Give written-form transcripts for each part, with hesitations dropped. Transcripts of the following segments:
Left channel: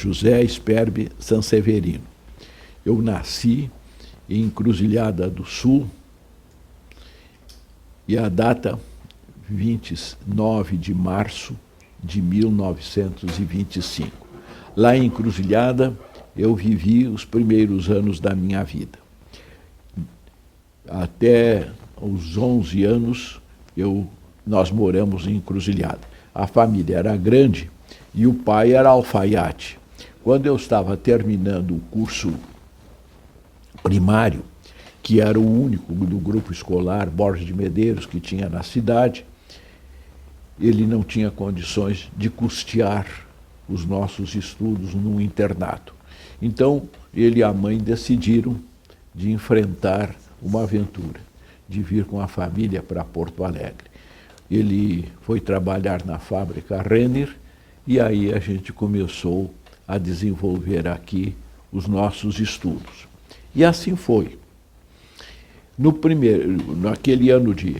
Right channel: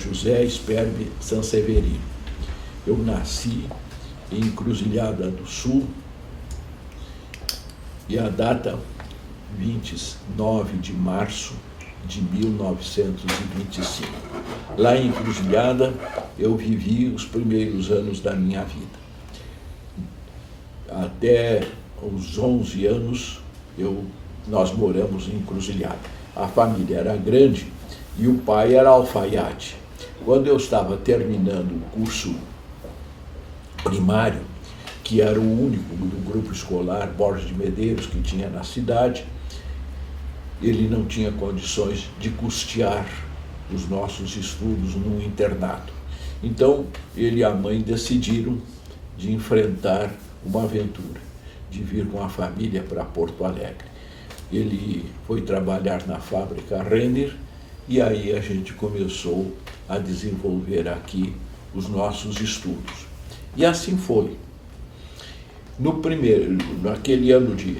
José Sperbe Sanseverino. Eu nasci em Encruzilhada do Sul e a data 29 de março de 1925. Lá em Encruzilhada eu vivi os primeiros anos da minha vida. Até os 11 anos nós moramos em Encruzilhada. A família era grande e o pai era alfaiate. Quando eu estava terminando o curso primário, que era o único do grupo escolar Borges de Medeiros que tinha na cidade, ele não tinha condições de custear os nossos estudos no internato. Então, ele e a mãe decidiram de enfrentar uma aventura, de vir com a família para Porto Alegre. Ele foi trabalhar na fábrica Renner e aí a gente começou a desenvolver aqui os nossos estudos. E assim foi. Naquele ano de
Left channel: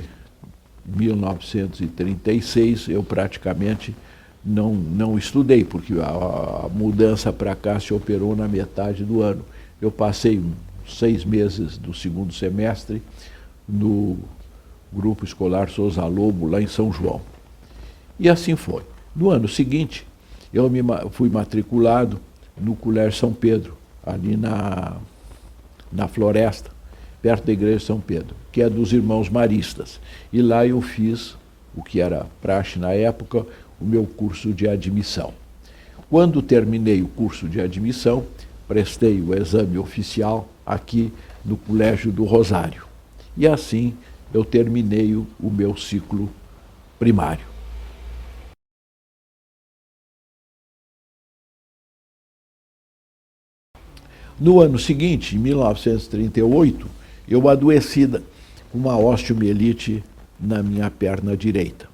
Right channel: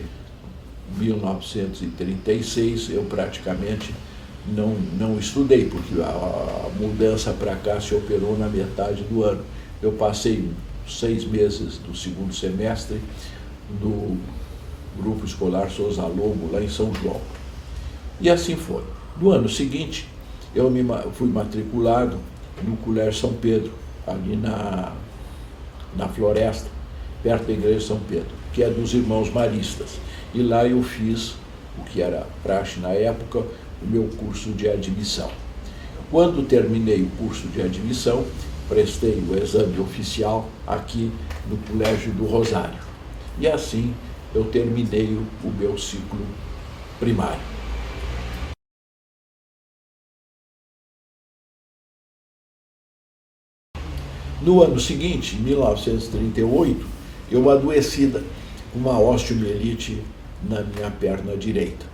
1936, eu praticamente não estudei, porque a mudança para cá se operou na metade do ano. Eu passei 6 meses do segundo semestre no Grupo Escolar Souza Lobo, lá em São João. E assim foi. No ano seguinte, eu fui matriculado no Colégio São Pedro, ali na Floresta, perto da Igreja de São Pedro, que é dos Irmãos Maristas. E lá eu fiz, o que era praxe na época, o meu curso de admissão. Quando terminei o curso de admissão, prestei o exame oficial aqui no Colégio do Rosário. E assim eu terminei o meu ciclo primário. No ano seguinte, em 1938, eu adoeci com uma osteomielite na minha perna direita.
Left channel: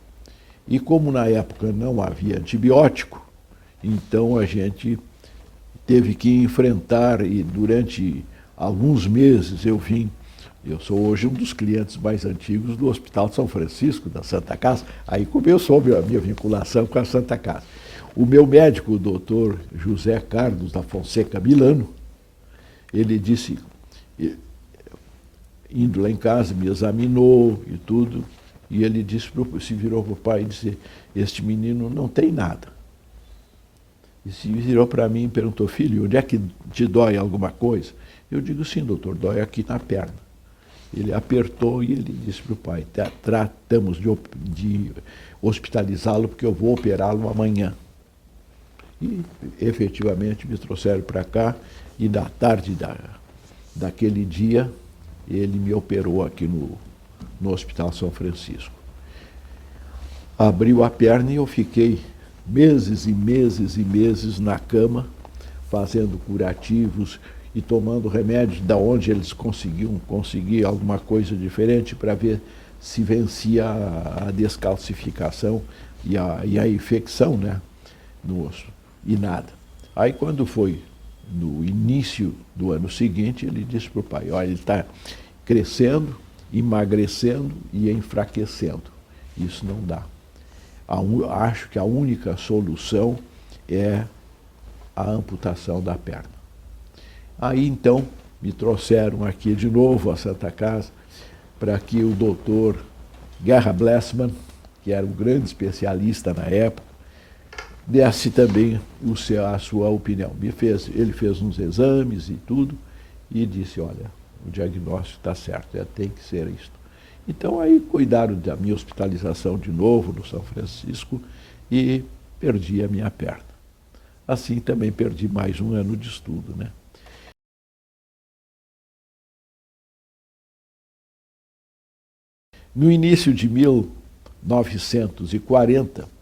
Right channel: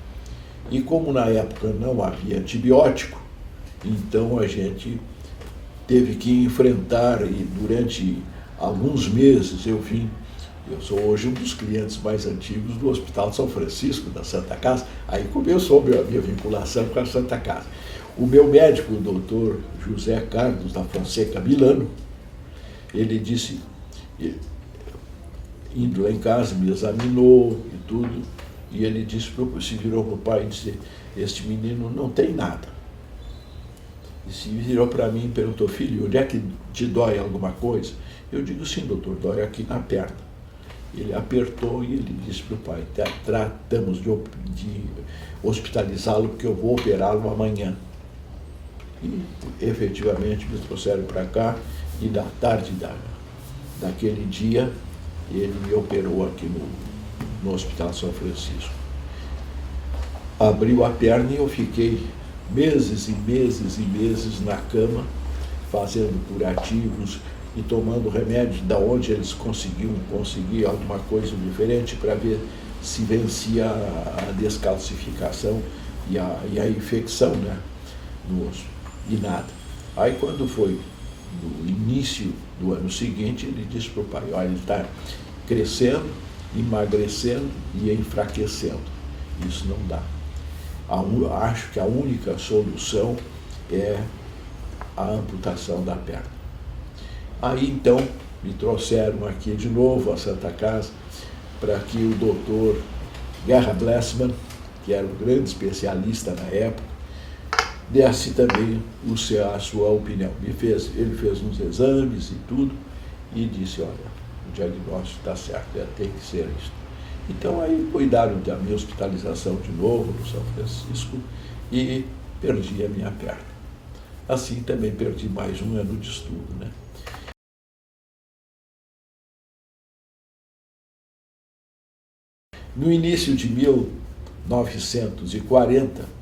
E como na época não havia antibiótico, então a gente teve que enfrentar, e durante alguns meses eu sou hoje um dos clientes mais antigos do Hospital de São Francisco, da Santa Casa, aí começou a minha vinculação com a Santa Casa. O meu médico, o doutor José Carlos da Fonseca Milano, ele disse, indo lá em casa, me examinou e tudo, e ele se virou para o pai e disse, este menino não tem nada. E se virou para mim e perguntou, filho, onde é que te dói alguma coisa? Eu digo, sim, doutor, dói aqui na perna. Ele apertou e ele disse para o pai, tratamos de hospitalizá-lo porque eu vou operá-lo amanhã. E efetivamente me trouxeram para cá e na tarde daquele dia ele me operou aqui no Hospital São Francisco. Abriu a perna e eu fiquei meses e meses e meses na cama, fazendo curativos e tomando remédios da onde eles conseguiam conseguir alguma coisa diferente para ver se vencia a descalcificação e a infecção, né, no osso. E nada. Aí quando foi no início do ano seguinte, ele disse para o pai, olha, ele está crescendo, emagrecendo e enfraquecendo. Isso não dá. Acho que a única solução é a amputação da perna. Aí então me trouxeram aqui de novo à Santa Casa para que o doutor Guerra Blessman, que era um grande especialista na época, desse também a sua opinião. Ele fez uns exames e tudo e disse, olha, o diagnóstico está certo, tem que ser isso. Então aí cuidaram da minha hospitalização de novo no São Francisco e perdi a minha perna. Assim também perdi mais um ano de estudo, né? No início de 1940,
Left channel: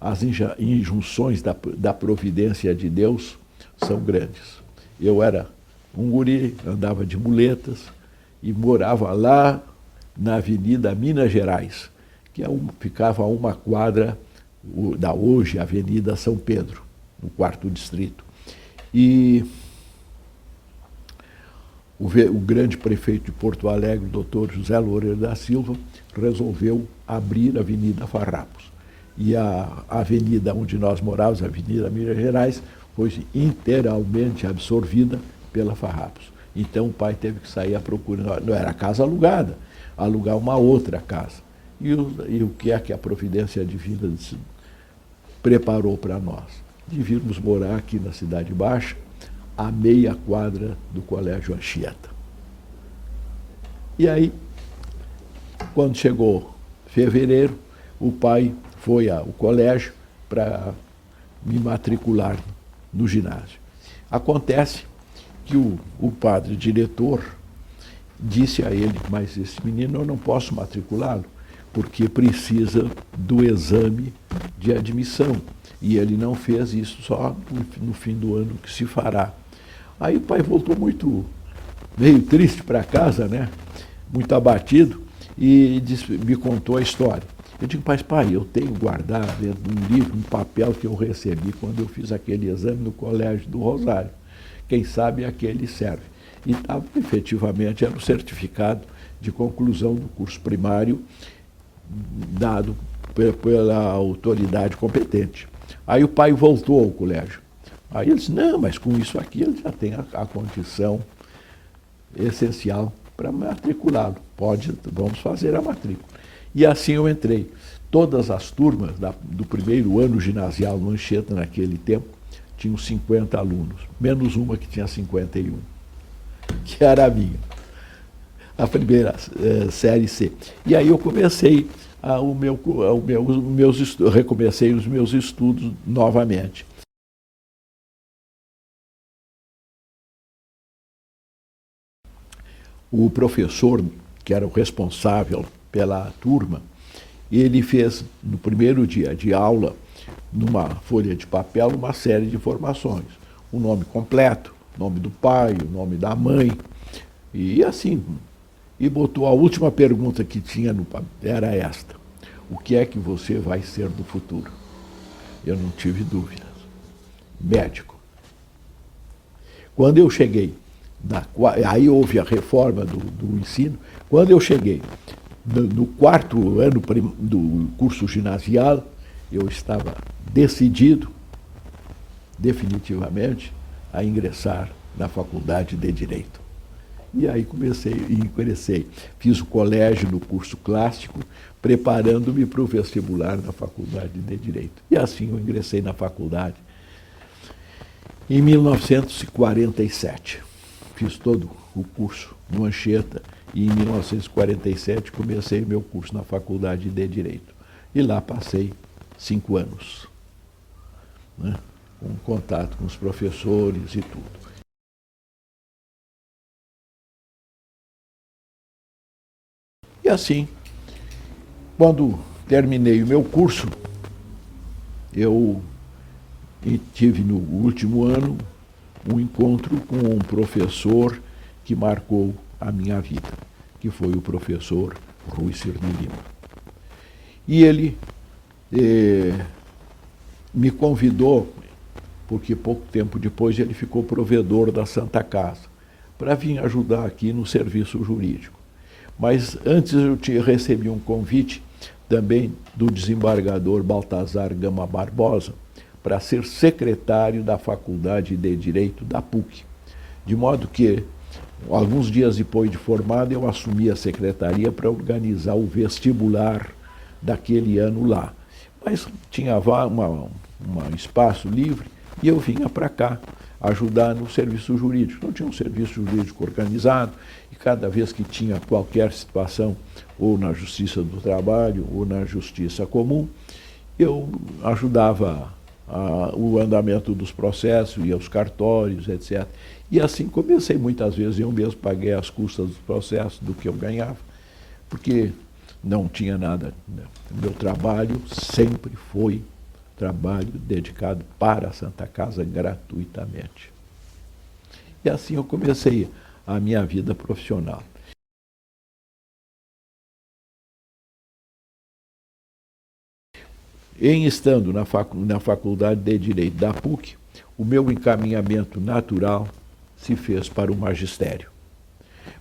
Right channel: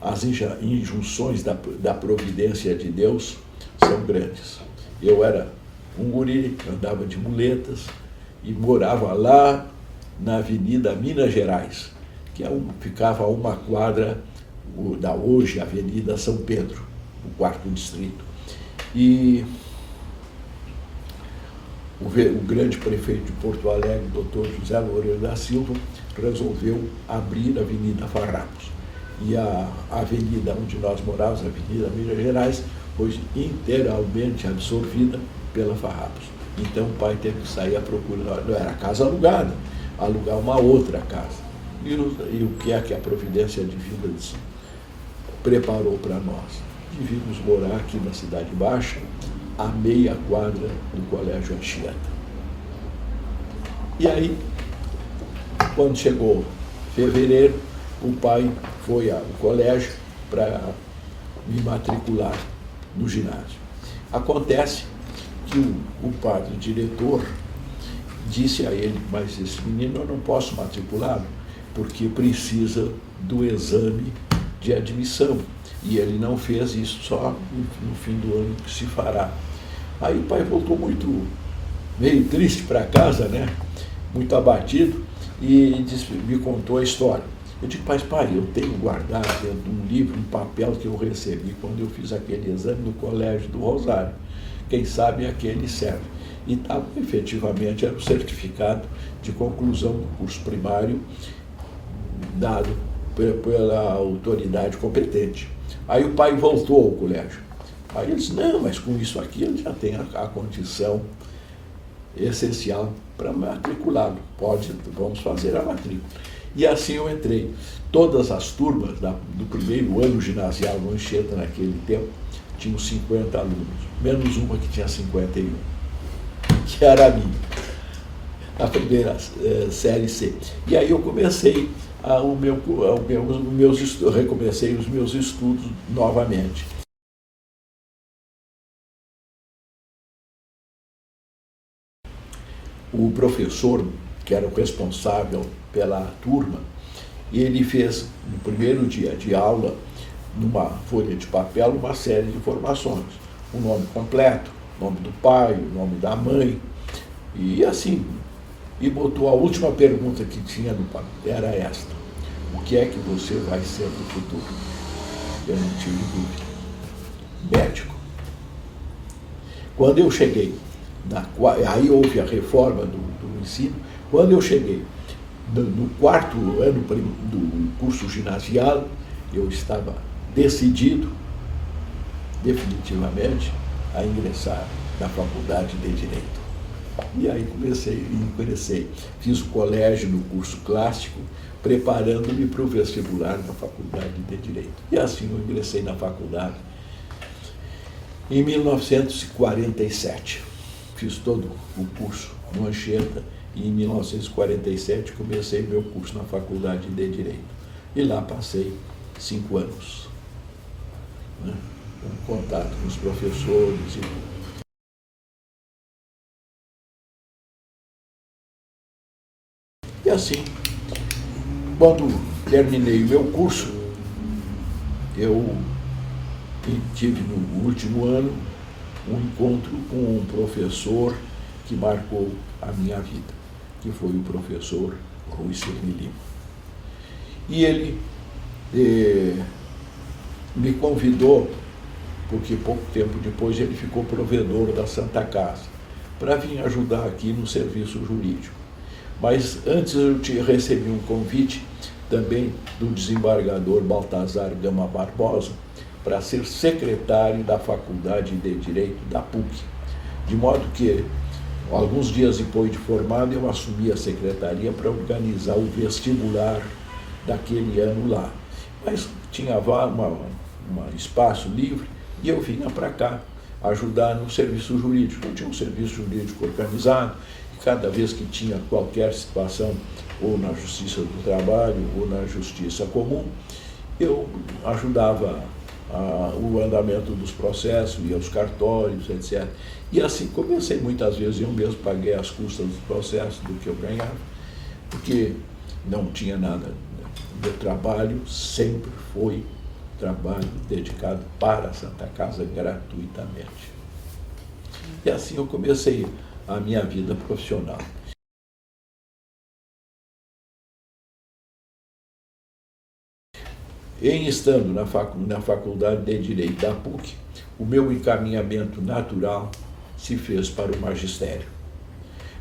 as injunções da providência de Deus são grandes. Eu era um guri, andava de muletas e morava lá na Avenida Minas Gerais, que ficava a uma quadra da hoje Avenida São Pedro, no 4º distrito. E o grande prefeito de Porto Alegre, doutor José Loureiro da Silva, resolveu abrir a Avenida Farrapos. E a avenida onde nós morávamos, a Avenida Minas Gerais, foi inteiramente absorvida pela Farrapos. Então o pai teve que sair à procura, não era casa alugada, alugar uma outra casa. E o que é que a Providência Divina preparou para nós? Devíamos morar aqui na Cidade Baixa, a meia quadra do Colégio Anchieta. E aí, quando chegou fevereiro, o pai foi ao colégio para me matricular no ginásio. Acontece que o padre diretor disse a ele: mas esse menino eu não posso matriculá-lo, porque precisa do exame de admissão. E ele não fez isso, só no fim do ano que se fará. Aí o pai voltou veio triste para casa, né? Muito abatido, e me contou a história. Eu digo: mas pai, eu tenho guardado dentro de um livro, um papel que eu recebi quando eu fiz aquele exame no Colégio do Rosário. Quem sabe aquele serve. E efetivamente era o certificado de conclusão do curso primário dado pela autoridade competente. Aí o pai voltou ao colégio. Aí ele disse: não, mas com isso aqui ele já tem a condição essencial para matriculá-lo. Vamos fazer a matrícula. E assim eu entrei. Todas as turmas do primeiro ano ginasial no Anchieta, naquele tempo, tinham 50 alunos, menos uma que tinha 51, que era a minha, a primeira série C. E aí eu comecei recomecei os meus estudos novamente. O professor, que era o responsável pela turma, ele fez, no primeiro dia de aula, numa folha de papel, uma série de informações. O nome completo, o nome do pai, o nome da mãe, e assim. E botou a última pergunta que tinha no papel, era esta: o que é que você vai ser no futuro? Eu não tive dúvida. Médico. Quando eu cheguei, aí houve a reforma do ensino, quando eu cheguei no quarto ano do curso ginasial, eu estava decidido, definitivamente, a ingressar na Faculdade de Direito. E aí ingressei. Fiz o colégio no curso clássico, preparando-me para o vestibular na Faculdade de Direito. E assim eu ingressei na faculdade em 1947. Fiz todo o curso no Anchieta e em 1947 comecei meu curso na Faculdade de Direito. E lá passei 5 anos, né, com contato com os professores e tudo. E assim, quando terminei o meu curso, eu tive no último ano um encontro com um professor que marcou a minha vida, que foi o professor Rui Cirne Lima. E ele me convidou, porque pouco tempo depois ele ficou provedor da Santa Casa, para vir ajudar aqui no serviço jurídico. Mas antes eu recebi um convite também do desembargador Baltazar Gama Barbosa para ser secretário da Faculdade de Direito da PUC. De modo que, alguns dias depois de formado, eu assumi a secretaria para organizar o vestibular daquele ano lá. Mas tinha um espaço livre e eu vinha para cá ajudar no serviço jurídico. Não tinha um serviço jurídico organizado, e cada vez que tinha qualquer situação, ou na Justiça do Trabalho, ou na Justiça Comum, eu ajudava o andamento dos processos, ia aos cartórios, etc. E assim comecei muitas vezes, eu mesmo paguei as custas dos processos do que eu ganhava, porque não tinha nada. O meu trabalho sempre foi trabalho dedicado para a Santa Casa gratuitamente. E assim eu comecei a minha vida profissional. Em estando na Faculdade de Direito da PUC, o meu encaminhamento natural se fez para o magistério.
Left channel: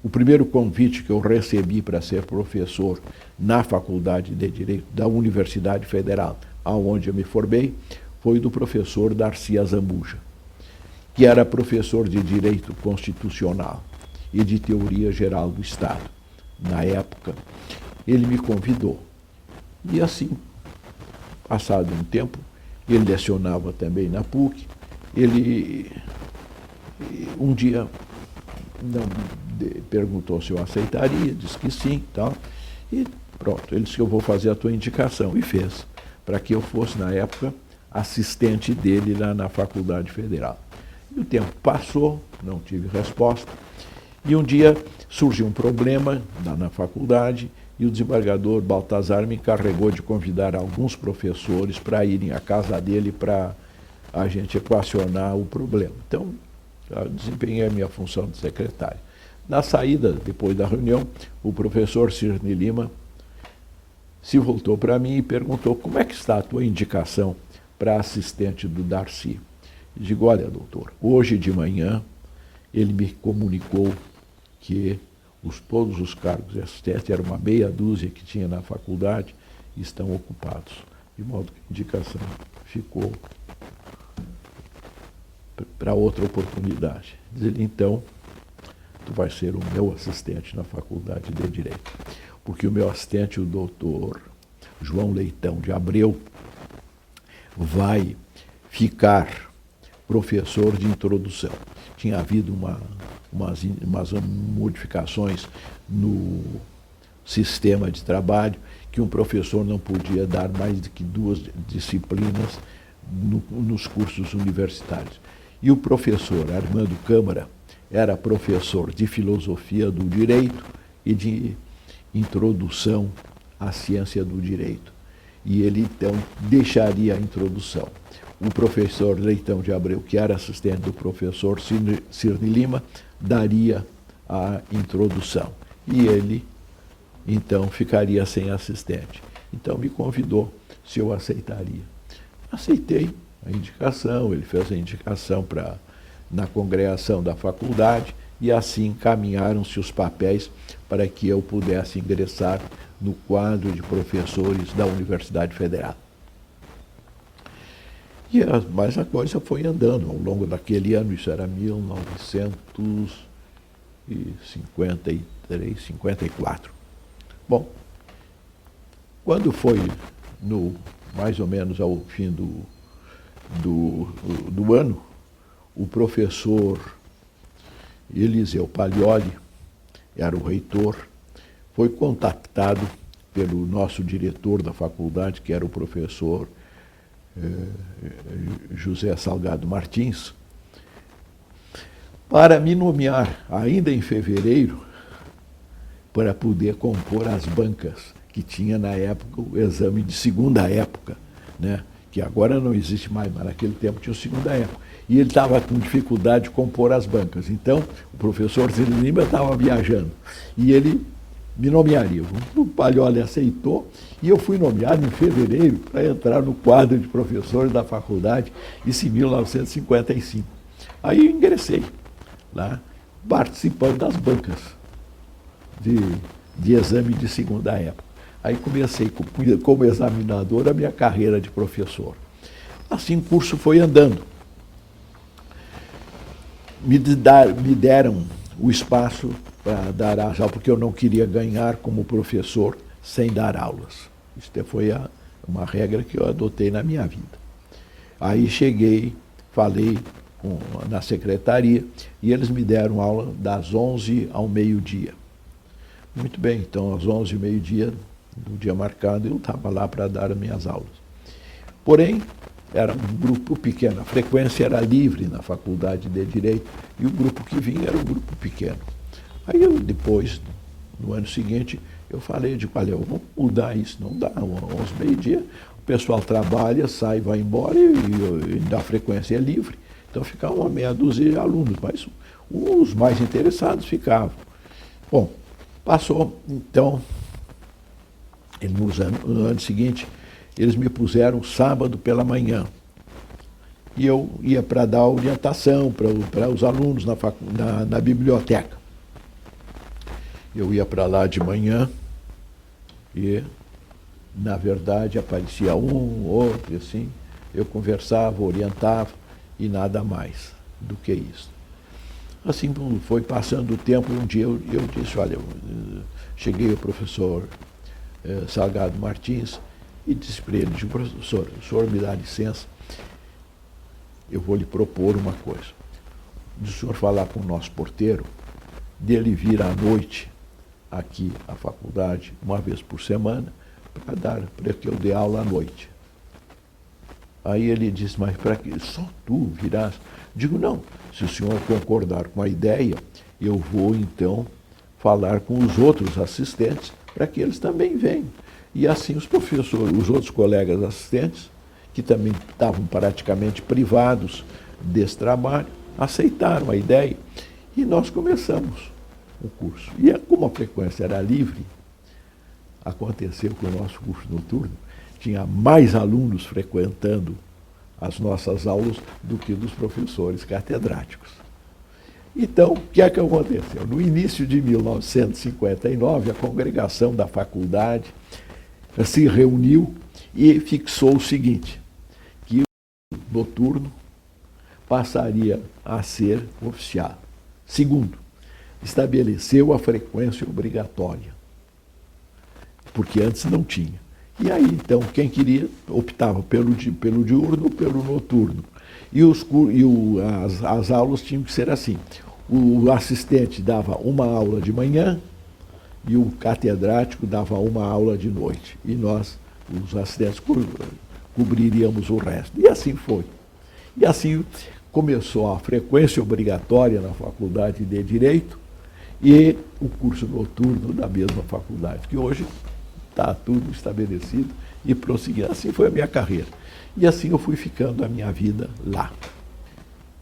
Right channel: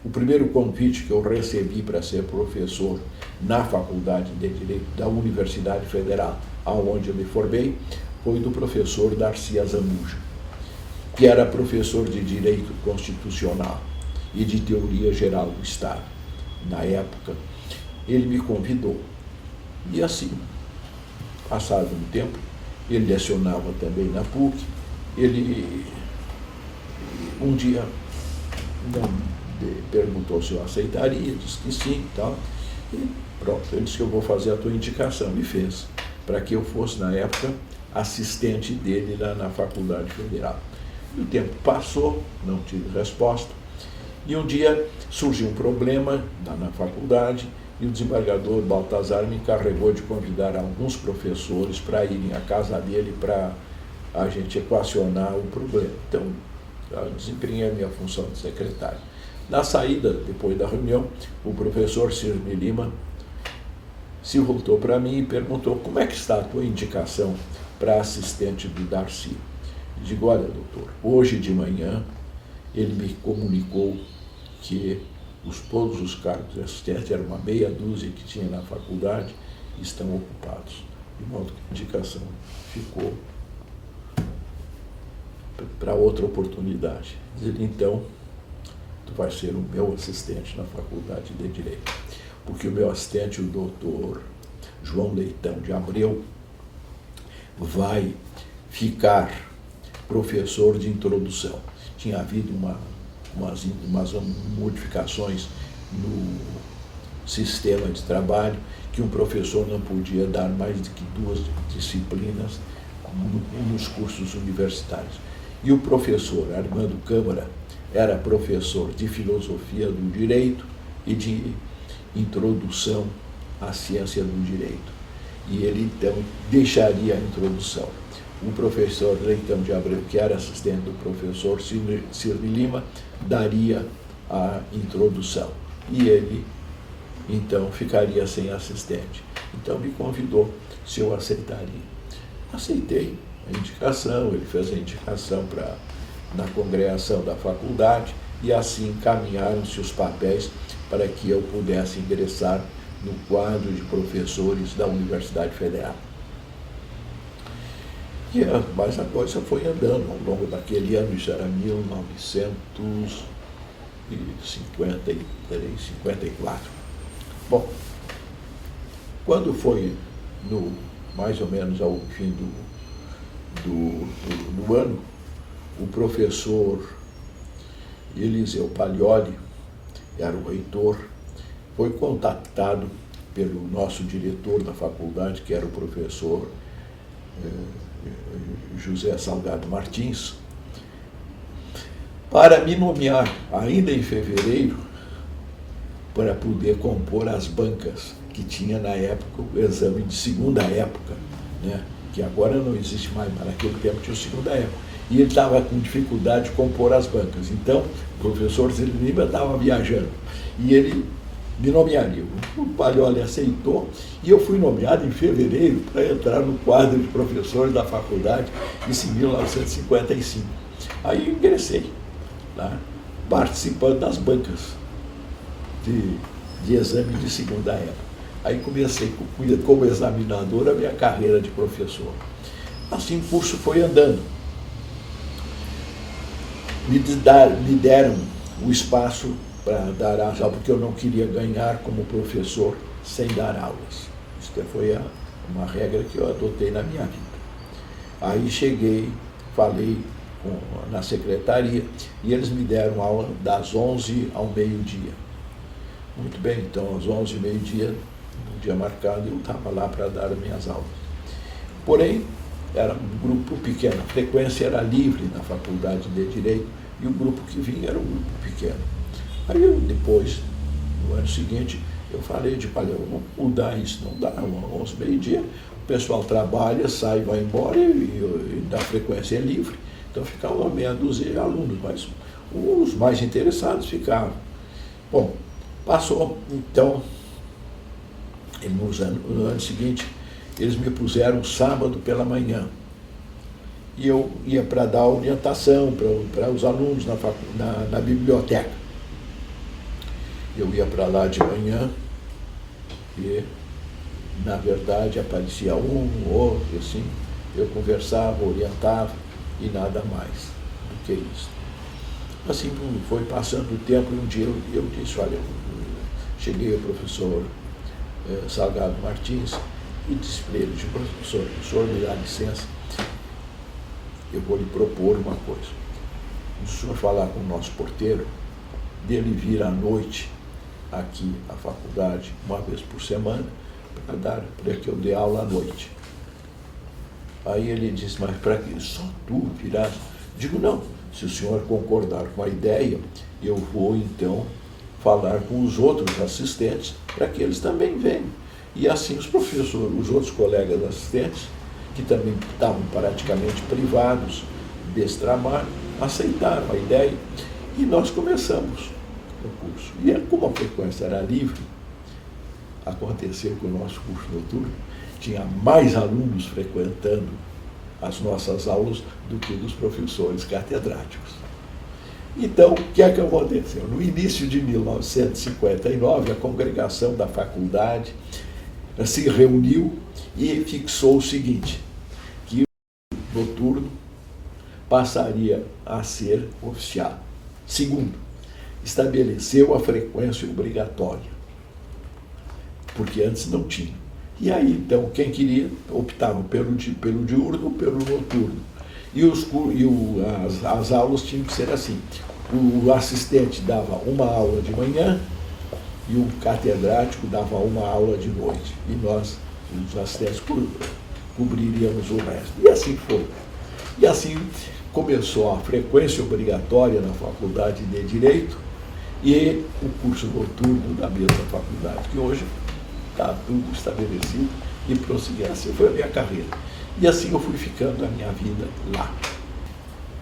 O primeiro convite que eu recebi para ser professor na Faculdade de Direito da Universidade Federal, onde eu me formei, foi do professor Darcy Azamuja. que era professor de Direito Constitucional e de Teoria Geral do Estado. Na época, ele me convidou. E assim, passado um tempo, ele lecionava também na PUC, ele um dia não perguntou se eu aceitaria, disse que sim, tal, e pronto, ele disse que eu vou fazer a tua indicação, e fez, para que eu fosse, na época, assistente dele lá na Faculdade Federal. E o tempo passou, não tive resposta, e um dia surgiu um problema lá na faculdade, e o desembargador Baltazar me encarregou de convidar alguns professores para irem à casa dele para a gente equacionar o problema. Então, eu desempenhei a minha função de secretário. Na saída, depois da reunião, o professor Cirne Lima se voltou para mim e perguntou: como é que está a tua indicação para assistente do Darcy? Digo: olha, doutor, hoje de manhã ele me comunicou que todos os cargos de assistente, era uma meia dúzia que tinha na faculdade, estão ocupados. De modo que a indicação ficou para outra oportunidade. Diz ele: então, tu vai ser o meu assistente na Faculdade de Direito. Porque o meu assistente, o doutor João Leitão de Abreu, vai ficar professor de introdução. Tinha havido umas modificações no sistema de trabalho, que um professor não podia dar mais do que 2 disciplinas nos cursos universitários. E o professor Armando Câmara era professor de filosofia do direito e de introdução à ciência do direito. E ele, então, deixaria a introdução. O professor Leitão de Abreu, que era assistente do professor Cirne Lima, daria a introdução. E ele, então, ficaria sem assistente. Então, me convidou se eu aceitaria. Aceitei a indicação, ele fez a indicação na congregação da faculdade, e assim encaminharam-se os papéis para que eu pudesse ingressar no quadro de professores da Universidade Federal. Mas a coisa foi andando ao longo daquele ano, isso era 1953, 54. Bom, quando foi mais ou menos ao fim do ano, o professor Eliseu Paglioli, era o reitor, foi contactado pelo nosso diretor da faculdade, que era o professor José Salgado Martins, para me nomear, ainda em fevereiro, para poder compor as bancas que tinha na época o exame de segunda época, né? Que agora não existe mais, mas naquele tempo tinha o segunda época. E ele estava com dificuldade de compor as bancas. Então, o professor Cirne Lima estava viajando. E ele me nomearia. O Paglioli aceitou e eu fui nomeado em fevereiro para entrar no quadro de professores da faculdade, isso em 1955. Aí eu ingressei, né, participando das bancas de exame de segunda época. Aí comecei como examinador a minha carreira de professor. Assim o curso foi andando. Me deram o espaço para dar aula, porque eu não queria ganhar como professor sem dar aulas. Isso foi uma regra que eu adotei na minha vida. Aí cheguei, falei na secretaria, e eles me deram aula das 11 ao meio-dia. Muito bem, então às 11 ao meio-dia, no dia marcado, eu estava lá para dar as minhas aulas. Porém, era um grupo pequeno, a frequência era livre na Faculdade de Direito, e o grupo que vinha era um grupo pequeno. Aí eu, depois, no ano seguinte, eu falei olha, vamos mudar isso, não dá, 11 meio-dia, o pessoal trabalha, sai, vai embora, e da frequência é livre, então ficava uma meia dúzia de alunos, mas os mais interessados ficavam. Bom, passou, então, no ano seguinte, eles me puseram sábado pela manhã. E eu ia para dar orientação para os alunos na biblioteca. Eu ia para lá de manhã e, na verdade, aparecia um, outro, assim. Eu conversava, orientava e nada mais. do que isso. Assim foi passando o tempo, um dia eu disse, olha, cheguei ao professor Salgado Martins e disse para ele, professor, o senhor me dá licença, eu vou lhe propor uma coisa. O senhor falar com o nosso porteiro, dele vir à noite aqui à faculdade, uma vez por semana, para que eu dê aula à noite. Aí ele disse, mas para que só tu virás? Digo, não, se o senhor concordar com a ideia, eu vou então falar com os outros assistentes para que eles também venham. E assim os professores, os outros colegas assistentes, que também estavam praticamente privados desse trabalho, aceitaram a ideia e nós começamos o curso. E como a frequência era livre, aconteceu que o nosso curso noturno tinha mais alunos frequentando as nossas aulas do que dos professores catedráticos. Então, o que é que aconteceu? No início de 1959, a congregação da faculdade se reuniu e fixou o seguinte, que o noturno passaria a ser oficial. Segundo, estabeleceu a frequência obrigatória, porque antes não tinha. E aí, então, quem queria optava pelo diurno ou pelo noturno. As aulas tinham que ser assim. O assistente dava uma aula de manhã e o catedrático dava uma aula de noite. E nós, os assistentes, cobriríamos o resto. E assim foi. E assim começou a frequência obrigatória na Faculdade de Direito e o curso noturno da mesma faculdade, que hoje está tudo estabelecido e prosseguir. Assim foi a minha carreira. E assim eu fui ficando a minha vida lá.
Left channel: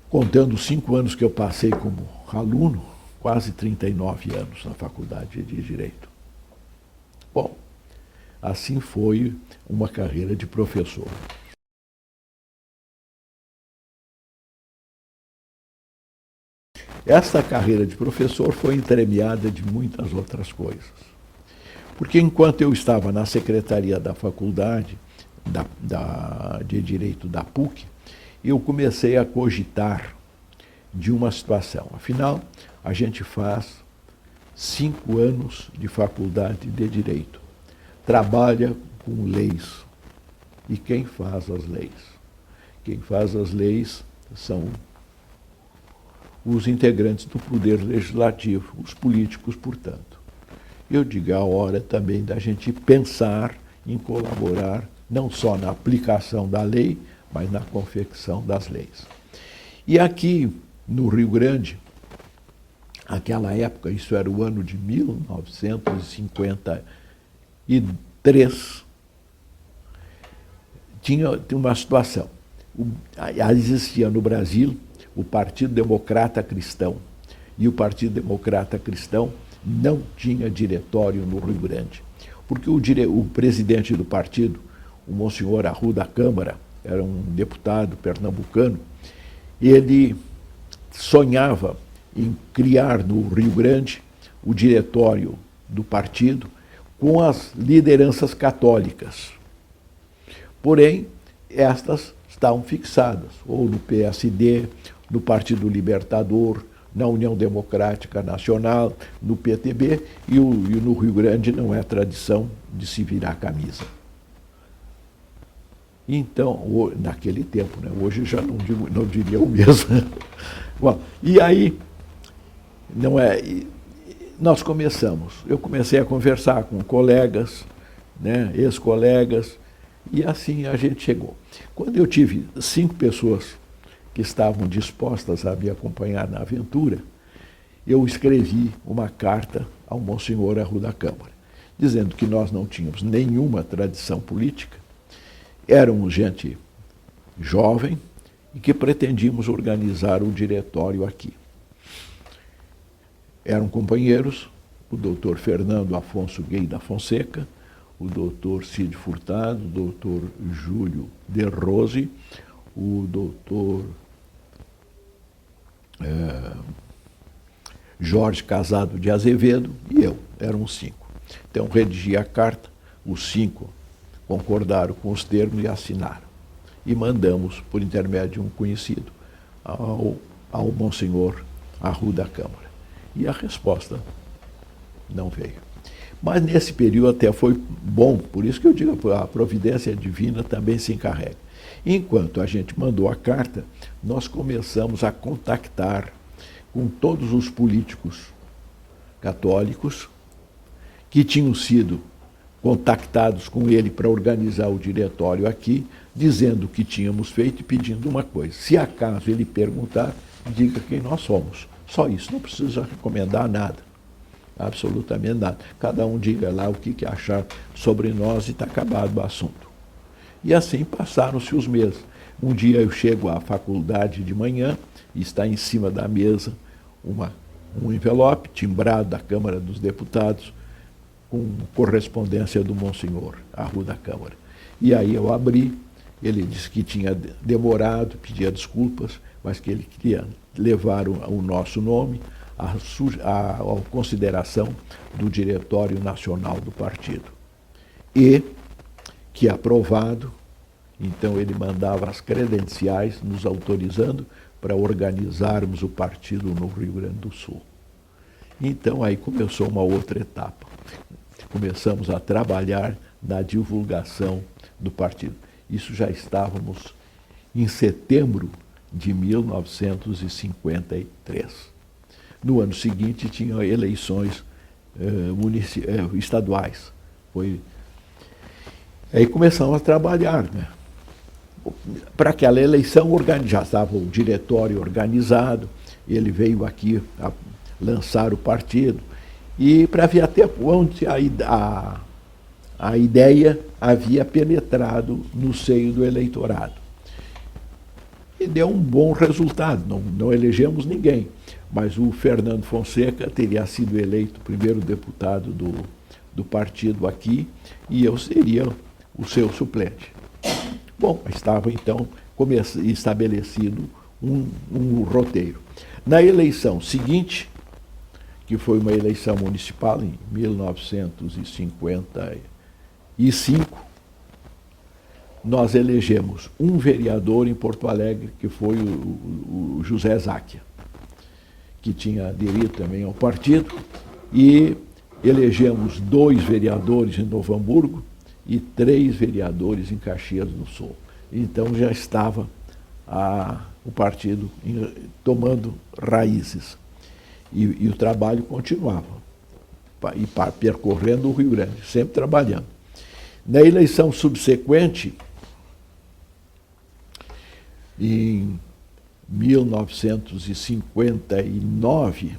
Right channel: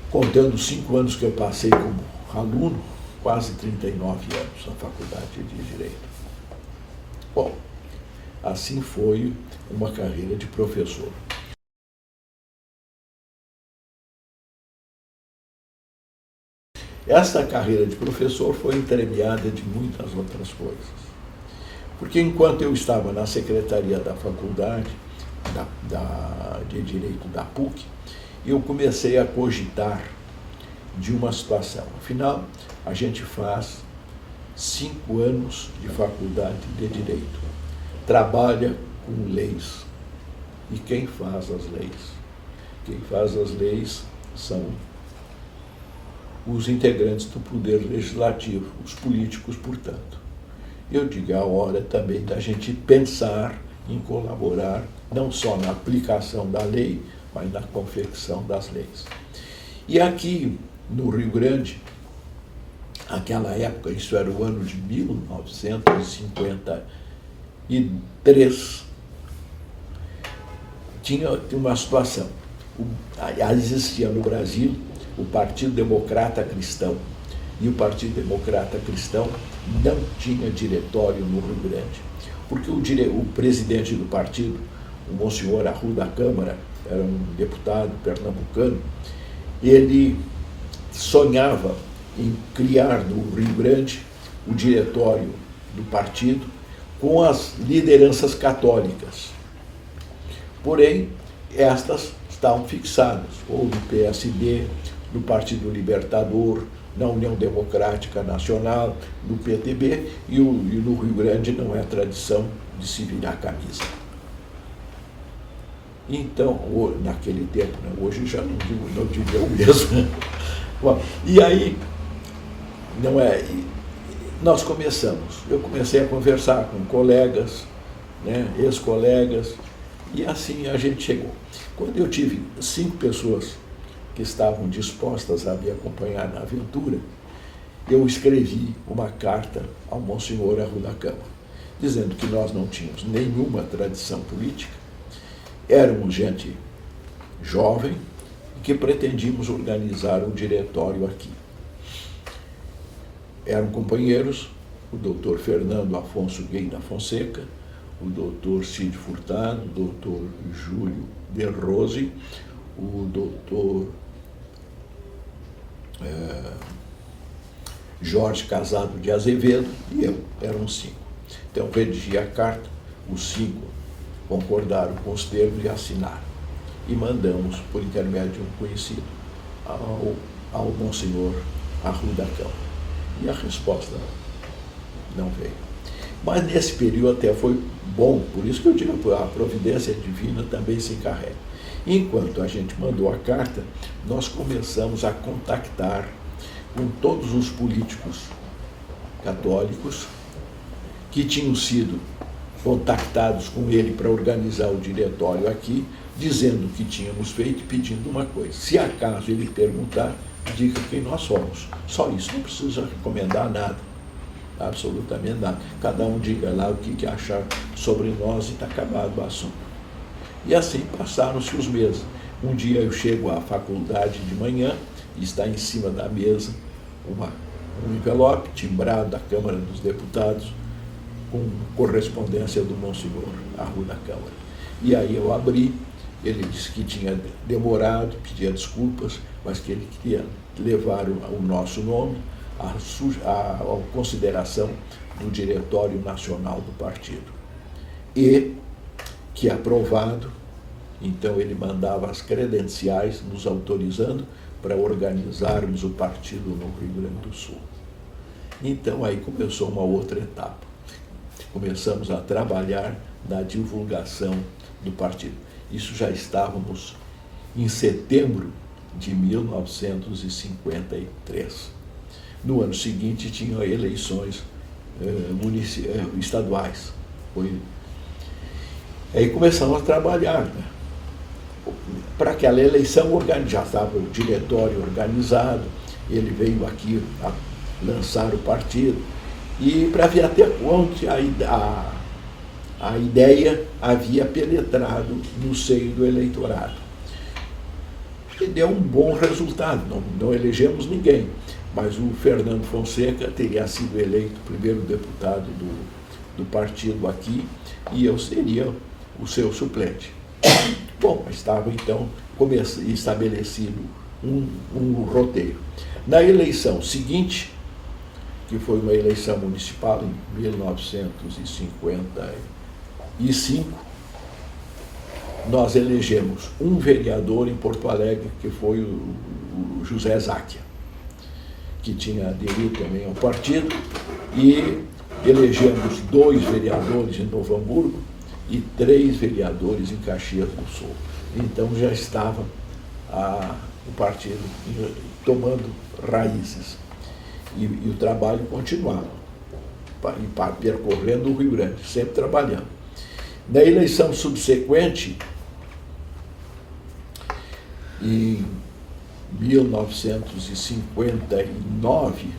Contando os 5 anos que eu passei como aluno, quase 39 anos na Faculdade de Direito. Bom, assim foi uma carreira de professor. Essa carreira de professor foi entremeada de muitas outras coisas. Porque enquanto eu estava na secretaria da faculdade de Direito da PUC, eu comecei a cogitar de uma situação. Afinal, a gente faz 5 anos de faculdade de Direito, trabalha com leis. E quem faz as leis? Quem faz as leis são os integrantes do Poder Legislativo, os políticos, portanto. Eu digo, é a hora também da gente pensar em colaborar, não só na aplicação da lei, mas na confecção das leis. E aqui, no Rio Grande, naquela época, isso era o ano de 1953, tinha uma situação. Existia no Brasil o Partido Democrata Cristão, e o Partido Democrata Cristão não tinha diretório no Rio Grande, porque o presidente do partido, o Monsenhor Arruda Câmara, era um deputado pernambucano, ele sonhava em criar no Rio Grande o diretório do partido com as lideranças católicas. Porém, estas estavam fixadas, ou no PSD, no Partido Libertador, na União Democrática Nacional, no PTB, e no Rio Grande não é tradição de se virar camisa. Então, naquele tempo, né, hoje já não diria o mesmo. Bom, e aí, nós começamos. Eu comecei a conversar com colegas, né, ex-colegas, e assim a gente chegou. Quando eu tive 5 pessoas que estavam dispostas a me acompanhar na aventura, eu escrevi uma carta ao Monsenhor Arruda Câmara, dizendo que nós não tínhamos nenhuma tradição política, éramos gente jovem e que pretendíamos organizar um diretório aqui. Eram companheiros o doutor Fernando Afonso Gay da Fonseca, o doutor Cid Furtado, o doutor Júlio de Rose, o doutor Jorge Casado de Azevedo e eu, eram 5. Então, redigi a carta, os 5 concordaram com os termos e assinaram. E mandamos, por intermédio de um conhecido, ao ao Monsenhor Arruda Câmara. E a resposta não veio. Mas nesse período até foi bom, por isso que eu digo que a providência divina também se encarrega. Enquanto a gente mandou a carta, nós começamos a contactar com todos os políticos católicos que tinham sido contactados com ele para organizar o diretório aqui, dizendo o que tínhamos feito e pedindo uma coisa. Se acaso ele perguntar, diga quem nós somos. Só isso, não precisa recomendar nada, absolutamente nada. Cada um diga lá o que achar sobre nós e está acabado o assunto. E assim passaram-se os meses. Um dia eu chego à faculdade de manhã e está em cima da mesa um envelope timbrado da Câmara dos Deputados com correspondência do Monsenhor Arruda Câmara. E aí eu abri, ele disse que tinha demorado, pedia desculpas, mas que ele queria levar o nosso nome à consideração do Diretório Nacional do Partido. E que aprovado, então ele mandava as credenciais nos autorizando para organizarmos o partido no Rio Grande do Sul. Então aí começou uma outra etapa. Começamos a trabalhar na divulgação do partido. Isso já estávamos em setembro de 1953. No ano seguinte tinham eleições estaduais. Aí começamos a trabalhar, né? Para aquela eleição já estava o diretório organizado, ele veio aqui a lançar o partido, e para ver até onde a ideia havia penetrado no seio do eleitorado. E deu um bom resultado, não elegemos ninguém, mas o Fernando Fonseca teria sido eleito primeiro deputado do partido aqui, e eu seria o seu suplente. Bom, estava então estabelecido um roteiro. Na eleição seguinte, que foi uma eleição municipal em 1955, nós elegemos um vereador em Porto Alegre, que foi o José Záquia, que tinha aderido também ao partido, e elegemos 2 vereadores em Novo Hamburgo e 3 vereadores em Caxias do Sul. Então já estava o partido tomando raízes. E o trabalho continuava, e percorrendo o Rio Grande, sempre trabalhando. Na eleição subsequente, em 1959,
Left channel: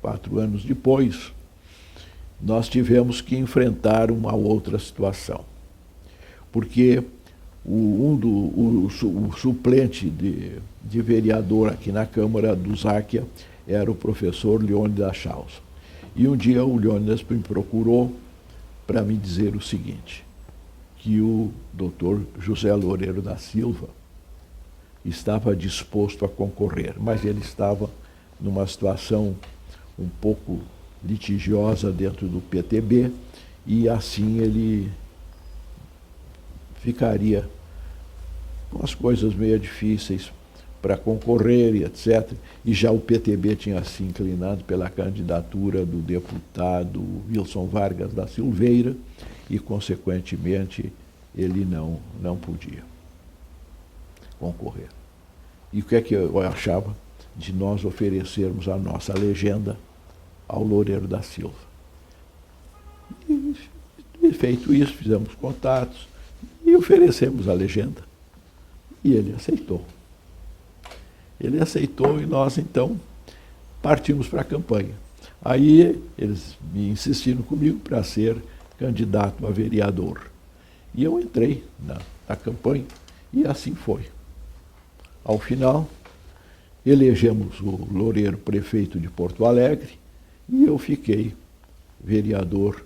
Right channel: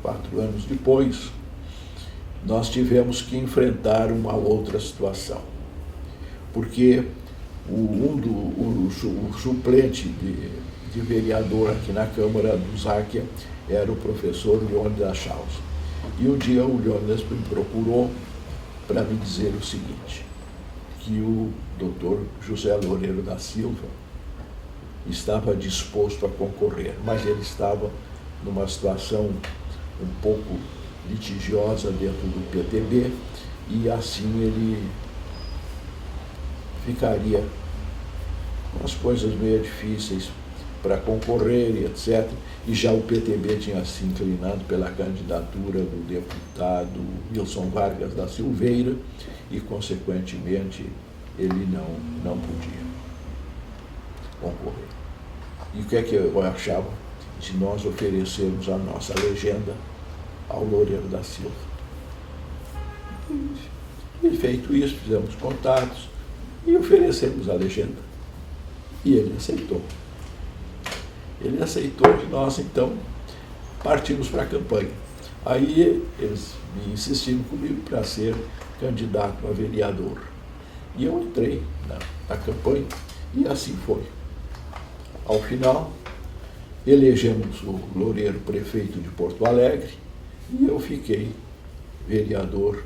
4 anos depois, nós tivemos que enfrentar uma outra situação, porque o suplente de vereador aqui na Câmara do Záquia era o professor Leônidas Chaus. E um dia o Leônidas me procurou para me dizer o seguinte, que o doutor José Loureiro da Silva estava disposto a concorrer, mas ele estava numa situação um pouco litigiosa dentro do PTB, e assim ele ficaria com as coisas meio difíceis para concorrer e etc. E já o PTB tinha se inclinado pela candidatura do deputado Wilson Vargas da Silveira e, consequentemente, ele não podia concorrer. E o que é que eu achava de nós oferecermos a nossa legenda ao Loureiro da Silva? E feito isso, fizemos contatos e oferecemos a legenda. E ele aceitou. Ele aceitou e nós, então, partimos para a campanha. Aí eles me insistiram comigo para ser candidato a vereador. E eu entrei na campanha e assim foi. Ao final, elegemos o Loureiro prefeito de Porto Alegre e eu fiquei vereador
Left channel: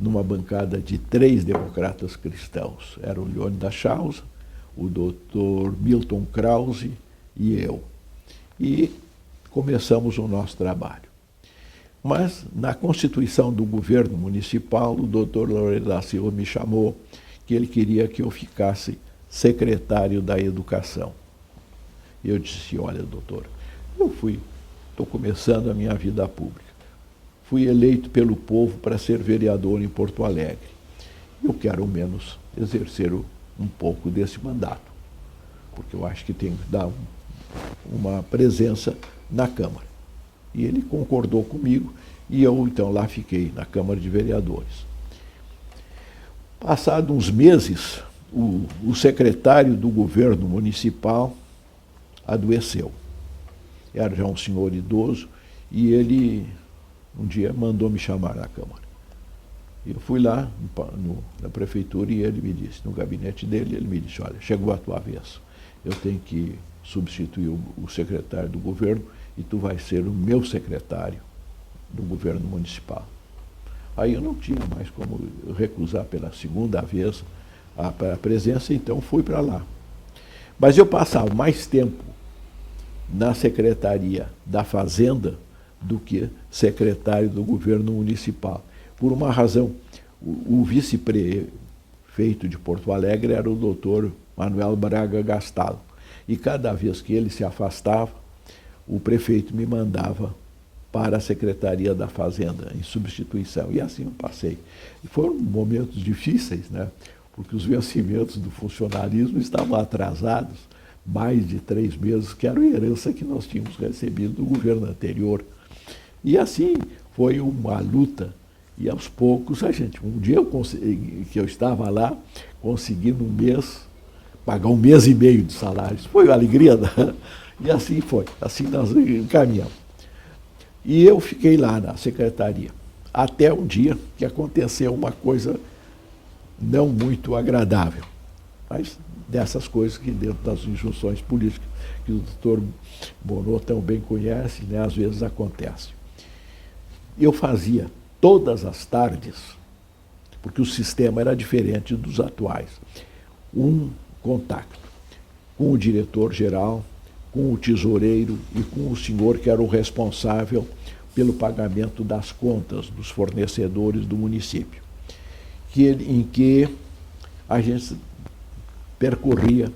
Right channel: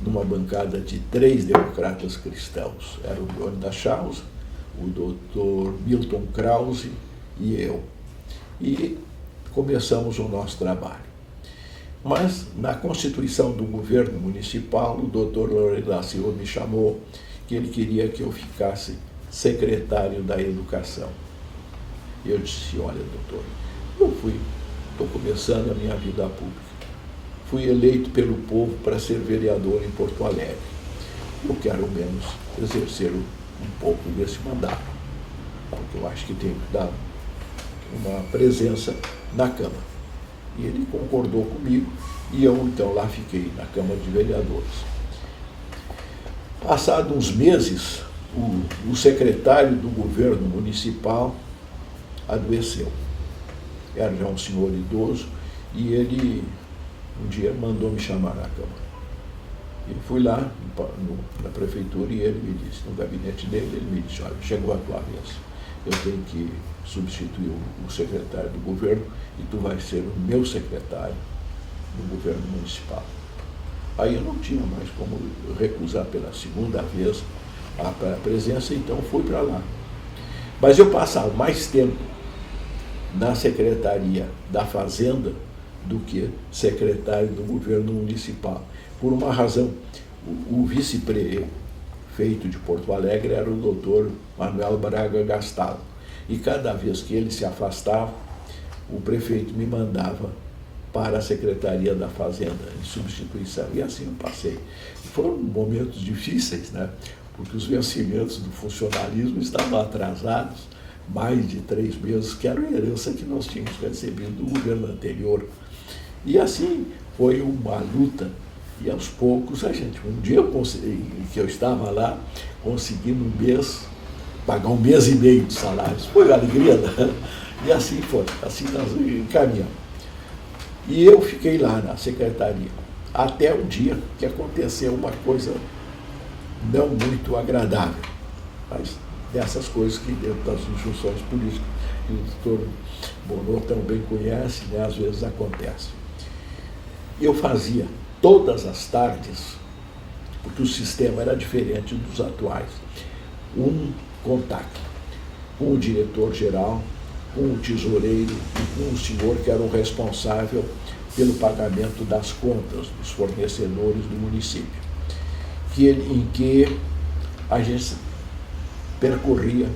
numa bancada de 3 democratas cristãos. Era o Leônidas Chaus, o doutor Milton Krause e eu. E começamos o nosso trabalho. Mas, na constituição do governo municipal, o doutor Loureiro da Silva me chamou que ele queria que eu ficasse secretário da Educação. E eu disse, olha, doutor, estou começando a minha vida pública. Fui eleito pelo povo para ser vereador em Porto Alegre. Eu quero, ao menos, exercer um pouco desse mandato, porque eu acho que tenho que dar uma presença na Câmara. E ele concordou comigo e eu, então, lá fiquei, na Câmara de Vereadores. Passados uns meses, o secretário do governo municipal adoeceu. Era já um senhor idoso e ele, um dia, mandou me chamar na Câmara. Eu fui lá na prefeitura e ele me disse, no gabinete dele, ele me disse, olha, chegou a tua vez, eu tenho que substituir o secretário do governo e tu vais ser o meu secretário do governo municipal. Aí eu não tinha mais como recusar pela segunda vez a presença, então fui para lá. Mas eu passava mais tempo na Secretaria da Fazenda do que secretário do governo municipal. Por uma razão, o vice-prefeito de Porto Alegre era o doutor Manuel Braga Gastaldo. E cada vez que ele se afastava, o prefeito me mandava para a Secretaria da Fazenda, em substituição. E assim eu passei. Foram momentos difíceis, né? Porque os vencimentos do funcionarismo estavam atrasados mais de 3 meses, que era a herança que nós tínhamos recebido do governo anterior. E assim foi uma luta. E aos poucos, um dia que eu estava lá, consegui no mês pagar 1 mês e meio de salários. Foi uma alegria, né? E assim foi, assim nós encaminhamos. E eu fiquei lá na secretaria, até um dia que aconteceu uma coisa não muito agradável, mas dessas coisas que dentro das injunções políticas, que o doutor Bonô também conhece, né, às vezes acontece. E eu fazia todas as tardes, porque o sistema era diferente dos atuais, um contato com o diretor-geral, com o tesoureiro e com o senhor que era o responsável pelo pagamento das contas dos fornecedores do município, em que a gente percorria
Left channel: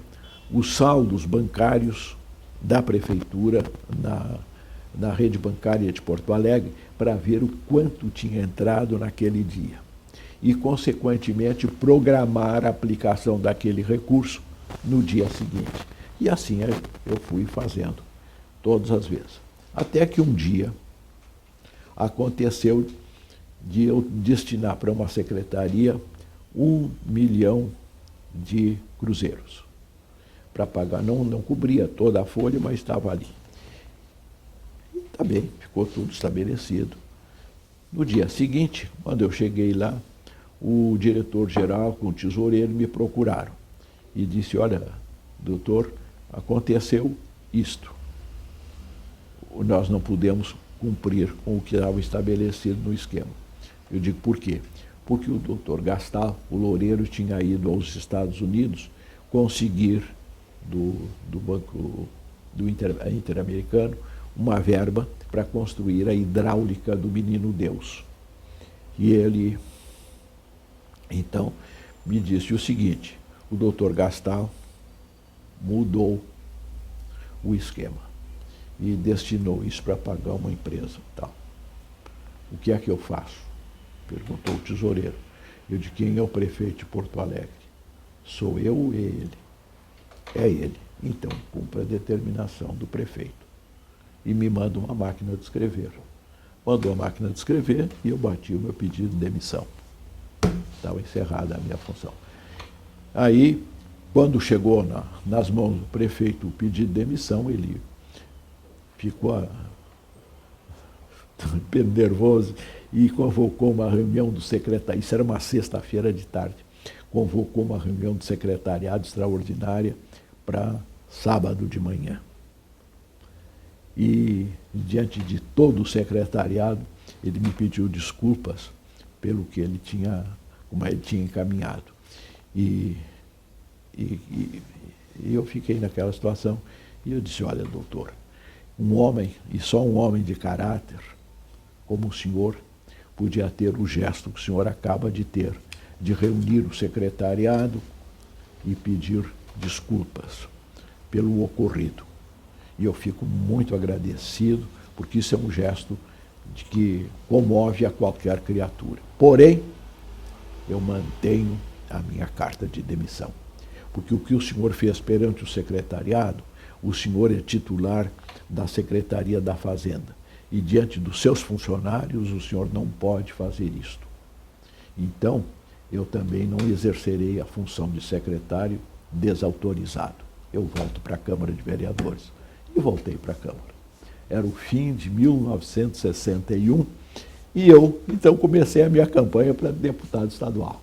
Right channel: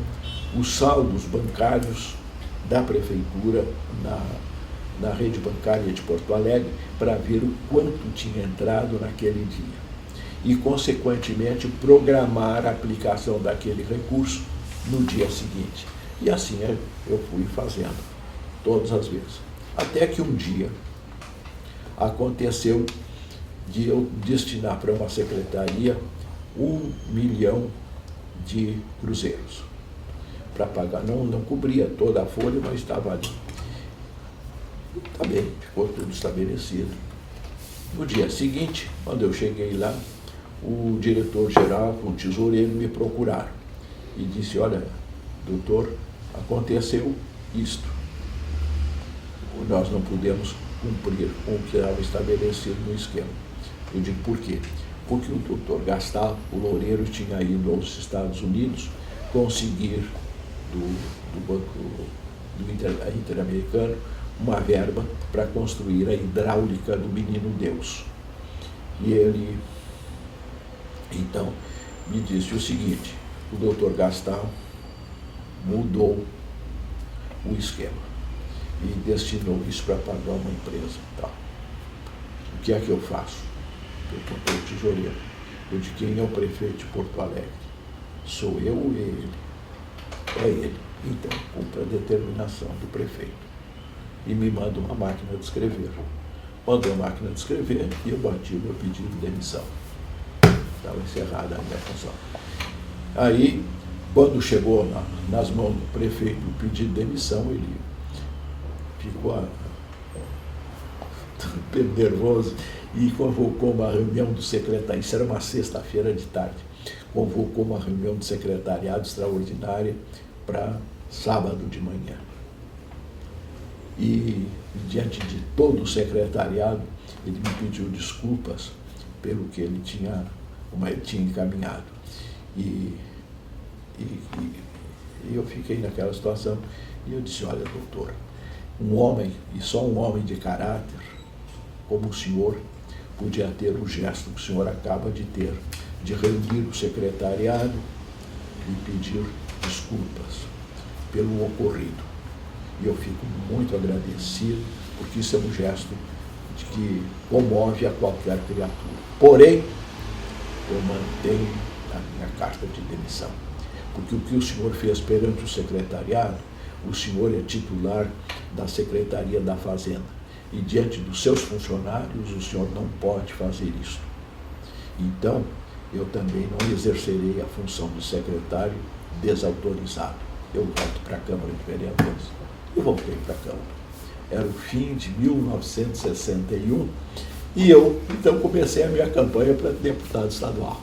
os saldos bancários da prefeitura na rede bancária de Porto Alegre para ver o quanto tinha entrado naquele dia e, consequentemente, programar a aplicação daquele recurso no dia seguinte. E assim eu fui fazendo, todas as vezes. Até que um dia aconteceu de eu destinar para uma secretaria 1 milhão de cruzeiros para pagar. Não cobria toda a folha, mas estava ali. Também ficou tudo estabelecido. No dia seguinte, quando eu cheguei lá, o diretor-geral com o tesoureiro me procuraram e disse, olha, doutor, aconteceu isto. Nós não pudemos cumprir com o que estava estabelecido no esquema. Eu digo, por quê? Porque o doutor Gastal, o Loureiro, tinha ido aos Estados Unidos conseguir do Banco Interamericano uma verba para construir a hidráulica do Menino Deus. E ele, então, me disse o seguinte, o doutor Gastal mudou o esquema e destinou isso para pagar uma empresa e tal. O que é que eu faço? Eu contei o tesoureiro. Eu disse, quem é o prefeito de Porto Alegre? Sou eu ou ele? É ele. Então, cumpre a determinação do prefeito. E me manda uma máquina de escrever. Mandou a máquina de escrever e eu bati o meu pedido de demissão. Estava encerrada a minha função. Aí, quando chegou nas mãos do prefeito o pedido de demissão, ele ficou nervoso e convocou uma reunião do secretariado. Isso era uma sexta-feira de tarde. Convocou uma reunião do secretariado extraordinária para sábado de manhã. E, diante de todo o secretariado, ele me pediu desculpas pelo que ele tinha encaminhado. E eu fiquei naquela situação e eu disse, olha, doutor, um homem, e só um homem de caráter, como o senhor, podia ter o gesto que o senhor acaba de ter, de reunir o secretariado e pedir desculpas pelo ocorrido. E eu fico muito agradecido, porque isso é um gesto de que comove a qualquer criatura. Porém, eu mantenho a minha carta de demissão. Porque o que o senhor fez perante o secretariado, o senhor é titular da Secretaria da Fazenda. E diante dos seus funcionários, o senhor não pode fazer isso. Então, eu também não exercerei a função de secretário desautorizado. Eu volto para a Câmara de Vereadores. E voltei para a Câmara. Era o fim de 1961 e eu, então, comecei a minha campanha para deputado estadual.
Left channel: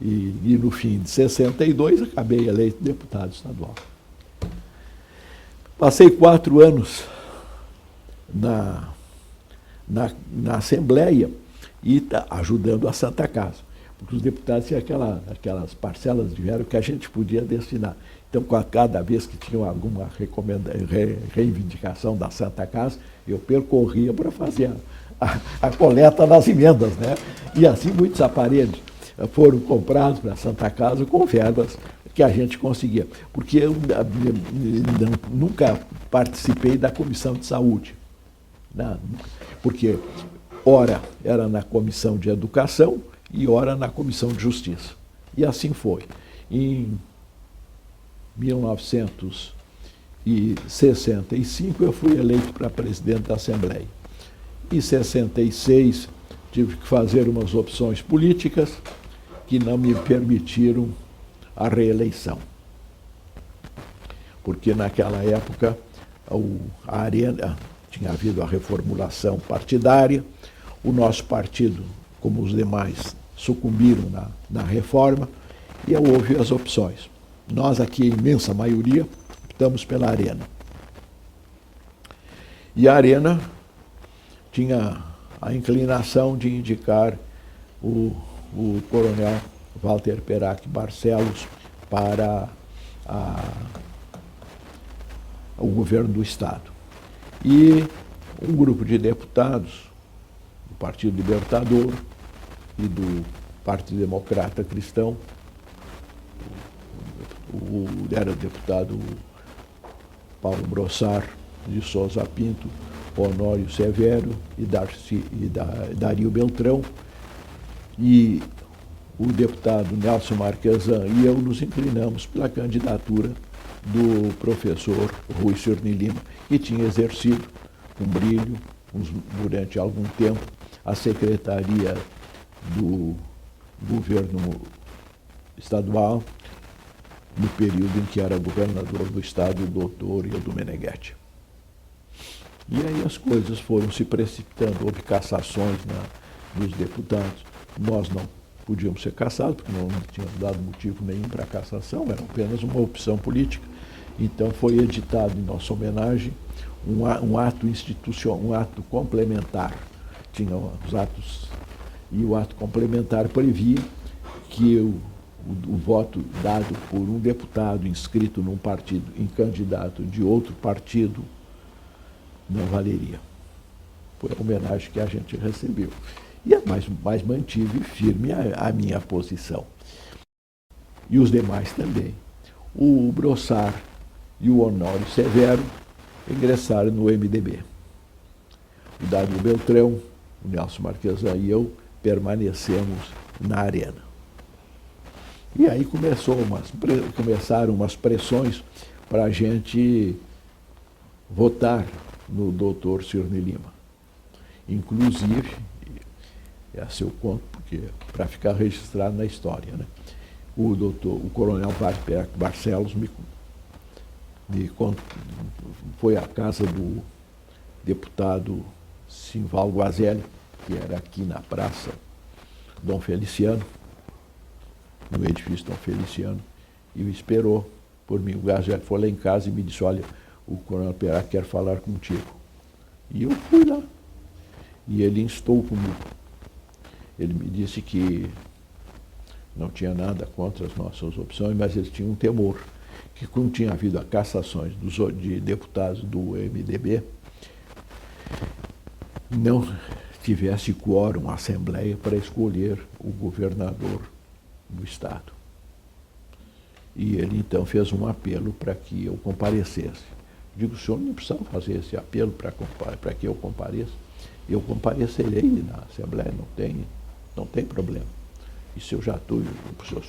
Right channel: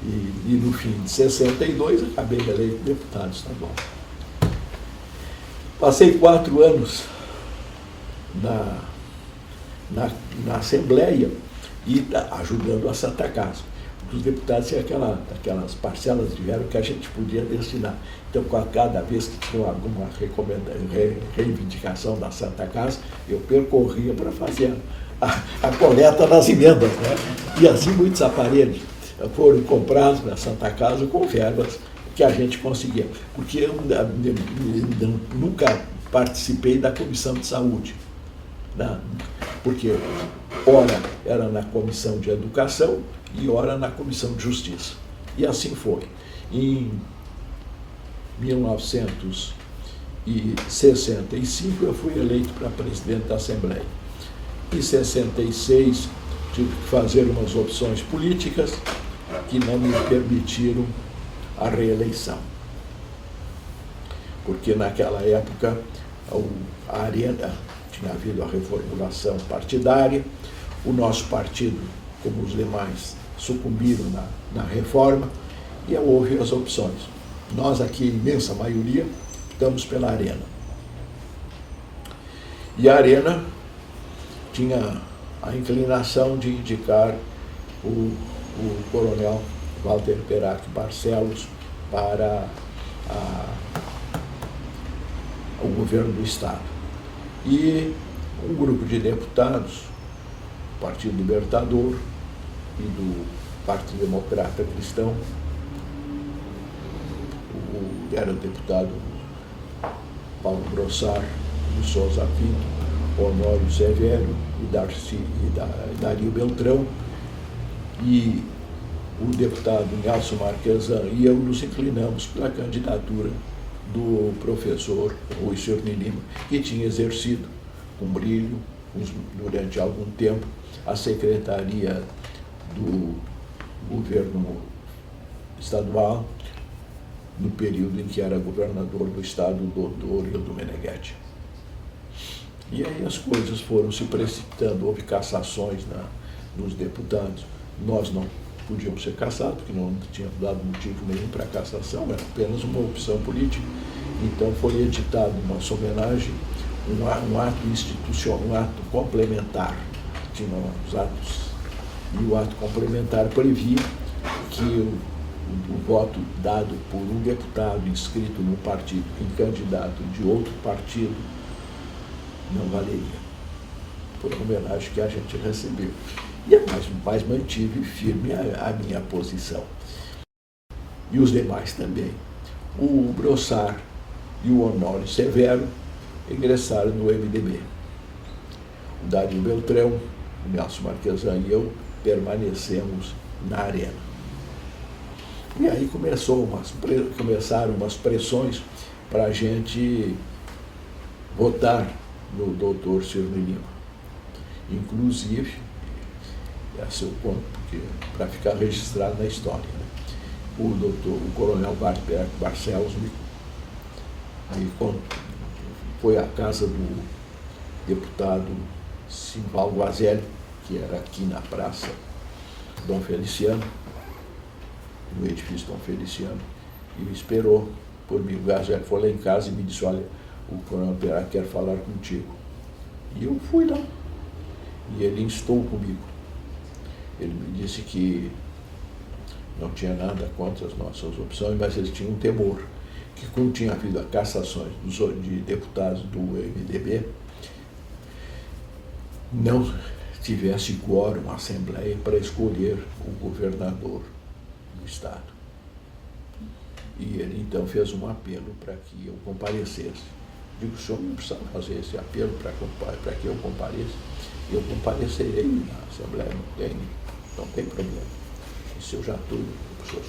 E no fim de 62, acabei eleito deputado estadual. Passei 4 anos na Assembleia e ajudando a Santa Casa. Os deputados tinham aquelas parcelas de verba que a gente podia destinar. Então, cada vez que tinha alguma reivindicação da Santa Casa, eu percorria para fazer a coleta das emendas, né? E assim muitos aparelhos foram comprados para a Santa Casa com verbas que a gente conseguia. Porque eu nunca participei da Comissão de Saúde, né? Porque ora era na Comissão de Educação e ora na Comissão de Justiça. E assim foi. Em 1965 eu fui eleito para presidente da Assembleia. Em 66 tive que fazer umas opções políticas que não me permitiram a reeleição. Porque naquela época a Arena tinha havido a reformulação partidária, o nosso partido, como os demais, sucumbiram na reforma e houve as opções. Nós aqui, a imensa maioria, optamos pela Arena. E a Arena tinha a inclinação de indicar o coronel Walter Perac Barcelos para o governo do Estado. E um grupo de deputados, do Partido Libertador e do Partido Democrata Cristão, era o deputado Paulo Brossard de Souza Pinto, Honório Severo e Dario Beltrão, e o deputado Nelson Marquesan e eu nos inclinamos pela candidatura do professor Rui Cirne Lima, que tinha exercido com brilho, durante algum tempo, a secretaria do governo estadual, no período em que era governador do estado, do Hildo Meneghetti. E aí as coisas foram se precipitando, houve cassações dos deputados. Nós não podíamos ser cassados, porque não tínhamos dado motivo nenhum para a cassação, era apenas uma opção política. Então foi editado em nossa homenagem um ato institucional, um ato complementar, tinha os atos, e o ato complementar previa que o voto dado por um deputado inscrito num partido em candidato de outro partido não valeria. Foi a homenagem que a gente recebeu. Mas mantive firme a minha posição. E os demais também. O Brossard e o Honório Severo ingressaram no MDB. O Dario Beltrão, o Nelson Marquesan e eu permanecemos na Arena. E aí começaram umas pressões para a gente votar no doutor Cirne Lima. Inclusive, a seu ponto, porque para ficar registrado na história, né? O coronel Barcelos foi à casa do deputado Simval Guazelli, que era aqui na Praça Dom Feliciano, no edifício Dom Feliciano, e esperou por mim. O Guazelli foi lá em casa e me disse: olha, o coronel Perac quer falar contigo. E eu fui lá. E ele instou comigo. Ele me disse que não tinha nada contra as nossas opções, mas ele tinha um temor, que como tinha havido cassações de deputados do MDB, não tivesse quórum, assembleia, para escolher o governador do estado. E ele então fez um apelo para que eu comparecesse. Digo, o senhor não precisa fazer esse apelo para que eu compareça. Eu comparecerei na Assembleia, não tem problema. E se eu já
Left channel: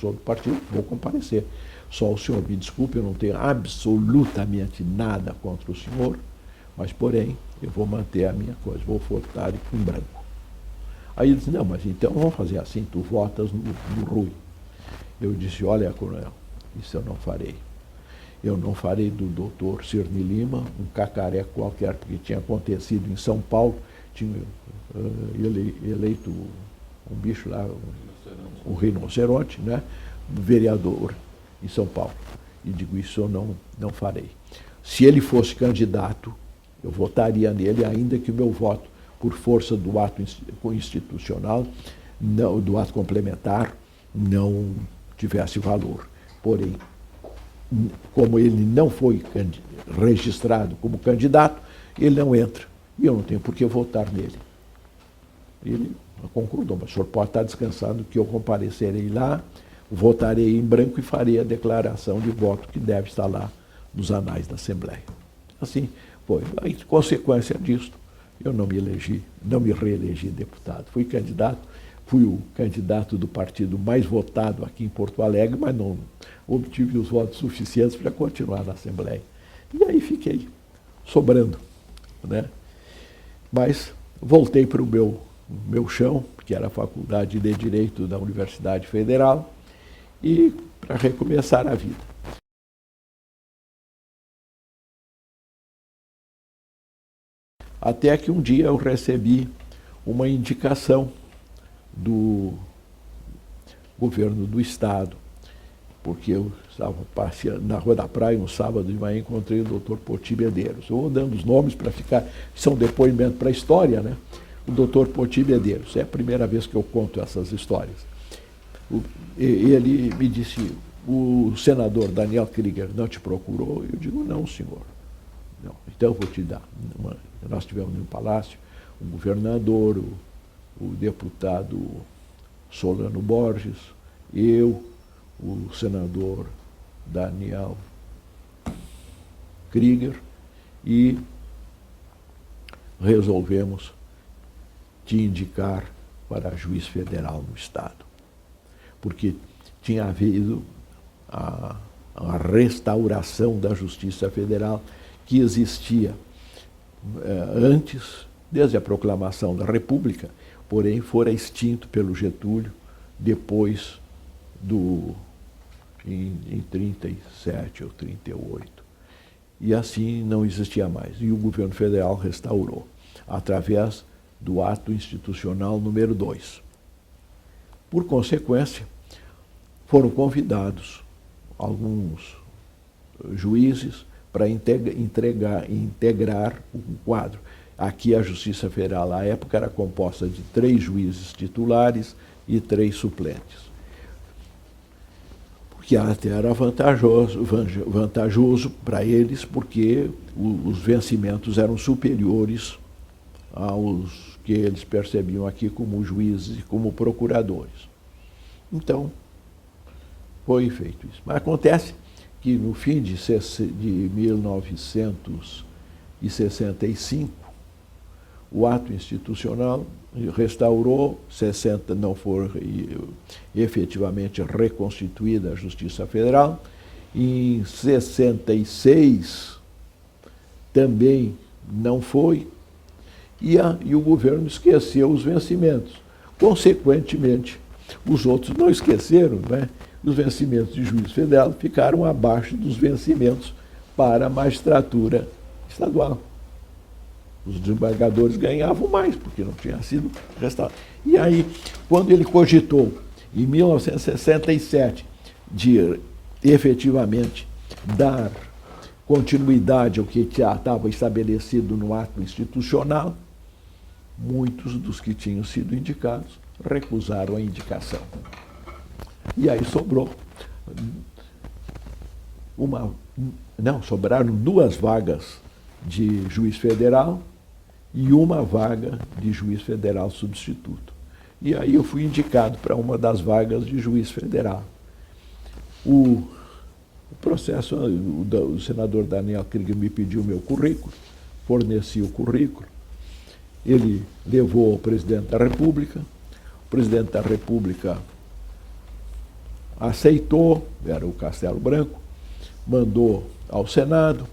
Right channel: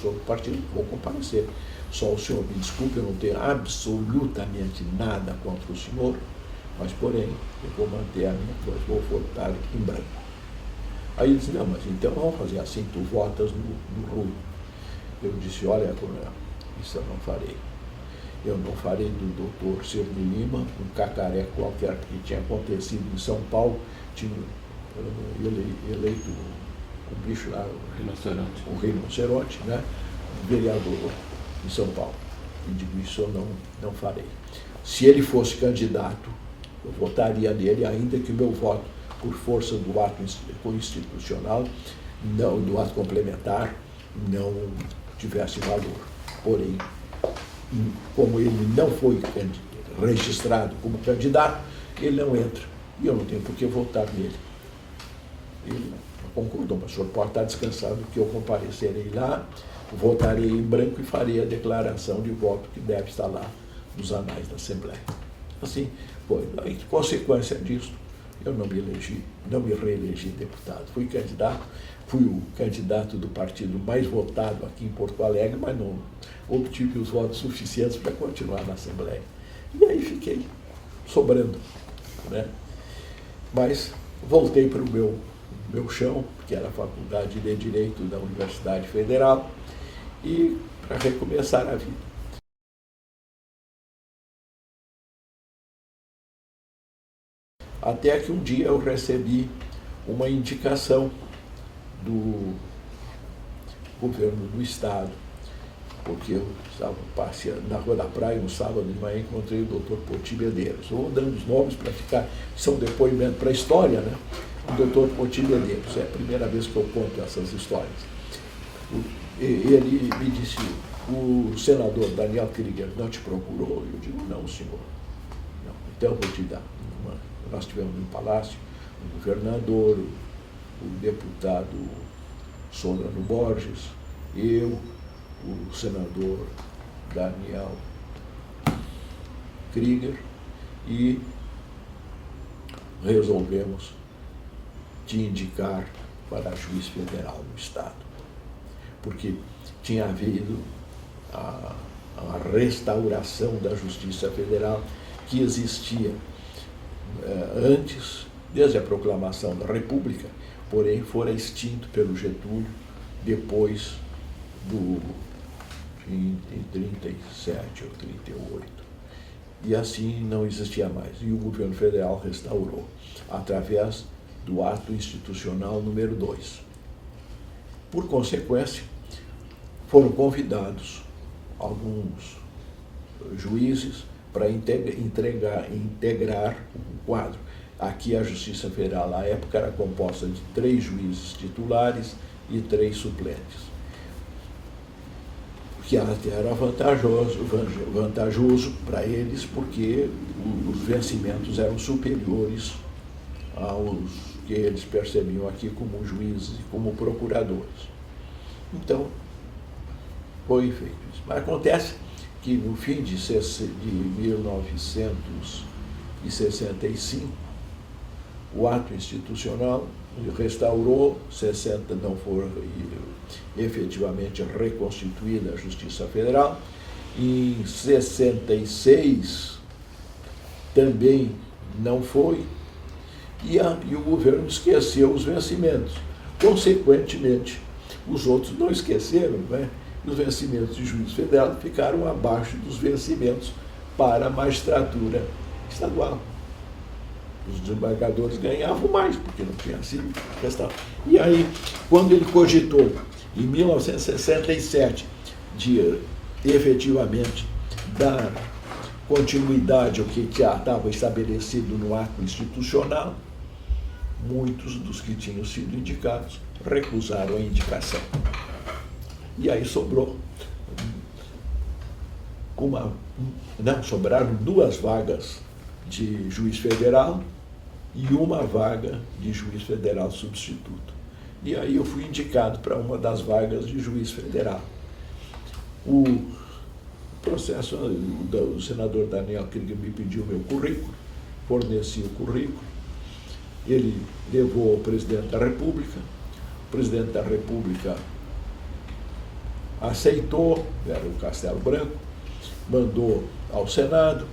sou do partido, vou comparecer. Só o senhor me desculpe, eu não tenho absolutamente nada contra o senhor, mas, porém, eu vou manter a minha coisa, vou votar em branco. Aí ele disse, não, mas então vamos fazer assim, tu votas no Rui. Eu disse, olha, coronel, isso eu não farei. Eu não farei do doutor Cirne Lima, um cacareco qualquer que tinha acontecido em São Paulo, tinha eleito um bicho lá, um rinoceronte, né? Um vereador em São Paulo. E digo, isso eu não farei. Se ele fosse candidato, eu votaria nele, ainda que o meu voto, por força do ato institucional, não, do ato complementar, não tivesse valor. Porém, como ele não foi registrado como candidato, ele não entra. E eu não tenho por que votar nele. Ele concordou, mas o senhor pode estar descansado que eu comparecerei lá, votarei em branco e farei a declaração de voto que deve estar lá nos anais da Assembleia. Assim, foi. Aí, consequência disso, eu não me reelegi deputado. Fui o candidato do partido mais votado aqui em Porto Alegre, mas não obtive os votos suficientes para continuar na Assembleia. E aí fiquei sobrando, né? Mas voltei para o meu chão, que era a Faculdade de Direito da Universidade Federal, e para recomeçar a vida. Até que um dia eu recebi uma indicação do governo do Estado, porque eu estava passeando na Rua da Praia um sábado de manhã e encontrei o doutor Poti Medeiros. Eu vou dando os nomes para ficar, são depoimento para a história, né? O doutor Poti Medeiros, é a primeira vez que eu conto essas histórias. Ele me disse, o senador Daniel Krieger não te procurou? Eu digo, não, senhor. Não. Então eu vou te dar uma. Nós tivemos no Palácio o governador, o deputado Solano Borges, eu, o senador Daniel Krieger, e resolvemos te indicar para juiz federal no Estado, porque tinha havido a restauração da Justiça Federal que existia antes, desde a proclamação da República, porém fora extinto pelo Getúlio depois em 37 ou 38. E assim não existia mais. E o governo federal restaurou, através do ato institucional número 2. Por consequência, foram convidados alguns juízes para integrar o quadro. Aqui a Justiça Federal, à época, era composta de 3 juízes titulares e 3 suplentes. Que até era vantajoso para eles, porque os vencimentos eram superiores aos que eles percebiam aqui como juízes e como procuradores. Então, foi feito isso. Mas acontece que no fim de 1965, o ato institucional restaurou, 60 não foi efetivamente reconstituída a Justiça Federal, em 66 também não foi, e o governo esqueceu os vencimentos. Consequentemente, os outros não esqueceram, né? Os vencimentos de juiz federal ficaram abaixo dos vencimentos para a magistratura estadual. Os desembargadores ganhavam mais, porque não tinha sido restaurado. E aí, quando ele cogitou, em 1967, de efetivamente dar continuidade ao que já estava estabelecido no ato institucional, muitos dos que tinham sido indicados recusaram a indicação. E aí sobraram 2 vagas de juiz federal e 1 vaga de juiz federal substituto. E aí eu fui indicado para uma das vagas de juiz federal. O processo, o senador Daniel Krieger me pediu meu currículo, forneci o currículo, ele levou ao presidente da República, o presidente da República aceitou, era o Castelo Branco, mandou ao Senado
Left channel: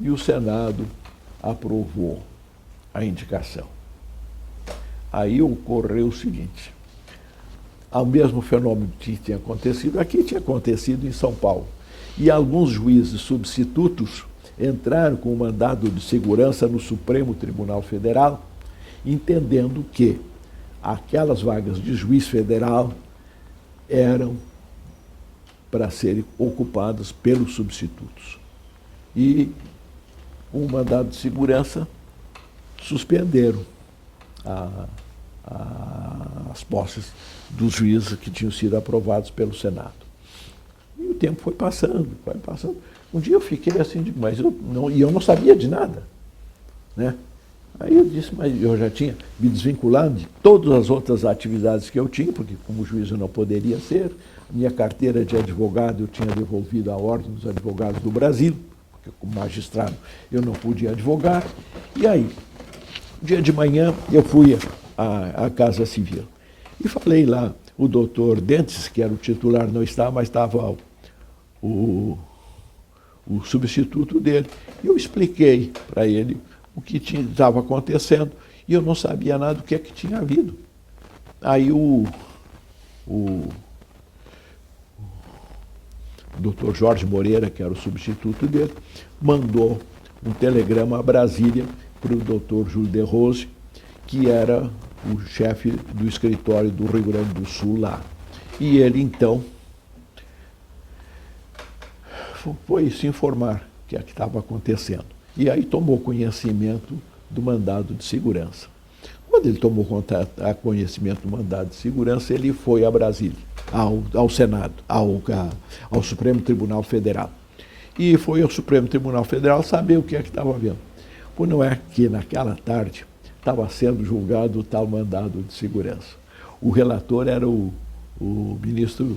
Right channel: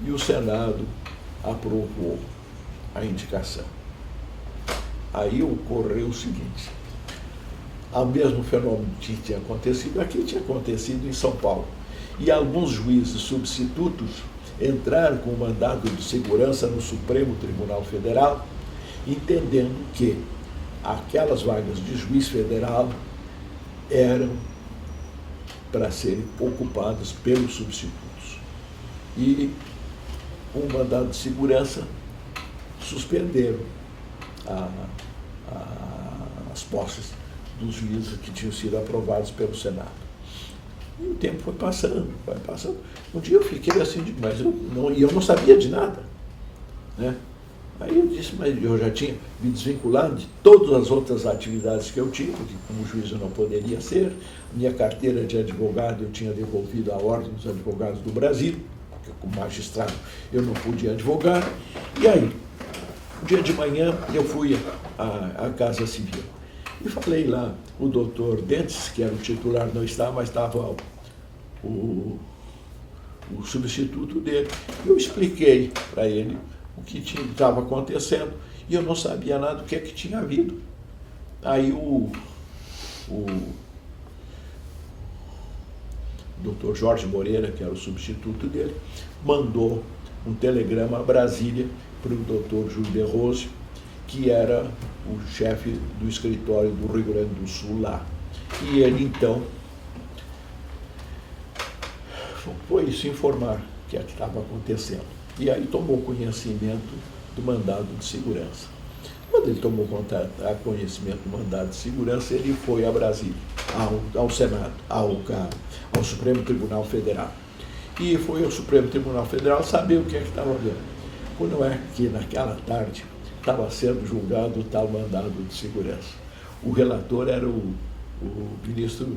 e o Senado aprovou a indicação. Aí ocorreu o seguinte, o mesmo fenômeno que tinha acontecido aqui, tinha acontecido em São Paulo. E alguns juízes substitutos entraram com um mandado de segurança no Supremo Tribunal Federal, entendendo que aquelas vagas de juiz federal eram para serem ocupadas pelos substitutos. E, com um mandado de segurança, suspenderam as posses dos juízes que tinham sido aprovados pelo Senado. E o tempo foi passando, foi passando. Um dia eu fiquei assim, mas eu não sabia de nada, né? Aí eu disse, mas eu já tinha me desvinculado de todas as outras atividades que eu tinha, porque como juiz eu não poderia ser. Minha carteira de advogado eu tinha devolvido à Ordem dos Advogados do Brasil, porque como magistrado eu não podia advogar. E aí, um dia de manhã, eu fui à Casa Civil e falei lá, o doutor Dentes, que era o titular, não estava, mas estava o substituto dele. Eu expliquei para ele o que estava acontecendo e eu não sabia nada do que tinha havido. Aí o doutor Jorge Moreira, que era o substituto dele, mandou um telegrama a Brasília para o doutor Júlio de Rose, que era o chefe do escritório do Rio Grande do Sul lá. E ele, então, foi se informar o que estava acontecendo. E aí tomou conhecimento do mandado de segurança. Quando ele tomou conhecimento do mandado de segurança, ele foi a Brasília, ao Senado, ao Supremo Tribunal Federal. E foi ao Supremo Tribunal Federal saber o que estava vendo. Quando é que, naquela tarde, estava sendo julgado o tal mandado de segurança. O relator era o ministro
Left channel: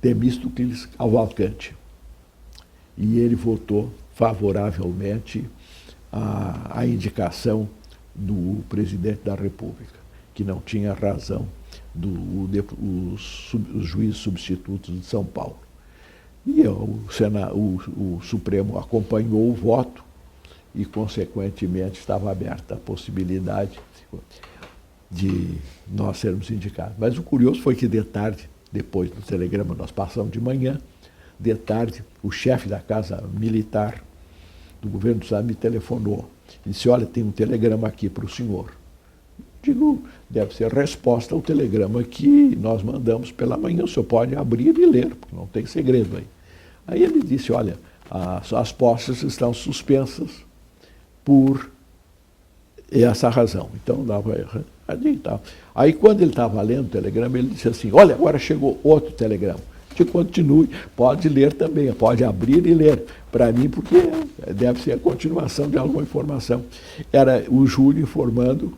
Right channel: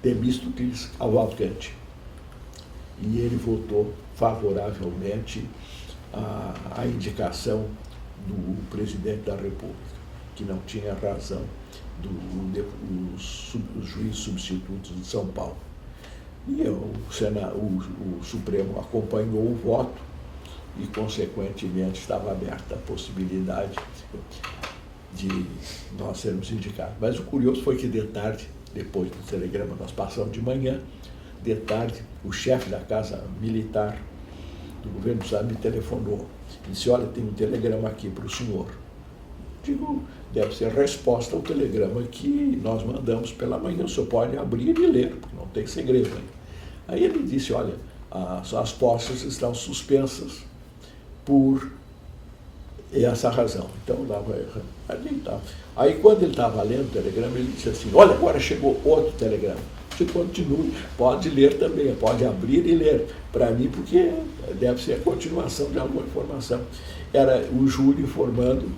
Temístocles Cavalcanti. E ele votou favoravelmente à indicação do presidente da República, que não tinha razão os juízes substitutos de São Paulo. E o Supremo acompanhou o voto e, consequentemente, estava aberta a possibilidade de nós sermos indicados. Mas o curioso foi que, de tarde, depois do telegrama, nós passamos de manhã, de tarde, o chefe da Casa Militar do governo do Estado me telefonou e disse, olha, tem um telegrama aqui para o senhor. Digo, deve ser resposta ao telegrama que nós mandamos pela manhã, o senhor pode abrir e ler, porque não tem segredo aí. Aí ele disse, olha, as posses estão suspensas por essa razão. Então, aí quando ele estava lendo o telegrama, ele disse assim, olha, agora chegou outro telegrama. Que continue, pode ler também, pode abrir e ler para mim, porque deve ser a continuação de alguma informação. Era o Júlio informando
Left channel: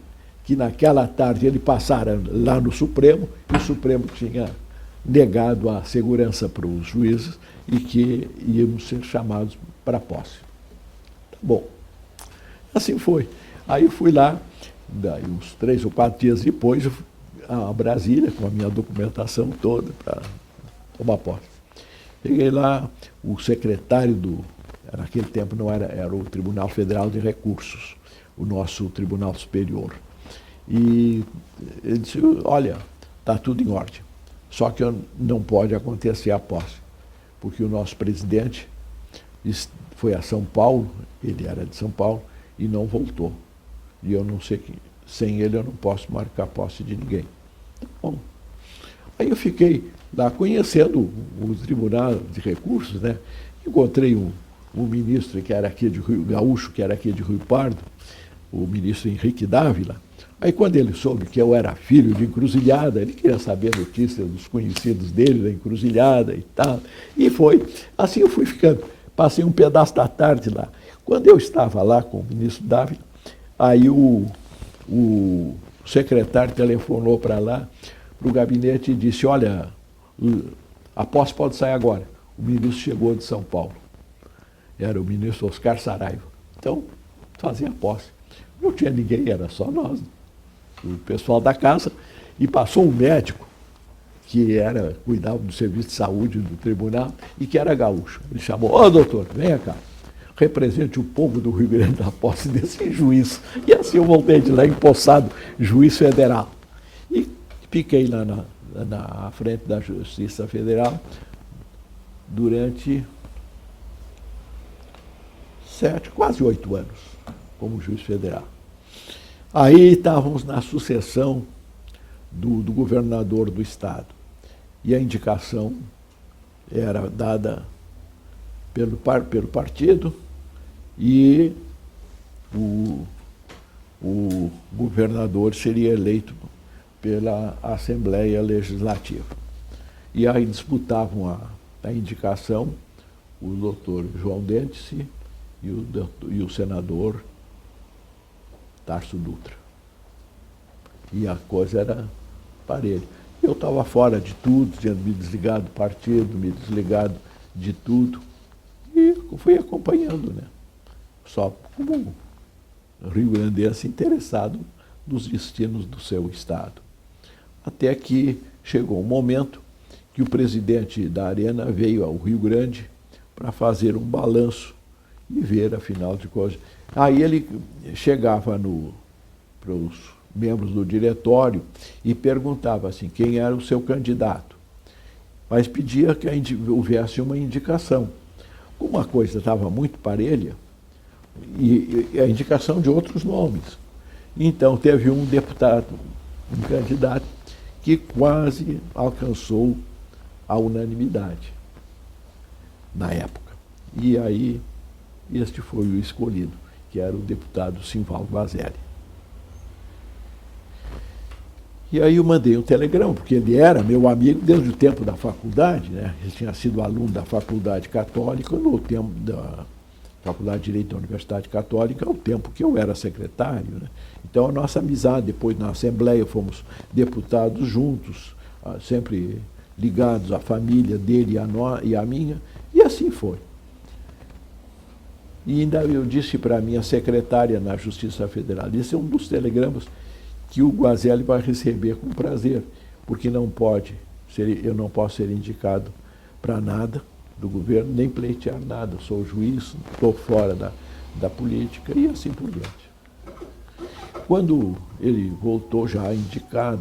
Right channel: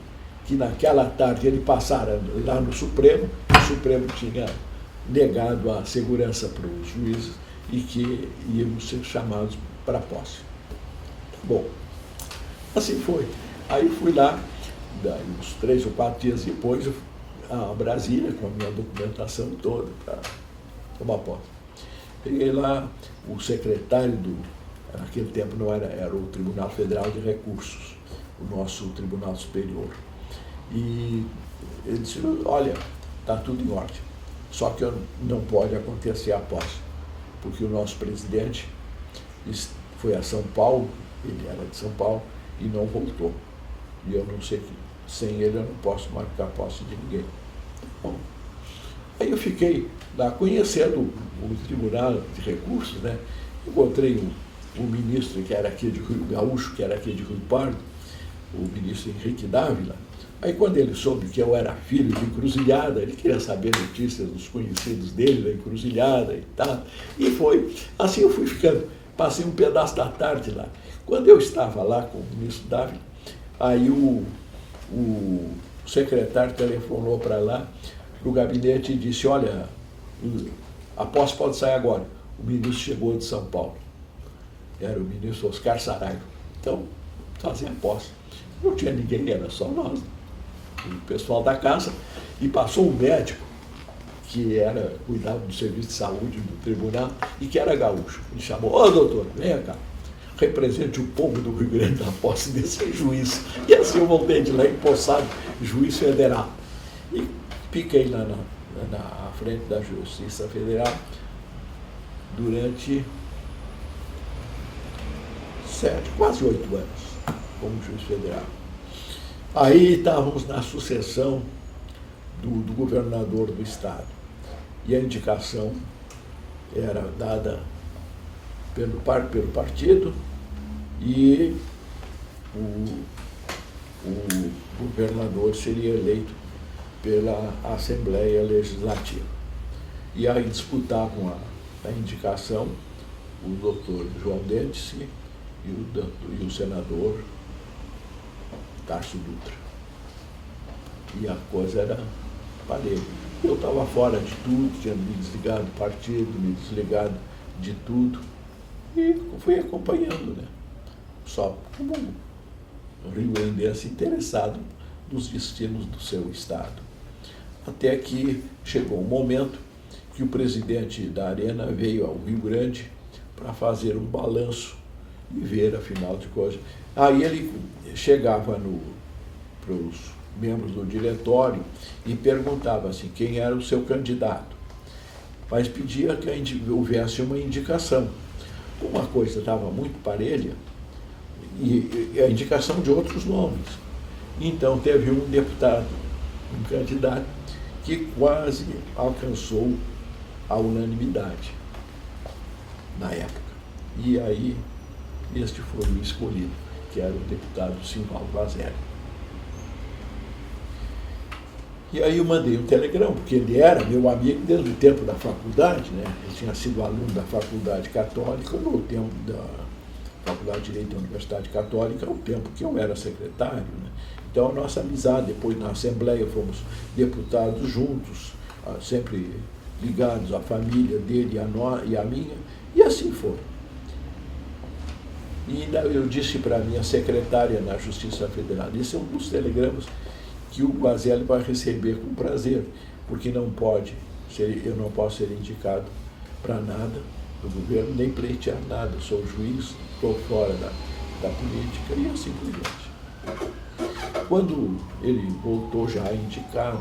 que naquela tarde ele passara lá no Supremo, o Supremo tinha negado a segurança para os juízes e que íamos ser chamados para posse. Bom, assim foi. Aí fui lá, daí uns 3 ou 4 dias depois, a Brasília, com a minha documentação toda, para tomar posse. Cheguei lá, o secretário naquele tempo não era o Tribunal Federal de Recursos, o nosso Tribunal Superior. E ele disse, olha, está tudo em ordem, só que não pode acontecer a posse, porque o nosso presidente foi a São Paulo, ele era de São Paulo, e não voltou. E eu não sei que, sem ele eu não posso marcar posse de ninguém. Bom, aí eu fiquei lá conhecendo o Tribunal de Recursos, né? Encontrei um ministro que era aqui de Rio Gaúcho, que era aqui de Rio Pardo, o ministro Henrique Dávila. Aí quando ele soube que eu era filho de Encruzilhada, ele queria saber notícias dos conhecidos dele da Encruzilhada e tal. E foi. Assim eu fui ficando. Passei um pedaço da tarde lá. Quando eu estava lá com o ministro Dávila, aí o secretário telefonou para lá, para o gabinete, e disse, olha, a posse pode sair agora. o ministro chegou de São Paulo. Era o ministro Oscar Saraiva. Então, fazia posse. Não tinha ninguém, era só nós, o pessoal da casa, e passou um médico que cuidava do serviço de saúde do tribunal e que era gaúcho. Ele chamou: ô doutor, venha cá, represente o povo do Rio Grande da posse desse juiz. E assim eu voltei de lá empossado, juiz federal. E fiquei lá na frente da Justiça Federal durante quase 8 anos, como juiz federal. Aí estávamos na sucessão do governador do estado. E a indicação era dada pelo partido e o governador seria eleito pela Assembleia Legislativa. E aí disputavam a indicação o doutor João Dentice e o senador Tarso Dutra. E a coisa era parelha. Eu estava fora de tudo, tinha me desligado do partido, me desligado de tudo. E fui acompanhando, né? Só como rio-grandense interessado nos destinos do seu estado. Até que chegou um momento que o presidente da Arena veio ao Rio Grande para fazer um balanço e ver, afinal de contas. Aí ele chegava para os membros do diretório e perguntava assim, quem era o seu candidato. Mas pedia que houvesse uma indicação. Como a coisa estava muito parelha, e a indicação de outros nomes. Então teve um deputado, um candidato, que quase alcançou a unanimidade na época. E aí este foi o escolhido, que era o deputado Simval Guazelli. E aí eu mandei um telegrama, porque ele era meu amigo desde o tempo da faculdade, né? Ele tinha sido aluno da Faculdade Católica no tempo da Faculdade de Direito da Universidade Católica, no tempo que eu era secretário, né? Então a nossa amizade, depois na Assembleia fomos deputados juntos, sempre ligados à família dele e à minha, e assim foi. E ainda eu disse para a minha secretária na Justiça Federal, esse é um dos telegramas que o Guazelli vai receber com prazer, porque eu não posso ser indicado para nada do governo, nem pleitear nada, sou juiz, estou fora da política e assim por diante. Quando ele voltou já indicado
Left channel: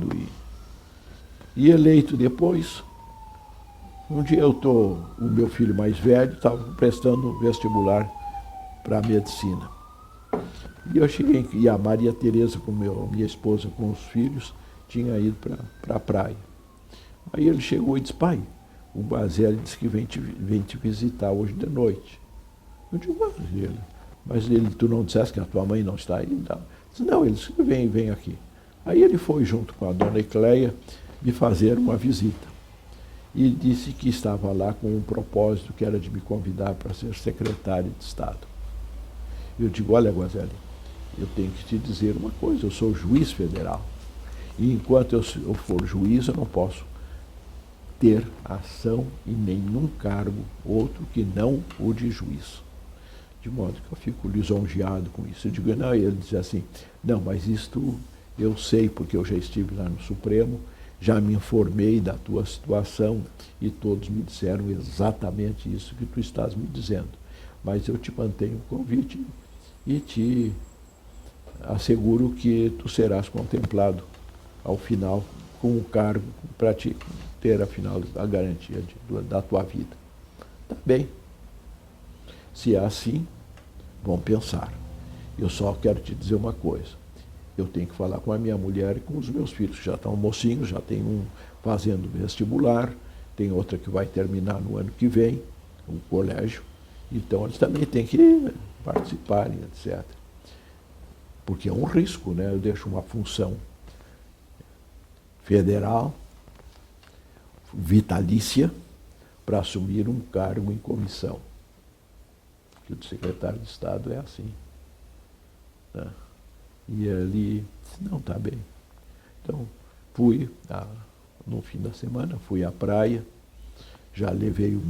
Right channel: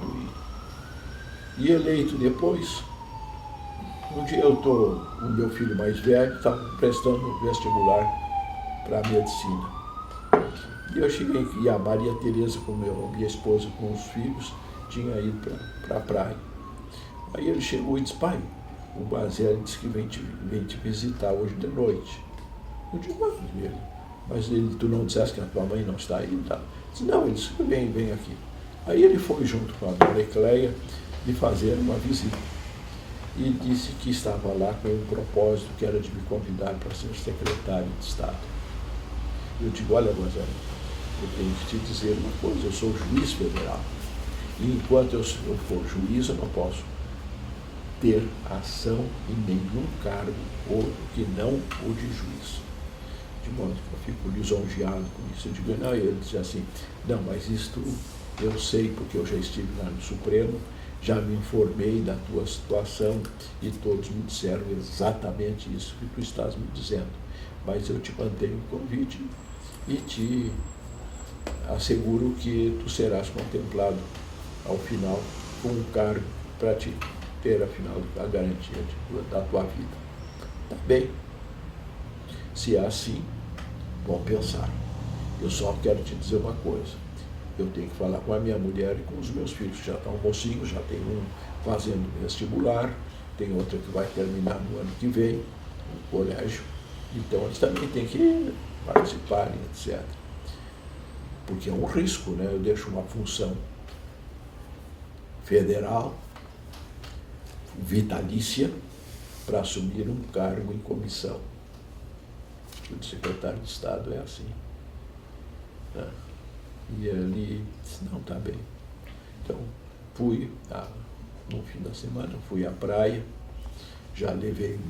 e eleito depois, um dia o meu filho mais velho estava prestando vestibular para medicina. E eu cheguei, e a Maria Tereza, minha esposa, com os filhos, tinha ido para a praia. Aí ele chegou e disse, pai, o Guazelli disse que vem te visitar hoje de noite. Eu digo, mas tu não disseste que a tua mãe não está aí? Tá? Disse, não, ele disse, vem aqui. Aí ele foi junto com a dona Ecleia de fazer uma visita. E disse que estava lá com um propósito, que era de me convidar para ser secretário de Estado. E eu digo, olha, Guazelli, eu tenho que te dizer uma coisa, eu sou juiz federal. E enquanto eu for juiz, eu não posso ter ação em nenhum cargo outro que não o de juiz. De modo que eu fico lisonjeado com isso. Eu digo, não, ele diz assim, não, mas isto eu sei, porque eu já estive lá no Supremo, já me informei da tua situação e todos me disseram exatamente isso que tu estás me dizendo. Mas eu te mantenho o convite e te asseguro que tu serás contemplado ao final com um cargo para te ter, afinal, a garantia da tua vida. Tá bem. Se é assim, vamos pensar. Eu só quero te dizer uma coisa. Eu tenho que falar com a minha mulher e com os meus filhos, que já estão mocinhos, já tem um fazendo vestibular, tem outra que vai terminar no ano que vem, no colégio. Então, eles também têm que participarem, etc. Porque é um risco, né? Eu deixo uma função federal, vitalícia, para assumir um cargo em comissão. O secretário de Estado é assim. Né? E ele disse, não, tá bem. Então, fui, no fim da semana, fui à praia, já levei o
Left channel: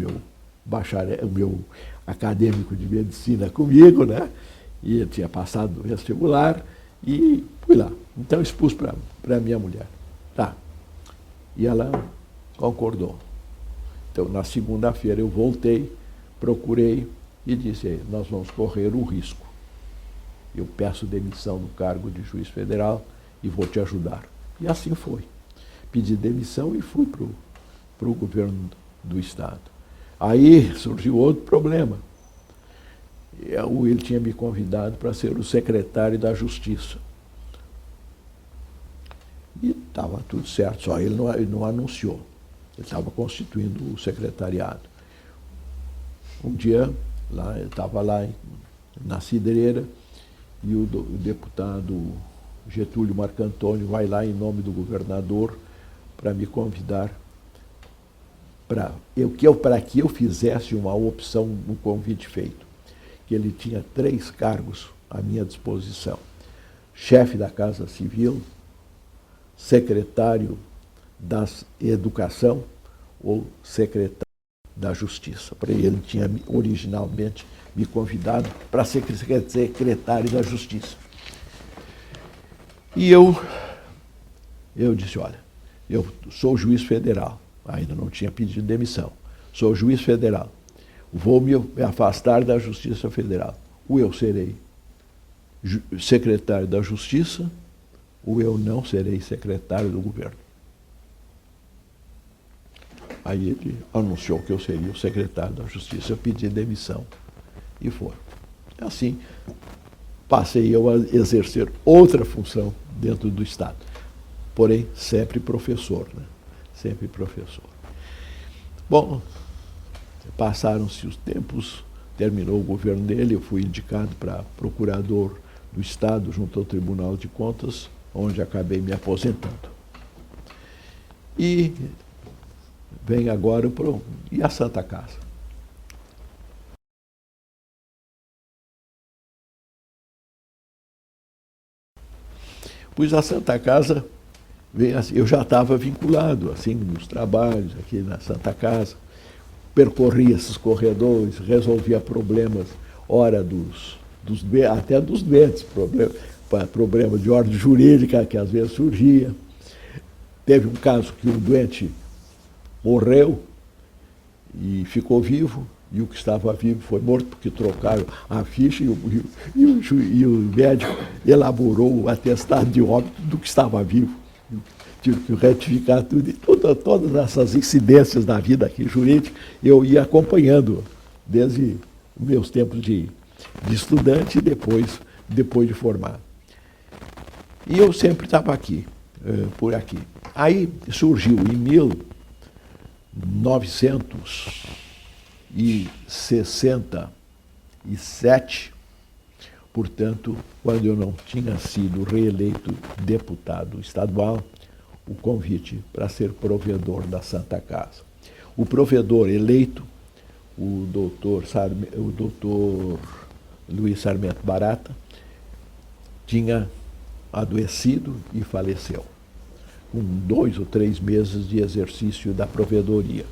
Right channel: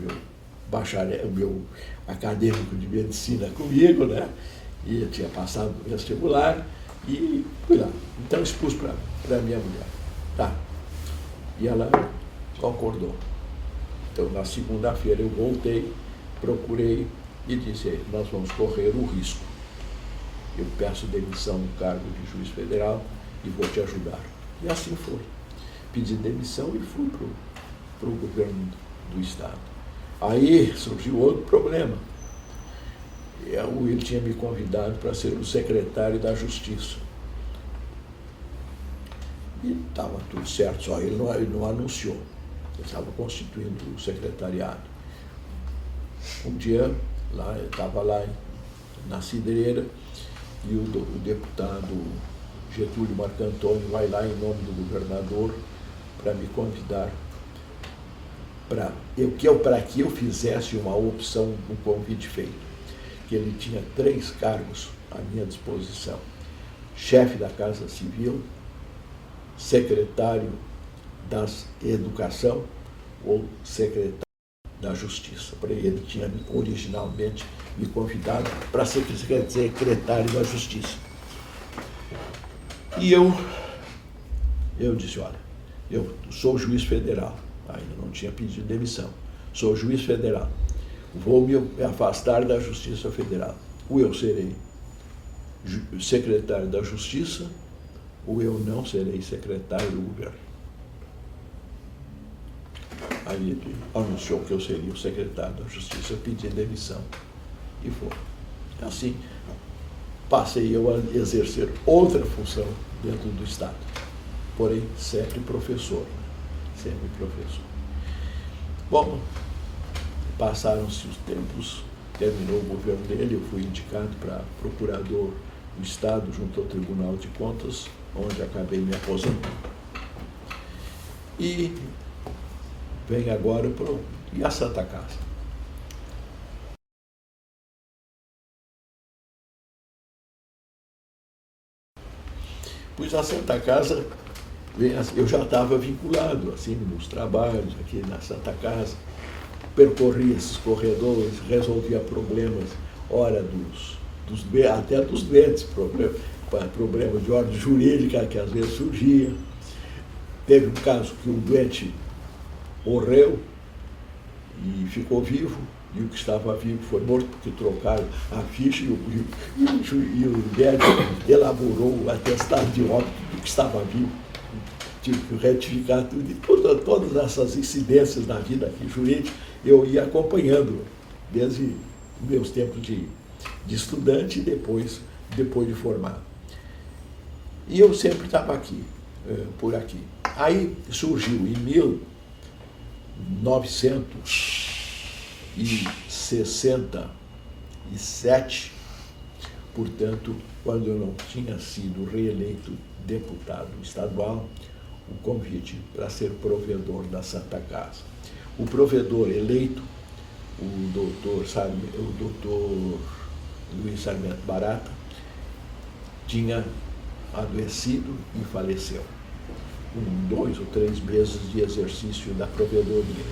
bacharel, o meu acadêmico de medicina comigo, né? E eu tinha passado no vestibular e fui lá. Então expus para minha mulher. Tá. E ela concordou. Então na segunda-feira eu voltei, procurei e disse, nós vamos correr o risco. Eu peço demissão no cargo de juiz federal e vou te ajudar. E assim foi. Pedi demissão e fui para o governo do Estado. Aí surgiu outro problema. Ele tinha me convidado para ser o secretário da Justiça. E estava tudo certo, só ele não anunciou. Ele estava constituindo o secretariado. Um dia, eu estava lá na Cidreira e o deputado Getúlio Marcantoni vai lá em nome do governador para me convidar para que eu fizesse uma opção no convite feito. Que ele tinha 3 cargos à minha disposição. Chefe da Casa Civil, secretário da Educação ou secretário da Justiça. Para ele tinha originalmente me convidado para ser secretário da Justiça. E eu disse, olha, eu sou juiz federal, ainda não tinha pedido demissão, sou juiz federal, vou me afastar da Justiça Federal. Ou eu serei secretário da Justiça, ou eu não serei secretário do governo. Aí ele anunciou que eu seria o secretário da Justiça, eu pedi demissão. E foi. Assim, passei eu a exercer outra função dentro do Estado. Porém, sempre professor, né? Sempre professor. Bom, passaram-se os tempos, terminou o governo dele, eu fui indicado para procurador do Estado junto ao Tribunal de Contas, onde acabei me aposentando. E vem agora e a Santa Casa? Pois a Santa Casa, eu já estava vinculado assim nos trabalhos aqui na Santa Casa, percorria esses corredores, resolvia problemas, ora até dos doentes, problema de ordem jurídica que às vezes surgia. Teve um caso que um doente morreu e ficou vivo, e o que estava vivo foi morto porque trocaram a ficha e o médico elaborou o atestado de óbito do que estava vivo. Tive que retificar tudo. E todas essas incidências da vida aqui jurídica eu ia acompanhando desde meus tempos de estudante e depois de formado. E eu sempre estava aqui, por aqui. Aí surgiu em 1967, portanto, quando eu não tinha sido reeleito deputado estadual, o convite para ser provedor da Santa Casa. O provedor eleito, o doutor Luiz Sarmento Barata, tinha adoecido e faleceu, com 2 ou 3 meses de exercício da provedoria.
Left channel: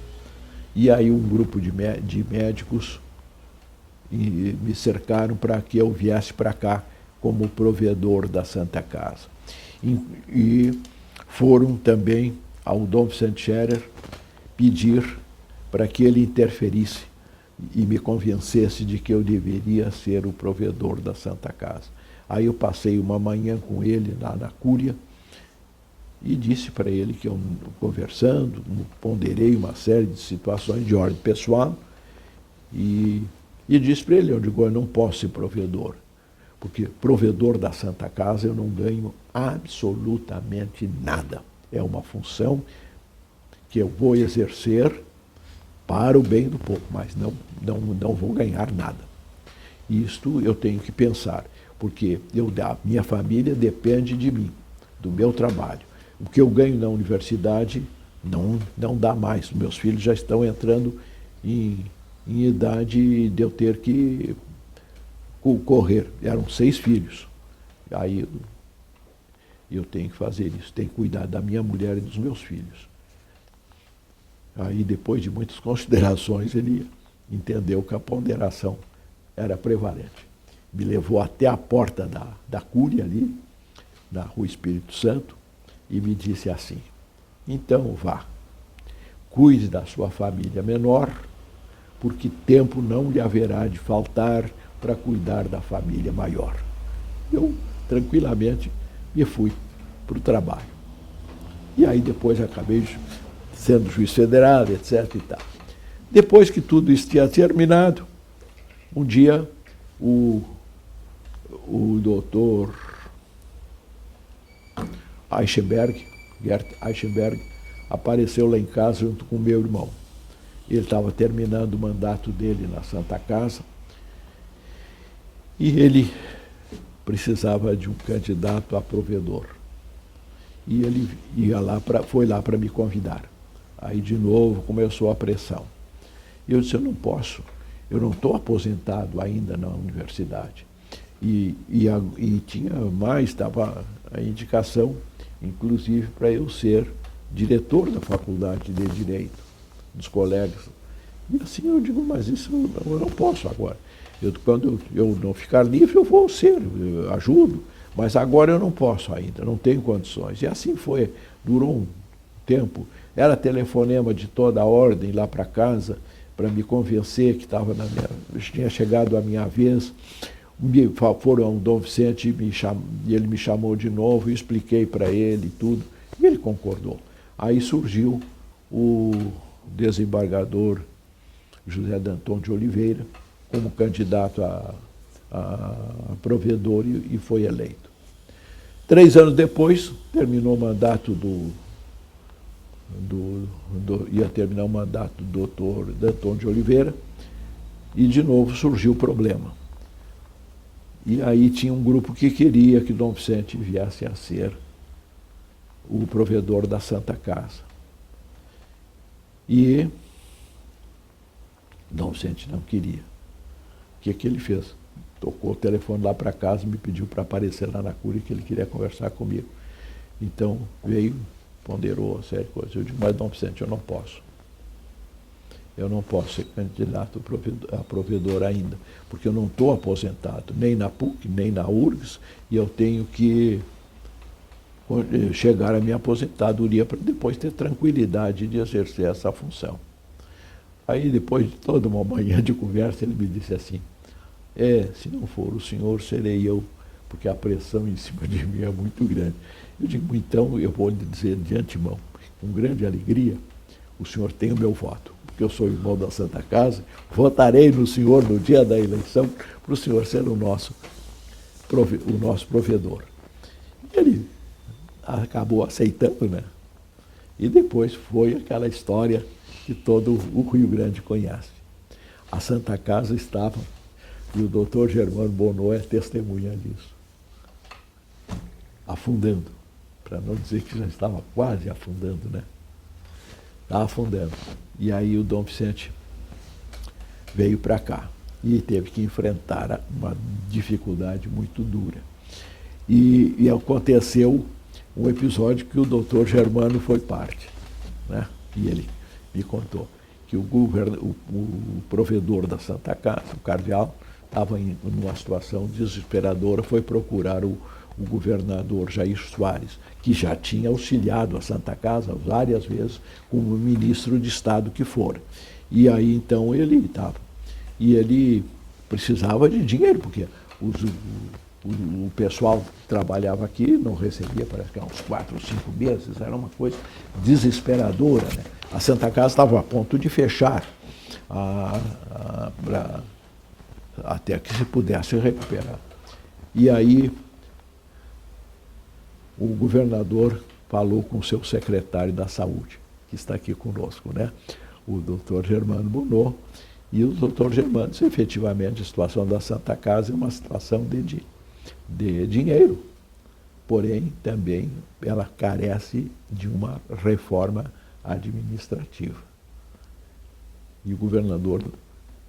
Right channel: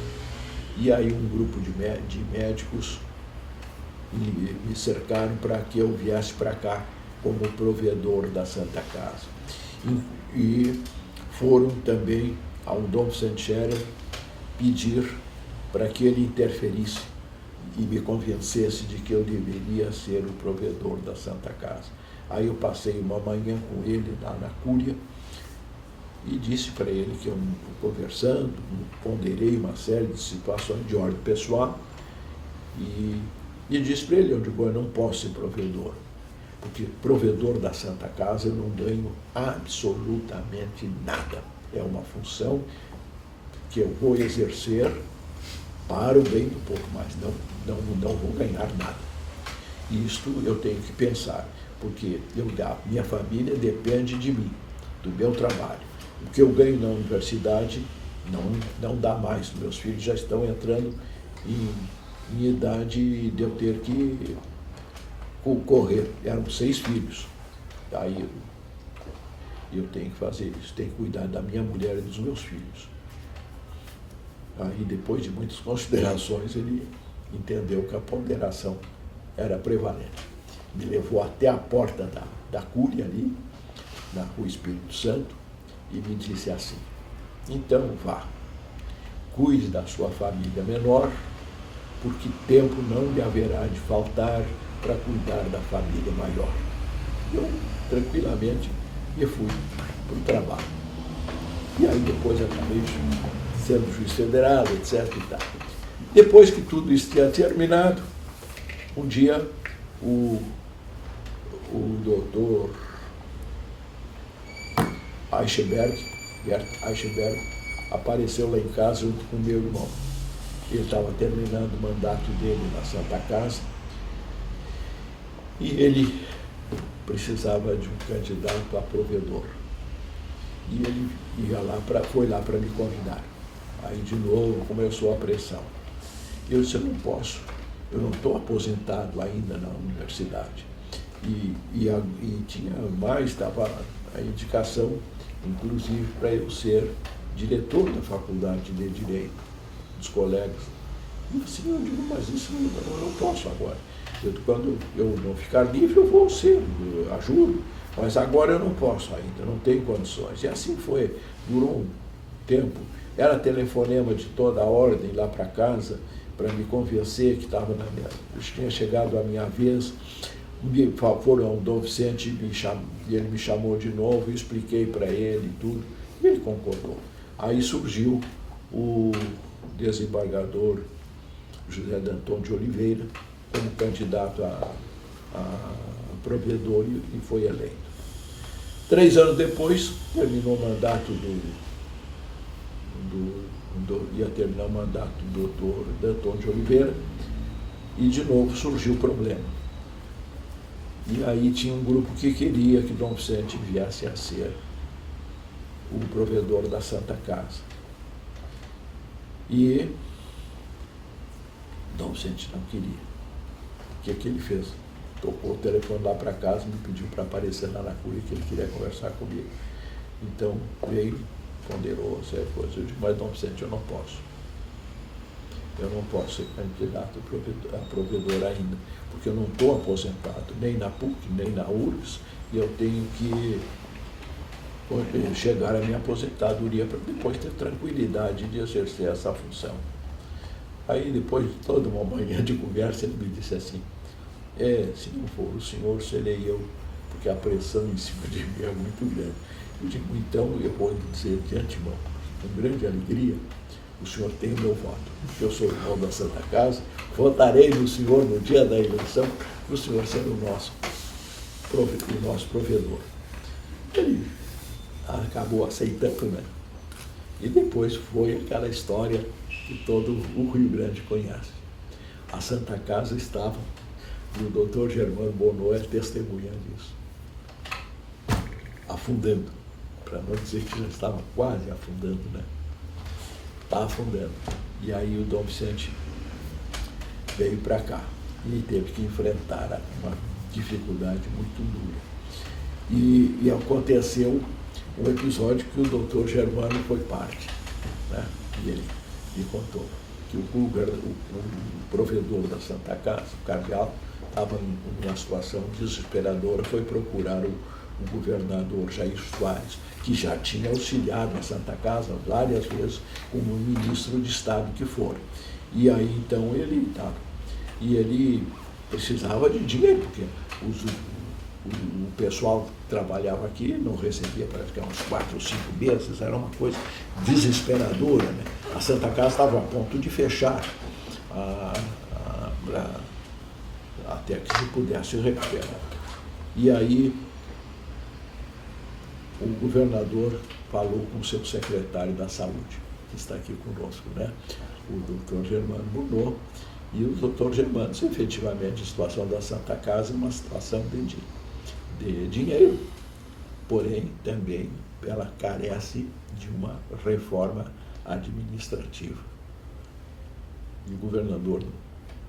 E aí um grupo de médicos me cercaram para que eu viesse para cá como provedor da Santa Casa. E foram também ao Dom Vicente Scherer pedir para que ele interferisse e me convencesse de que eu deveria ser o provedor da Santa Casa. Aí eu passei uma manhã com ele lá na Cúria e disse para ele que eu, conversando, ponderei uma série de situações de ordem pessoal e disse para ele, eu não posso ser provedor, porque provedor da Santa Casa eu não ganho absolutamente nada. É uma função que eu vou exercer para o bem do povo, mas não vou ganhar nada. Isto eu tenho que pensar, porque minha família depende de mim, do meu trabalho. O que eu ganho na universidade não dá mais. Meus filhos já estão entrando em idade de eu ter que concorrer. Eram 6 filhos. Aí eu tenho que fazer isso, tenho que cuidar da minha mulher e dos meus filhos. Aí, depois de muitas considerações, ele entendeu que a ponderação era prevalente. Me levou até a porta da Cúria ali, na Rua Espírito Santo, e me disse assim: então vá, cuide da sua família menor, porque tempo não lhe haverá de faltar para cuidar da família maior. Eu, tranquilamente, me fui para o trabalho. E aí depois acabei sendo juiz federal, etc. e tal. Depois que tudo isso tinha terminado, um dia o doutor Gert Eichenberg, apareceu lá em casa junto com meu irmão. Ele estava terminando o mandato dele na Santa Casa e ele precisava de um candidato a provedor. E ele foi lá para me convidar. Aí, de novo, começou a pressão. E eu disse: eu não posso, eu não estou aposentado ainda na universidade. E tinha mais, estava a indicação, inclusive, para eu ser diretor da Faculdade de Direito, dos colegas. E assim eu digo: mas isso eu não posso agora. Quando eu não ficar livre, eu vou ser, eu ajudo. Mas agora eu não posso ainda, não tenho condições. E assim foi, durou um tempo. Era telefonema de toda a ordem lá para casa, para me convencer que tinha chegado a minha vez. Foram ao Dom Vicente e ele me chamou de novo e expliquei para ele tudo. E ele concordou. Aí surgiu o desembargador José Danton de Oliveira como candidato a provedor e foi eleito. 3 anos depois, terminou o mandato ia terminar o mandato do doutor Danton de Oliveira e de novo surgiu o problema. E aí tinha um grupo que queria que Dom Vicente viesse a ser o provedor da Santa Casa. E Dom Vicente não queria. O que ele fez? Tocou o telefone lá para casa e me pediu para aparecer lá na Cúria, que ele queria conversar comigo. Então veio, ponderou certa coisa. Eu disse: mas Dom Vicente, eu não posso. Eu não posso ser candidato a provedor ainda, porque eu não estou aposentado, nem na PUC, nem na URGS, e eu tenho que chegar à minha aposentadoria para depois ter tranquilidade de exercer essa função. Aí, depois de toda uma manhã de conversa, ele me disse assim: se não for o senhor, serei eu, porque a pressão em cima de mim é muito grande. Eu digo: então eu vou lhe dizer de antemão, com grande alegria, o senhor tem o meu voto, porque eu sou irmão da Santa Casa, votarei no senhor no dia da eleição, para o senhor ser o nosso provedor. Ele acabou aceitando, né? E depois foi aquela história que todo o Rio Grande conhece. A Santa Casa estava, e o doutor Germano Bonneau é testemunha disso, afundando, para não dizer que já estava quase afundando, né? Estava afundando. E aí o Dom Vicente veio para cá e teve que enfrentar uma dificuldade muito dura. E aconteceu um episódio que o doutor Germano foi parte, né? E ele me contou que o provedor da Santa Casa, o cardeal, estava em uma situação desesperadora, foi procurar o governador Jair Soares, que já tinha auxiliado a Santa Casa várias vezes como ministro de Estado que for. E aí então ele estava. E ele precisava de dinheiro, porque o pessoal que trabalhava aqui não recebia, parece que uns 4 ou 5 meses, era uma coisa desesperadora, né? A Santa Casa estava a ponto de fechar até que se pudesse recuperar. E aí o governador falou com o seu secretário da Saúde, que está aqui conosco, né? O doutor Germano Bonneau, e o doutor Germano disse: efetivamente, a situação da Santa Casa é uma situação de dinheiro, porém também ela carece de uma reforma administrativa. E o governador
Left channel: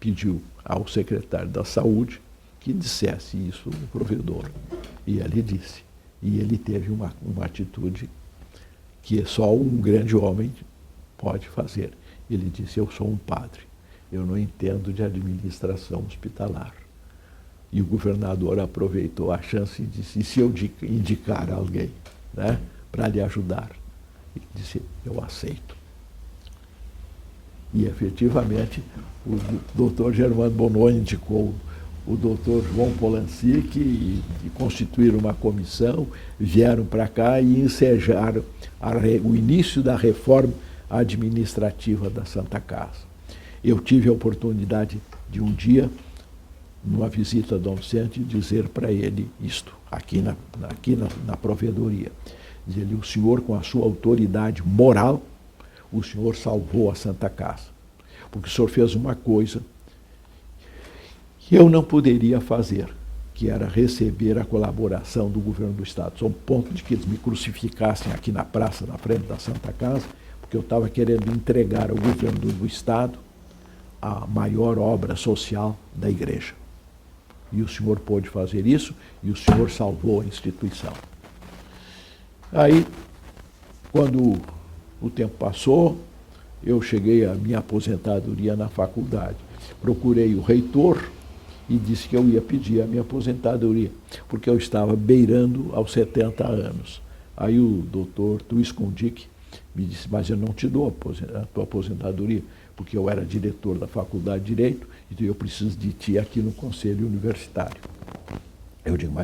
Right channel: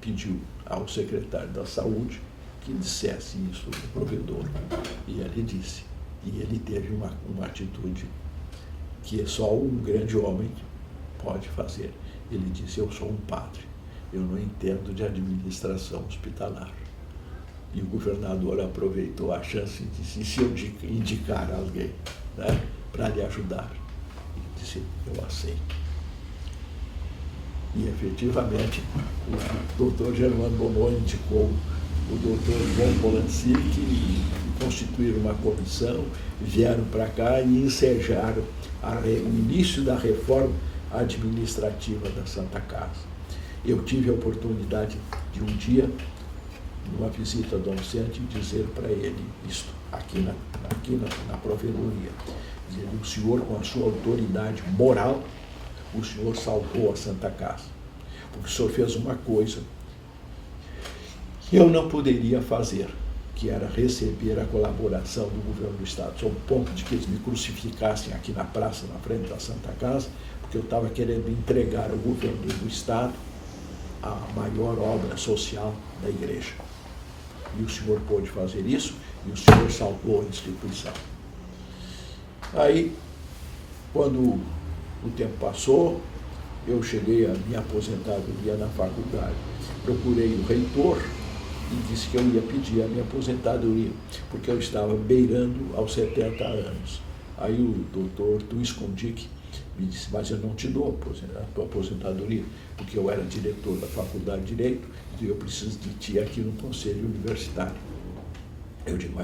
pediu ao secretário da Saúde que dissesse isso do provedor. E ele disse. E ele teve uma atitude que só um grande homem pode fazer. Ele disse: eu sou um padre, eu não entendo de administração hospitalar. E o governador aproveitou a chance e disse, e se eu indicar alguém, né, para lhe ajudar? Ele disse, eu aceito. E, efetivamente, o doutor Germano Bononi indicou o doutor João Polanski e constituíram uma comissão, vieram para cá e ensejaram o início da reforma administrativa da Santa Casa. Eu tive a oportunidade de um dia, numa visita a Dom Vicente, dizer para ele isto, aqui na provedoria. Dizer, o senhor, com a sua autoridade moral, o senhor salvou a Santa Casa. Porque o senhor fez uma coisa que eu não poderia fazer, que era receber a colaboração do governo do Estado, ao ponto de que eles me crucificassem aqui na praça, na frente da Santa Casa, porque eu estava querendo entregar ao governo do Estado a maior obra social da igreja. E o senhor pôde fazer isso, e o senhor salvou a instituição. Aí, quando o tempo passou, eu cheguei à minha aposentadoria na faculdade. Procurei o reitor e disse que eu ia pedir a minha aposentadoria, porque eu estava beirando aos 70 anos. Aí o doutor Tuís Condic me disse, mas eu não te dou a tua aposentadoria, porque eu era diretor da Faculdade de Direito, e eu preciso de ti aqui no Conselho Universitário. Eu digo,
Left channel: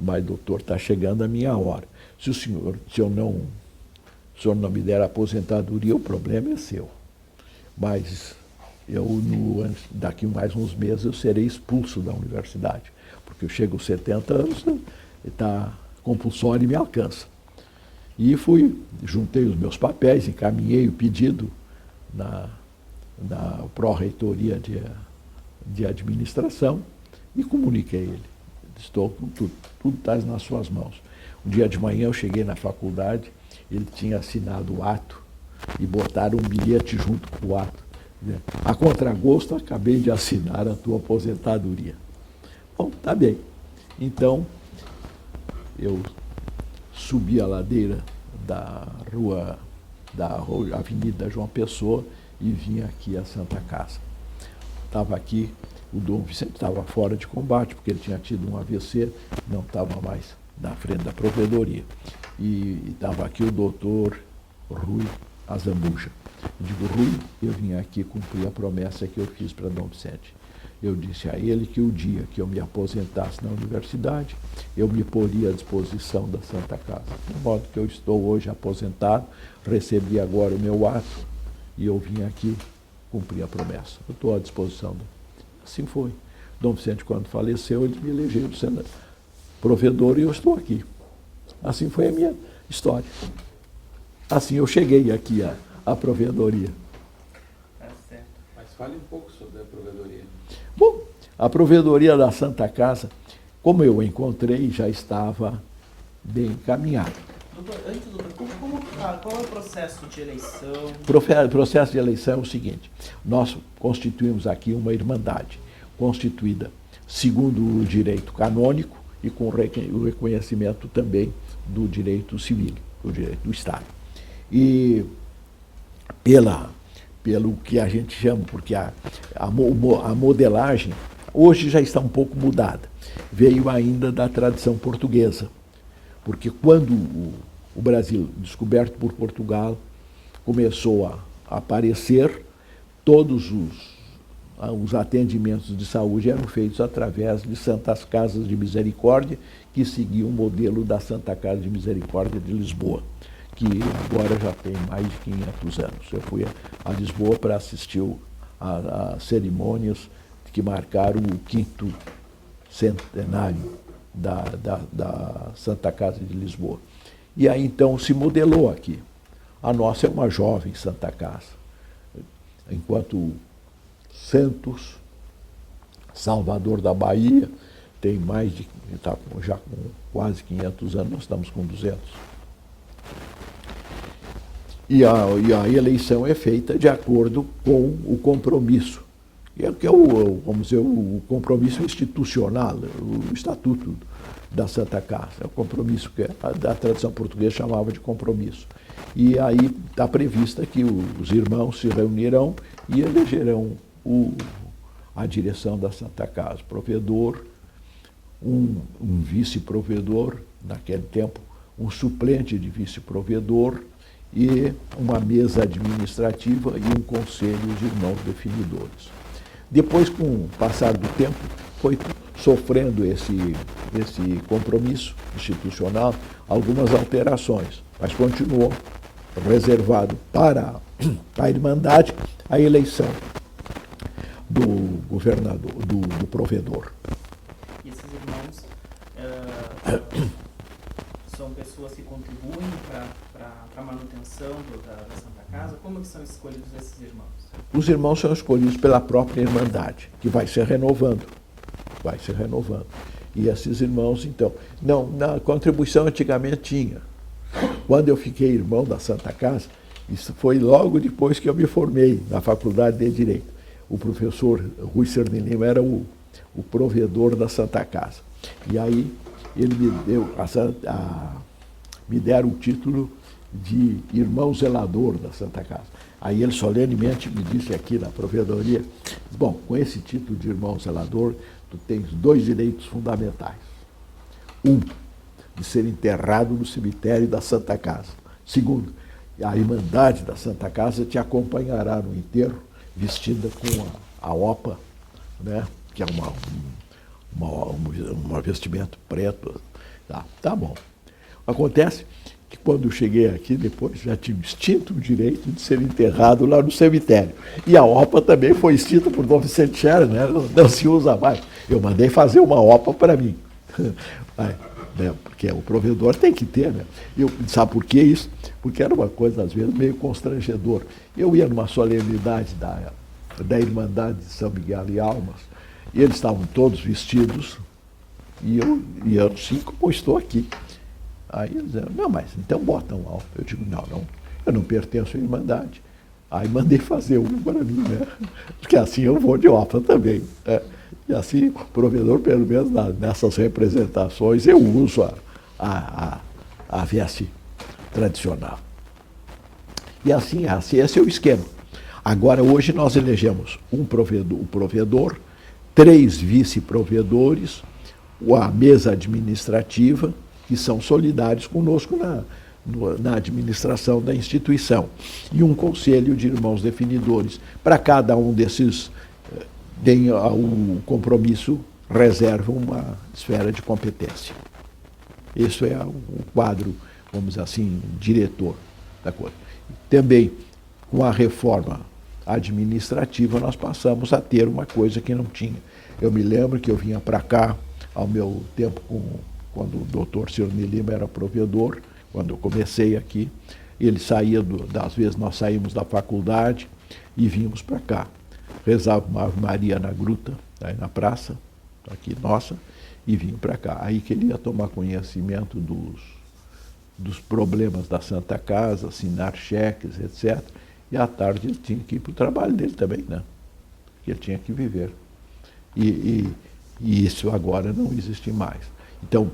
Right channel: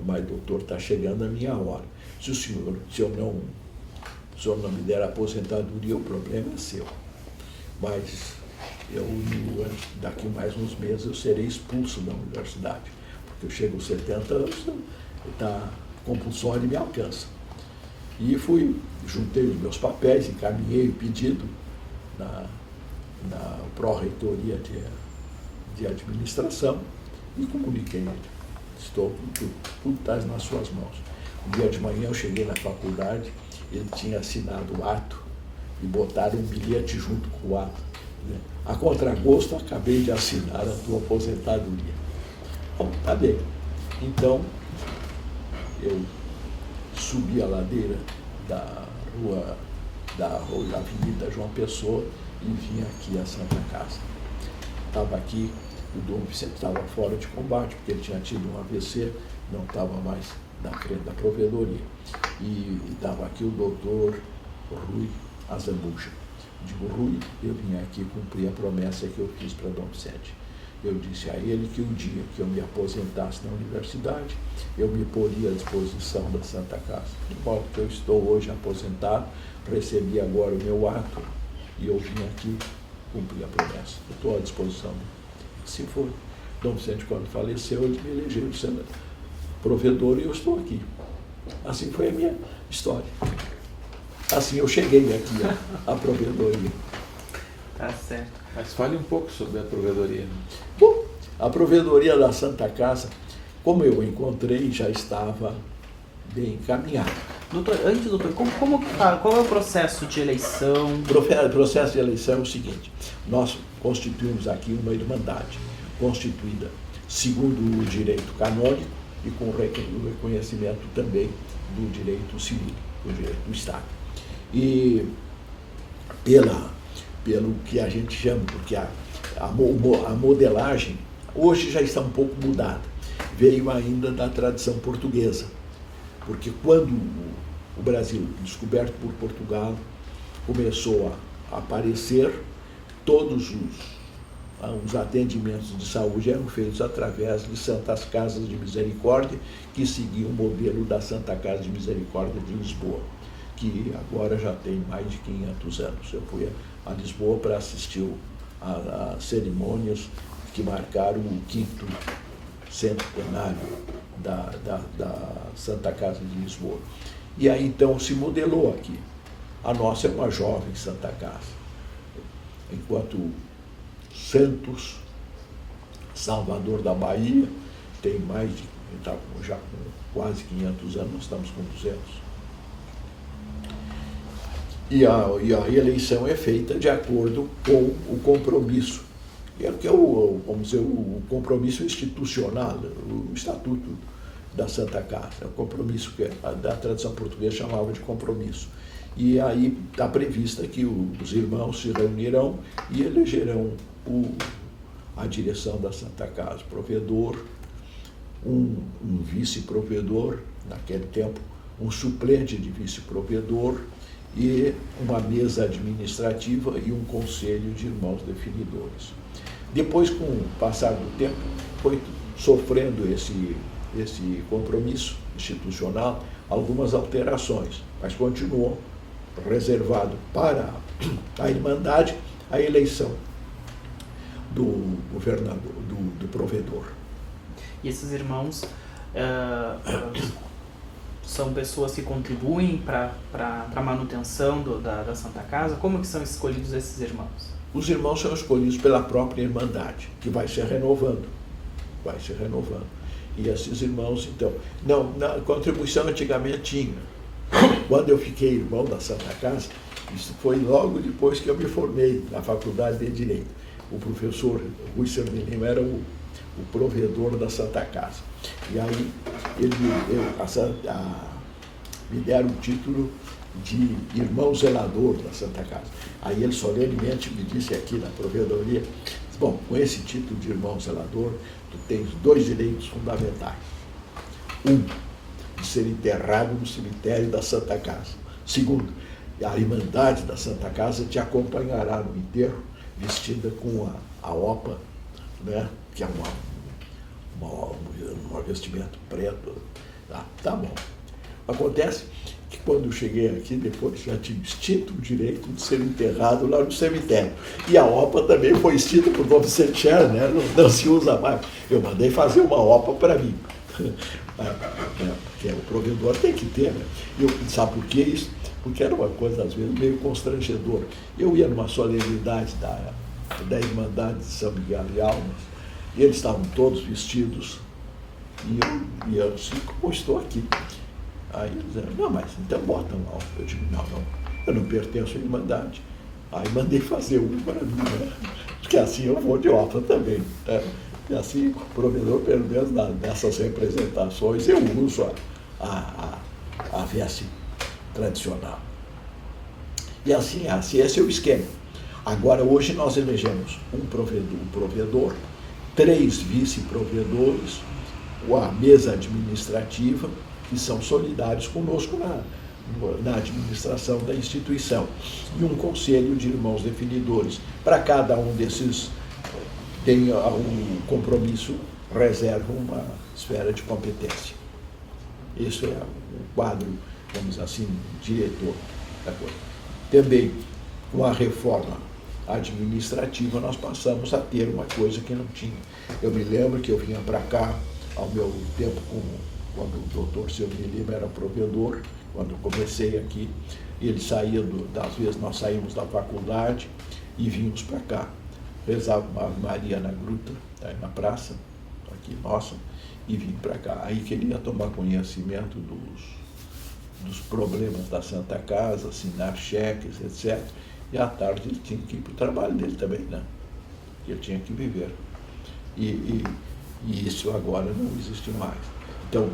mas doutor, está chegando a minha hora. Se o senhor não me der a aposentadoria, o problema é seu. Mas daqui mais uns meses eu serei expulso da universidade, porque eu chego aos 70 anos, a compulsória me alcança. E juntei os meus papéis, encaminhei o pedido na pró-reitoria de administração e comuniquei ele. Estou com tudo está nas suas mãos. Um dia de manhã eu cheguei na faculdade, ele tinha assinado o ato e botaram um bilhete junto com o ato. A contragosto, acabei de assinar a tua aposentadoria. Bom, tá bem. Então, eu subi a ladeira da Avenida João Pessoa e vim aqui à Santa Casa. Estava aqui, o Dom Vicente estava fora de combate, porque ele tinha tido um AVC, não estava mais na frente da provedoria. E estava aqui o doutor Rui Azamuja. Digo, Rui, eu vim aqui cumprir a promessa que eu fiz para Dom Vicente. Eu disse a ele que o dia que eu me aposentasse na universidade, eu me poria à disposição da Santa Casa. De modo que eu estou hoje aposentado, recebi agora o meu ato e eu vim aqui cumprir a promessa. Eu estou à disposição dele. Assim foi. Dom Vicente, quando faleceu, ele me elegeu sendo provedor e eu estou aqui. Assim foi a minha história. Assim eu cheguei aqui à provedoria. Tá certo. Mas fale um pouco sobre a provedoria. Bom, a provedoria da Santa Casa, como eu encontrei, já estava bem encaminhada. Doutor, qual é o processo de eleição? O processo de eleição é o seguinte, nós constituímos aqui uma irmandade, constituída segundo o direito canônico e com o reconhecimento também do direito civil, do direito do Estado. E pelo que a gente chama, porque a modelagem hoje já está um pouco mudada, veio ainda da tradição portuguesa, porque quando o Brasil, descoberto por Portugal, começou a aparecer, todos os atendimentos de saúde eram feitos através de Santas Casas de Misericórdia, que seguiam o modelo da Santa Casa de Misericórdia de Lisboa, que agora já tem mais de 500 anos. Eu fui a Lisboa para assistir a cerimônias que marcaram o 5º centenário da Santa Casa de Lisboa. E aí então se modelou aqui. A nossa é uma jovem Santa Casa. Enquanto Santos, Salvador da Bahia, tem está já com quase 500 anos, nós estamos com 200. E a eleição é feita de acordo com o compromisso, que é vamos dizer, o compromisso institucional, o estatuto da Santa Casa, é o compromisso que a tradição portuguesa chamava de compromisso. E aí está prevista que os irmãos se reunirão e elegerão a direção da Santa Casa, provedor, um vice-provedor, naquele tempo, um suplente de vice-provedor e uma mesa administrativa e um conselho de irmãos definidores. Depois, com o passar do tempo, foi sofrendo esse compromisso institucional algumas alterações, mas continuou reservado para a Irmandade a eleição do governador, do provedor. E esses irmãos são pessoas que contribuem para a manutenção da Santa Casa? Como que são escolhidos esses irmãos? Os irmãos são escolhidos pela própria Irmandade, que vai se renovando. Vai se renovando. E esses irmãos, então, não, na contribuição antigamente tinha. Quando eu fiquei irmão da Santa Casa, isso foi logo depois que eu me formei na Faculdade de Direito. O professor Rui Cerny Lima era o provedor da Santa Casa. E aí ele me deram o título de irmão zelador da Santa Casa. Aí ele solenemente me disse aqui na provedoria, bom, com esse título de irmão zelador, tu tens 2 direitos fundamentais. Um, de ser enterrado no cemitério da Santa Casa. Segundo, a Irmandade da Santa Casa te acompanhará no enterro, vestida com a opa, né, que é um vestimento preto. Tá bom. Acontece que quando eu cheguei aqui, depois já tinha extinto o direito de ser enterrado lá no cemitério. E a OPA também foi extinta por Dom Vicente Scherer, né? Não se usa mais. Eu mandei fazer uma OPA para mim. Porque o provedor tem que ter, né? Sabe por que isso? Porque era uma coisa, às vezes, meio constrangedora. Eu ia numa solenidade da Irmandade de São Miguel e Almas, e eles estavam todos vestidos, e eu assim, como estou aqui. Aí eles disseram, não, mas então bota um alvo. Eu digo, não, eu não pertenço à Irmandade. Aí mandei fazer um para mim, né? Porque assim eu vou de OPA também. Né? E assim, o provedor, pelo menos nessas representações, eu uso a veste tradicional. E assim, esse é o esquema. Agora, hoje nós elegemos um provedor, 3 vice-provedores, a mesa administrativa, que são solidários conosco na administração da instituição, e um conselho de irmãos definidores. Para cada um desses tem um compromisso, reserva uma esfera de competência. Isso é o quadro, vamos dizer assim, diretor da coisa. Também, com a reforma administrativa, nós passamos a ter uma coisa que não tinha. Eu me lembro que eu vinha para cá, ao meu tempo, quando o doutor Cerny Lima era provedor, quando eu comecei aqui, ele saía, às vezes nós saímos da faculdade e vínhamos para cá. Rezava uma Ave Maria na gruta, aí na praça, aqui nossa, e vim para cá. Aí queria tomar conhecimento dos problemas da Santa Casa, assinar cheques, etc. E à tarde ele tinha que ir para o trabalho dele também, né? Ele tinha que viver. E isso agora não existe mais. Então,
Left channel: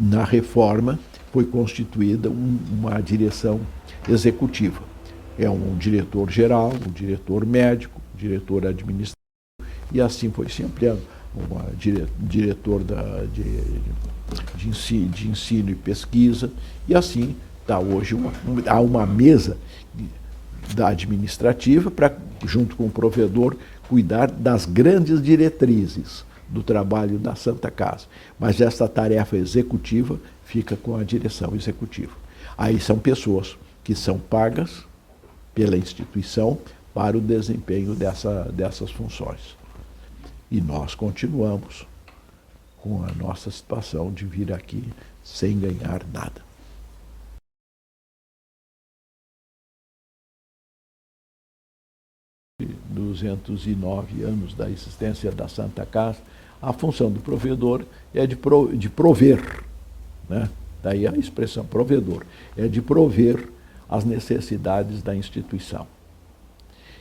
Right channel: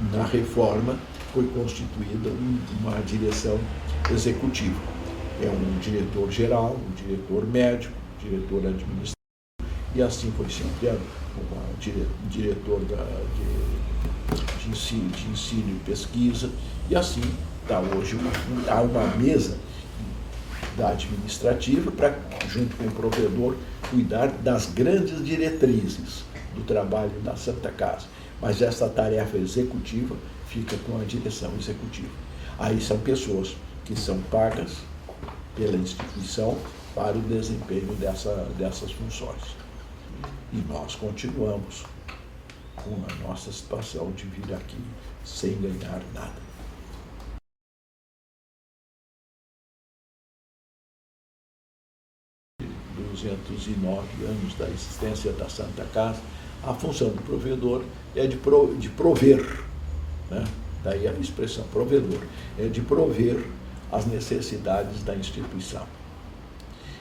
na reforma, foi constituída uma direção executiva. É um diretor geral, um diretor médico, diretor administrativo, e assim foi se ampliando. Diretor de ensino e pesquisa, e assim está hoje há uma mesa da administrativa para, junto com o provedor, cuidar das grandes diretrizes do trabalho da Santa Casa. Mas essa tarefa executiva fica com a direção executiva. Aí são pessoas que são pagas pela instituição para o desempenho dessas funções. E nós continuamos com a nossa situação de vir aqui sem ganhar nada. 209 anos da existência da Santa Casa, a função do provedor é de prover, né? Daí a expressão provedor, é de prover as necessidades da instituição.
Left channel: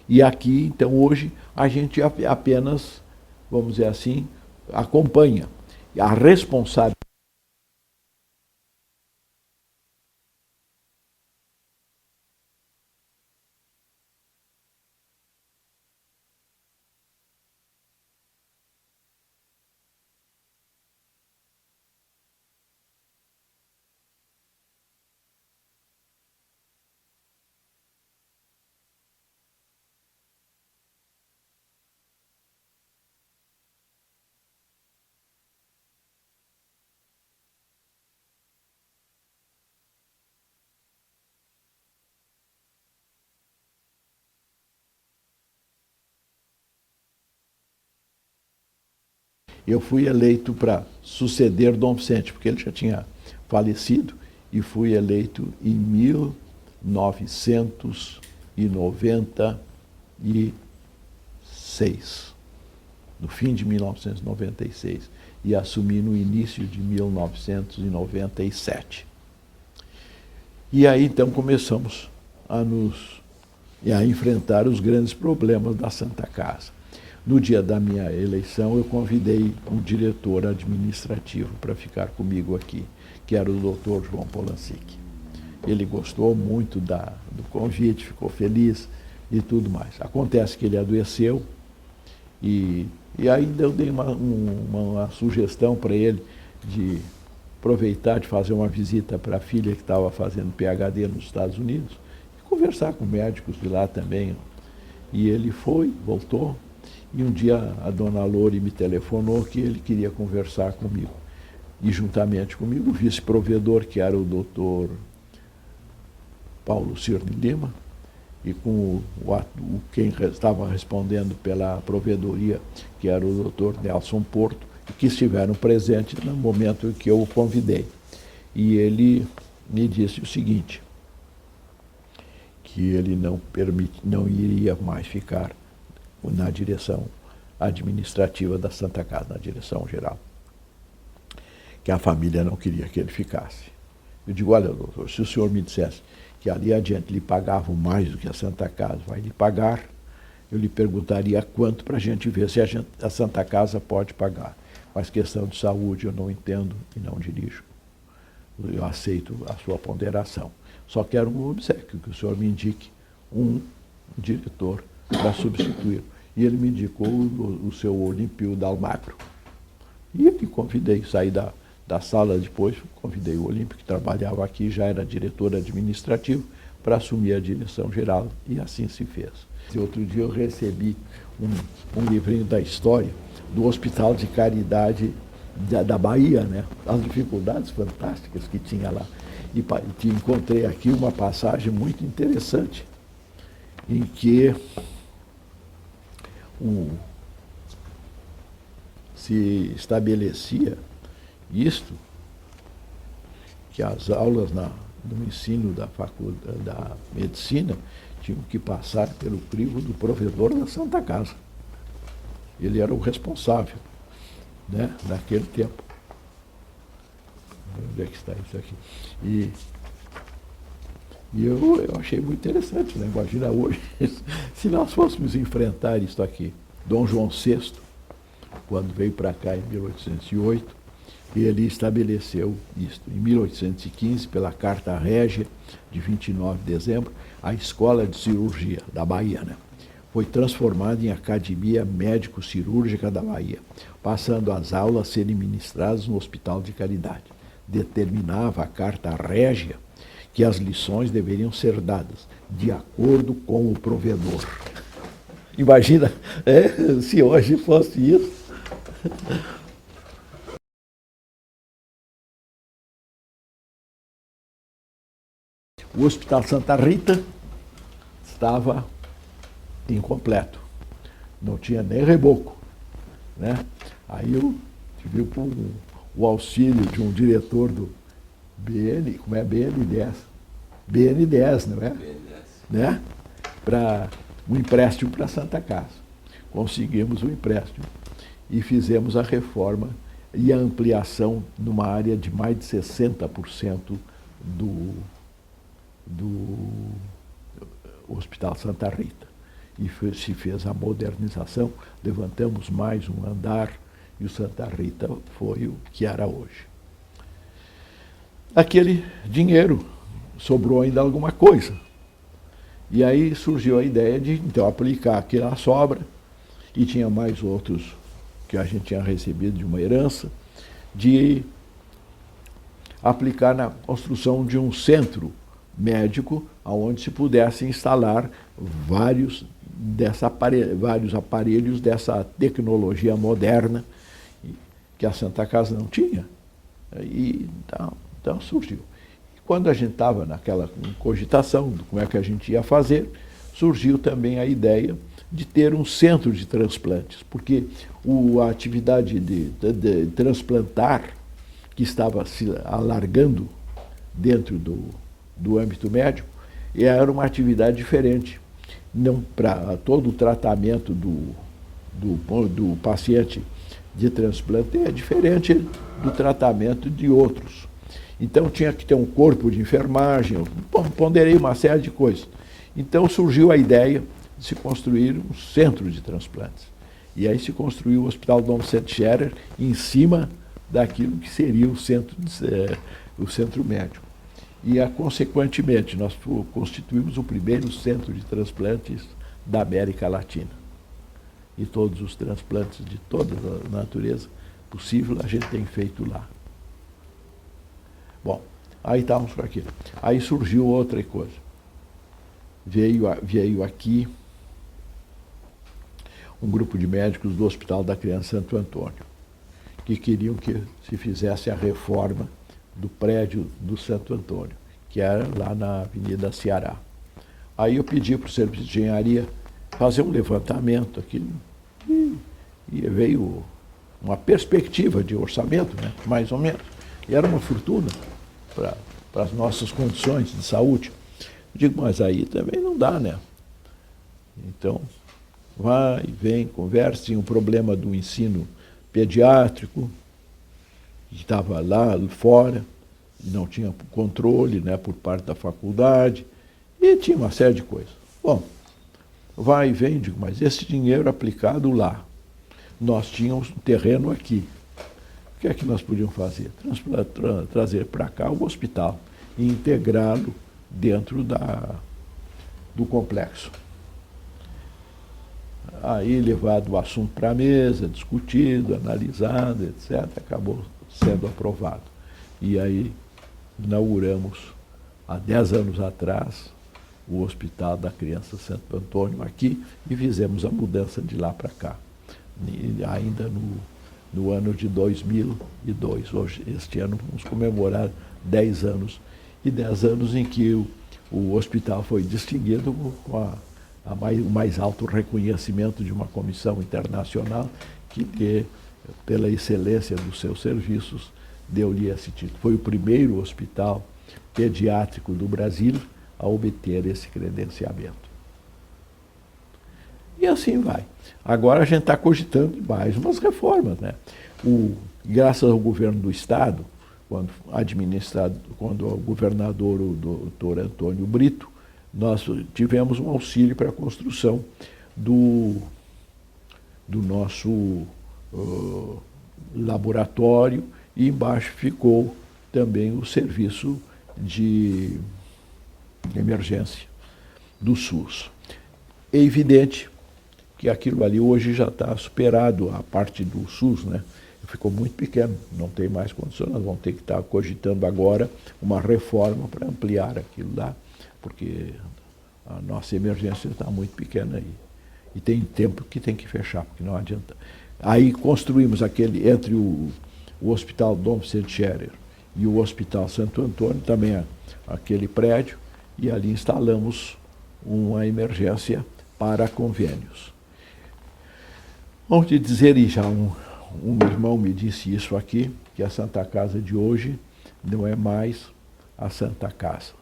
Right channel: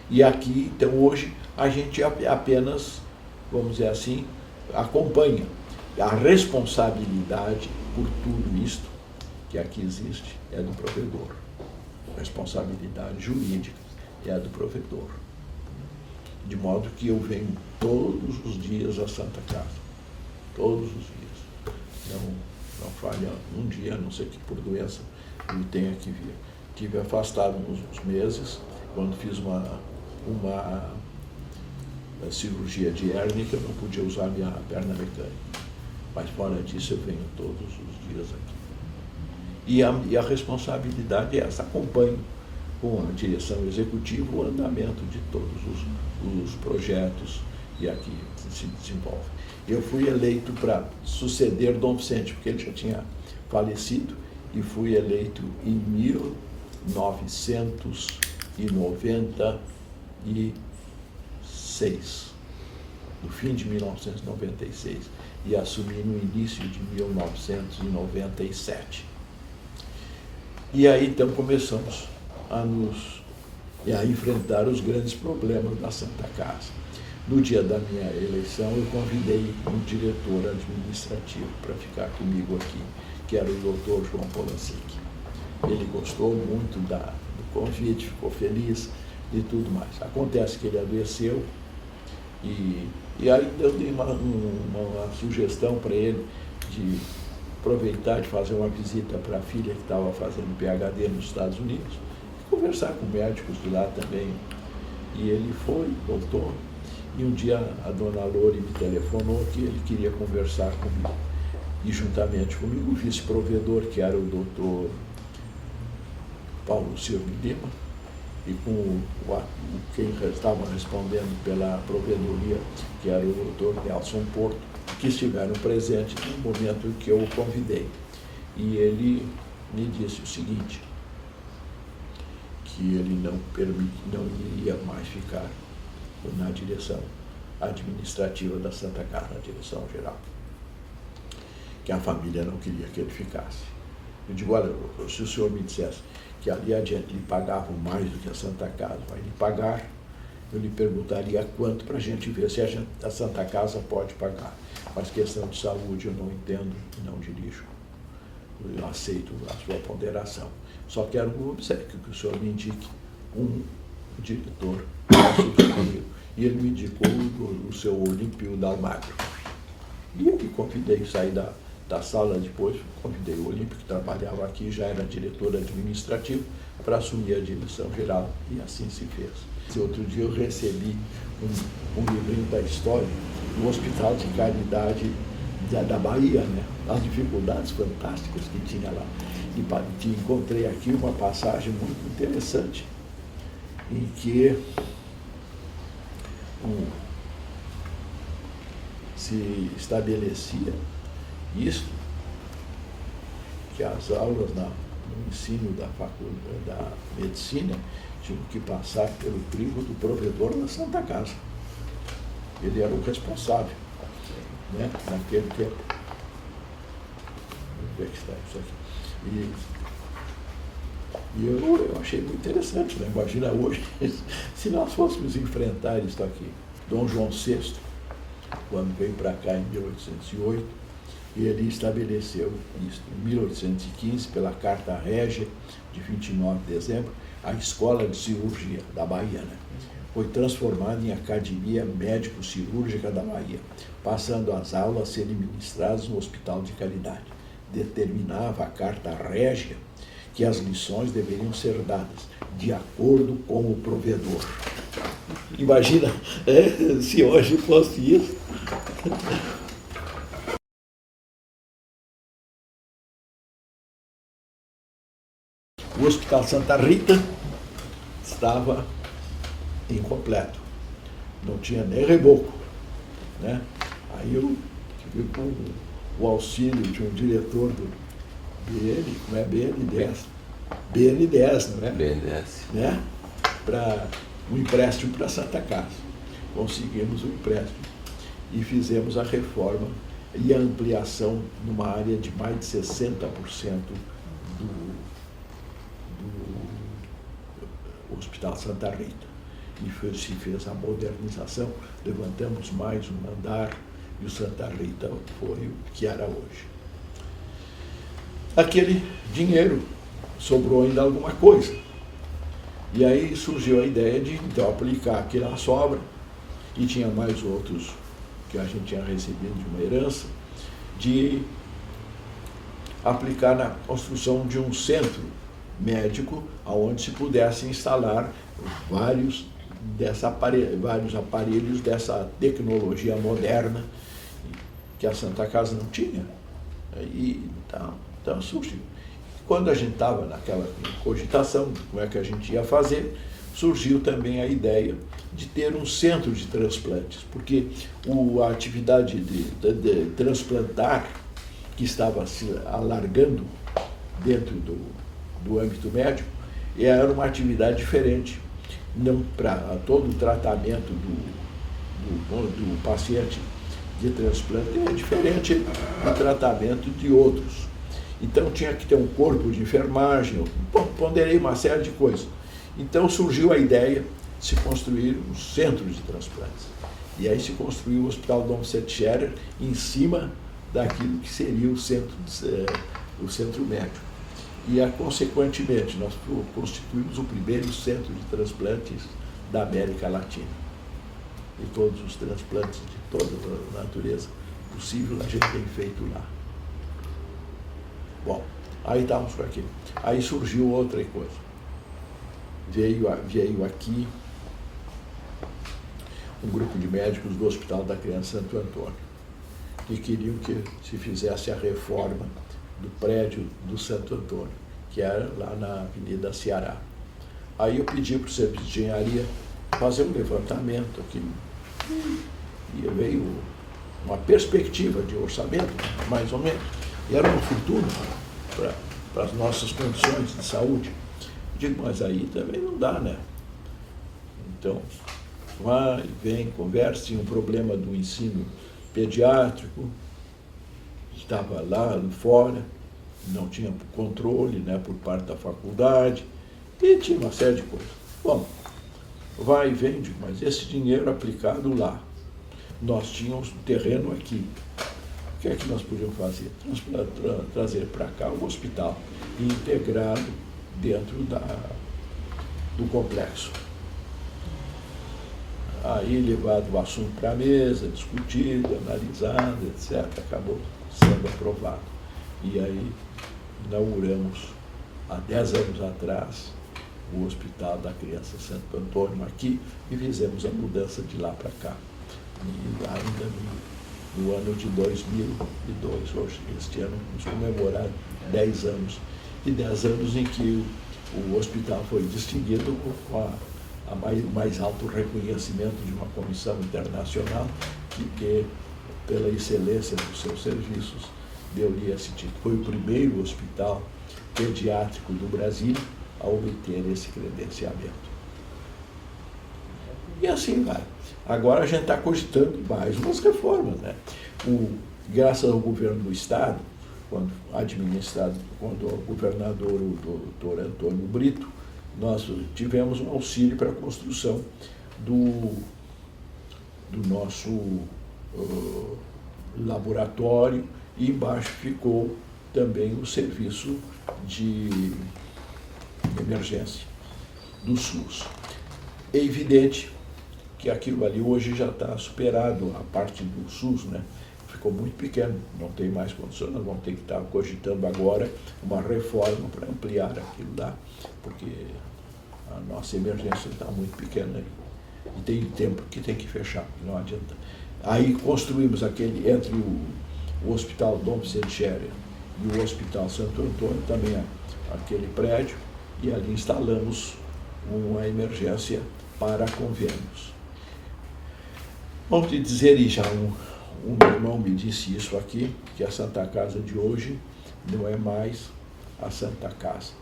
E aqui, então, hoje, a gente apenas, vamos dizer assim, acompanha. A responsabilidade por tudo isto que aqui existe é do provedor. A responsabilidade jurídica é a do provedor. de modo que eu venho todos os dias à Santa Casa, todos os dias. Não falha um dia, a não ser que por doença eu tenha que vir. Estive afastado uns meses, quando fiz uma cirurgia de hérnia, que eu não podia usar minha perna mecânica. Mas fora disso eu venho todos os dias aqui. E a responsabilidade é essa, acompanho com a direção executiva o andamento de todos os projetos e aqui se desenvolve. Eu fui eleito para suceder Dom Vicente, porque ele já tinha falecido, e fui eleito em 1996, no fim de 1996, e assumi no início de 1997. E aí então começamos a enfrentar os grandes problemas da Santa Casa. No dia da minha eleição, eu convidei um diretor administrativo para ficar comigo aqui, que era o Dr. João Polanczyk. Ele gostou muito do convite, ficou feliz e tudo mais. Acontece que ele adoeceu e aí eu dei uma sugestão para ele de aproveitar de fazer uma visita para a filha que estava fazendo PhD nos Estados Unidos, e conversar com médicos de lá também. E ele foi, voltou, e um dia a dona Lore me telefonou que ele queria conversar comigo. E juntamente comigo o vice-provedor, que era o doutor Paulo Cirne Lima, e com quem estava respondendo pela provedoria, que era o doutor Nelson Porto, que estiveram presentes no momento em que eu o convidei. E ele me disse o seguinte, que ele não iria mais ficar na direção administrativa da Santa Casa, na direção geral, que a família não queria que ele ficasse. Eu digo, olha, doutor, se o senhor me dissesse que ali adiante lhe pagavam mais do que a Santa Casa vai lhe pagar, eu lhe perguntaria quanto para a gente ver se a Santa Casa pode pagar. Mas questão de saúde eu não entendo e não dirijo. Eu aceito a sua ponderação. Só quero um obséquio, que o senhor me indique um diretor para substituir. E ele me indicou o seu Olímpio Dalmagro. E eu me convidei, saí da sala depois, convidei o Olímpio, que trabalhava aqui, já era diretor administrativo, para assumir a direção geral, e assim se fez. Outro dia eu recebi um livrinho da história do Hospital de Caridade da Bahia, né? As dificuldades fantásticas que tinha lá. E encontrei aqui uma passagem muito interessante, em que se estabelecia isto, que as aulas no ensino da faculdade da medicina tinham que passar pelo crivo do provedor da Santa Casa. Ele era o responsável, né, naquele tempo. Onde é que está isso aqui? E eu achei muito interessante, né? Imagina hoje, se nós fôssemos enfrentar isso aqui. Dom João VI, quando veio para cá em 1808, ele estabeleceu isso. Em 1815, pela Carta Régia, de 29 de dezembro, a Escola de Cirurgia da Bahia, né? Foi transformada em Academia Médico-Cirúrgica da Bahia, passando as aulas a serem ministradas no Hospital de Caridade. Determinava a Carta Régia que as lições deveriam ser dadas de acordo com o provedor. Imagina, se hoje fosse isso. O Hospital Santa Rita estava incompleto, não tinha nem reboco, né? Aí eu tive o auxílio de um diretor do como é BNDES, não é? BNDES. Né? Para um empréstimo para a Santa Casa. Conseguimos o empréstimo e fizemos a reforma e a ampliação numa área de mais de 60% do Hospital Santa Rita. E se fez a modernização, levantamos mais um andar e o Santa Rita foi o que era hoje. Aquele dinheiro sobrou ainda alguma coisa. E aí surgiu a ideia de então aplicar aquela sobra e tinha mais outros que a gente tinha recebido de uma herança, de aplicar na construção de um centro médico onde se pudesse instalar vários aparelhos dessa tecnologia moderna que a Santa Casa não tinha. E então surgiu. Quando a gente estava naquela cogitação de como é que a gente ia fazer, surgiu também a ideia de ter um centro de transplantes, porque a atividade de transplantar, que estava se alargando dentro do âmbito médico, era uma atividade diferente. Não para todo o tratamento do paciente de transplante é diferente do tratamento de outros. Então tinha que ter um corpo de enfermagem, ponderei uma série de coisas. Então surgiu a ideia de se construir um centro de transplantes. E aí se construiu o Hospital Dom Vicente Scherer em cima daquilo que seria o centro médico. E, consequentemente, nós constituímos o primeiro centro de transplantes da América Latina. E todos os transplantes de toda a natureza possível a gente tem feito lá. Bom, aí estávamos por aqui. Aí surgiu outra coisa. Veio aqui um grupo de médicos do Hospital da Criança Santo Antônio, que queriam que se fizesse a reforma do prédio do Santo Antônio, que era lá na Avenida Ceará. Aí eu pedi para o serviço de engenharia fazer um levantamento aqui, e veio uma perspectiva de orçamento, né, mais ou menos, e era uma fortuna para as nossas condições de saúde. Eu digo, mas aí também não dá, né? Então, vai, vem, conversa, tinha um problema do ensino pediátrico, estava lá fora, não tinha controle, né, por parte da faculdade, e tinha uma série de coisas. Bom, vai e vem, digo, mas esse dinheiro aplicado lá, nós tínhamos um terreno aqui. O que é que nós podíamos fazer? Trazer para cá o hospital e integrá-lo dentro do complexo. Aí, levado o assunto para a mesa, discutido, analisado, etc., acabou sendo aprovado. E aí, inauguramos, há 10 anos atrás, o Hospital da Criança Santo Antônio aqui e fizemos a mudança de lá para cá. E ainda no ano de 2002. Hoje, este ano, vamos comemorar 10 anos. E 10 anos em que o hospital foi distinguido com o mais alto reconhecimento de uma comissão internacional que, pela excelência dos seus serviços, deu-lhe esse título. Foi o primeiro hospital pediátrico do Brasil a obter esse credenciamento. E assim vai. Agora a gente está cogitando mais umas reformas, né? Graças ao governo do Estado, quando o governador, o doutor Antônio Brito, nós tivemos um auxílio para a construção do nosso laboratório, e embaixo ficou também o serviço de emergência do SUS. É evidente que aquilo ali hoje já está superado, a parte do SUS, né? Ficou muito pequeno, não tem mais condições, nós vamos ter que estar cogitando agora uma reforma para ampliar aquilo lá, porque a nossa emergência está muito pequena aí. E tem tempo que tem que fechar, porque não adianta. Aí construímos aquele, entre o Hospital Dom Vicente Scherer e o Hospital Santo Antônio, também aquele prédio, e ali instalamos uma emergência para convênios. Vamos te dizer, e já um irmão me disse isso aqui, que a Santa Casa de hoje não é mais a Santa Casa.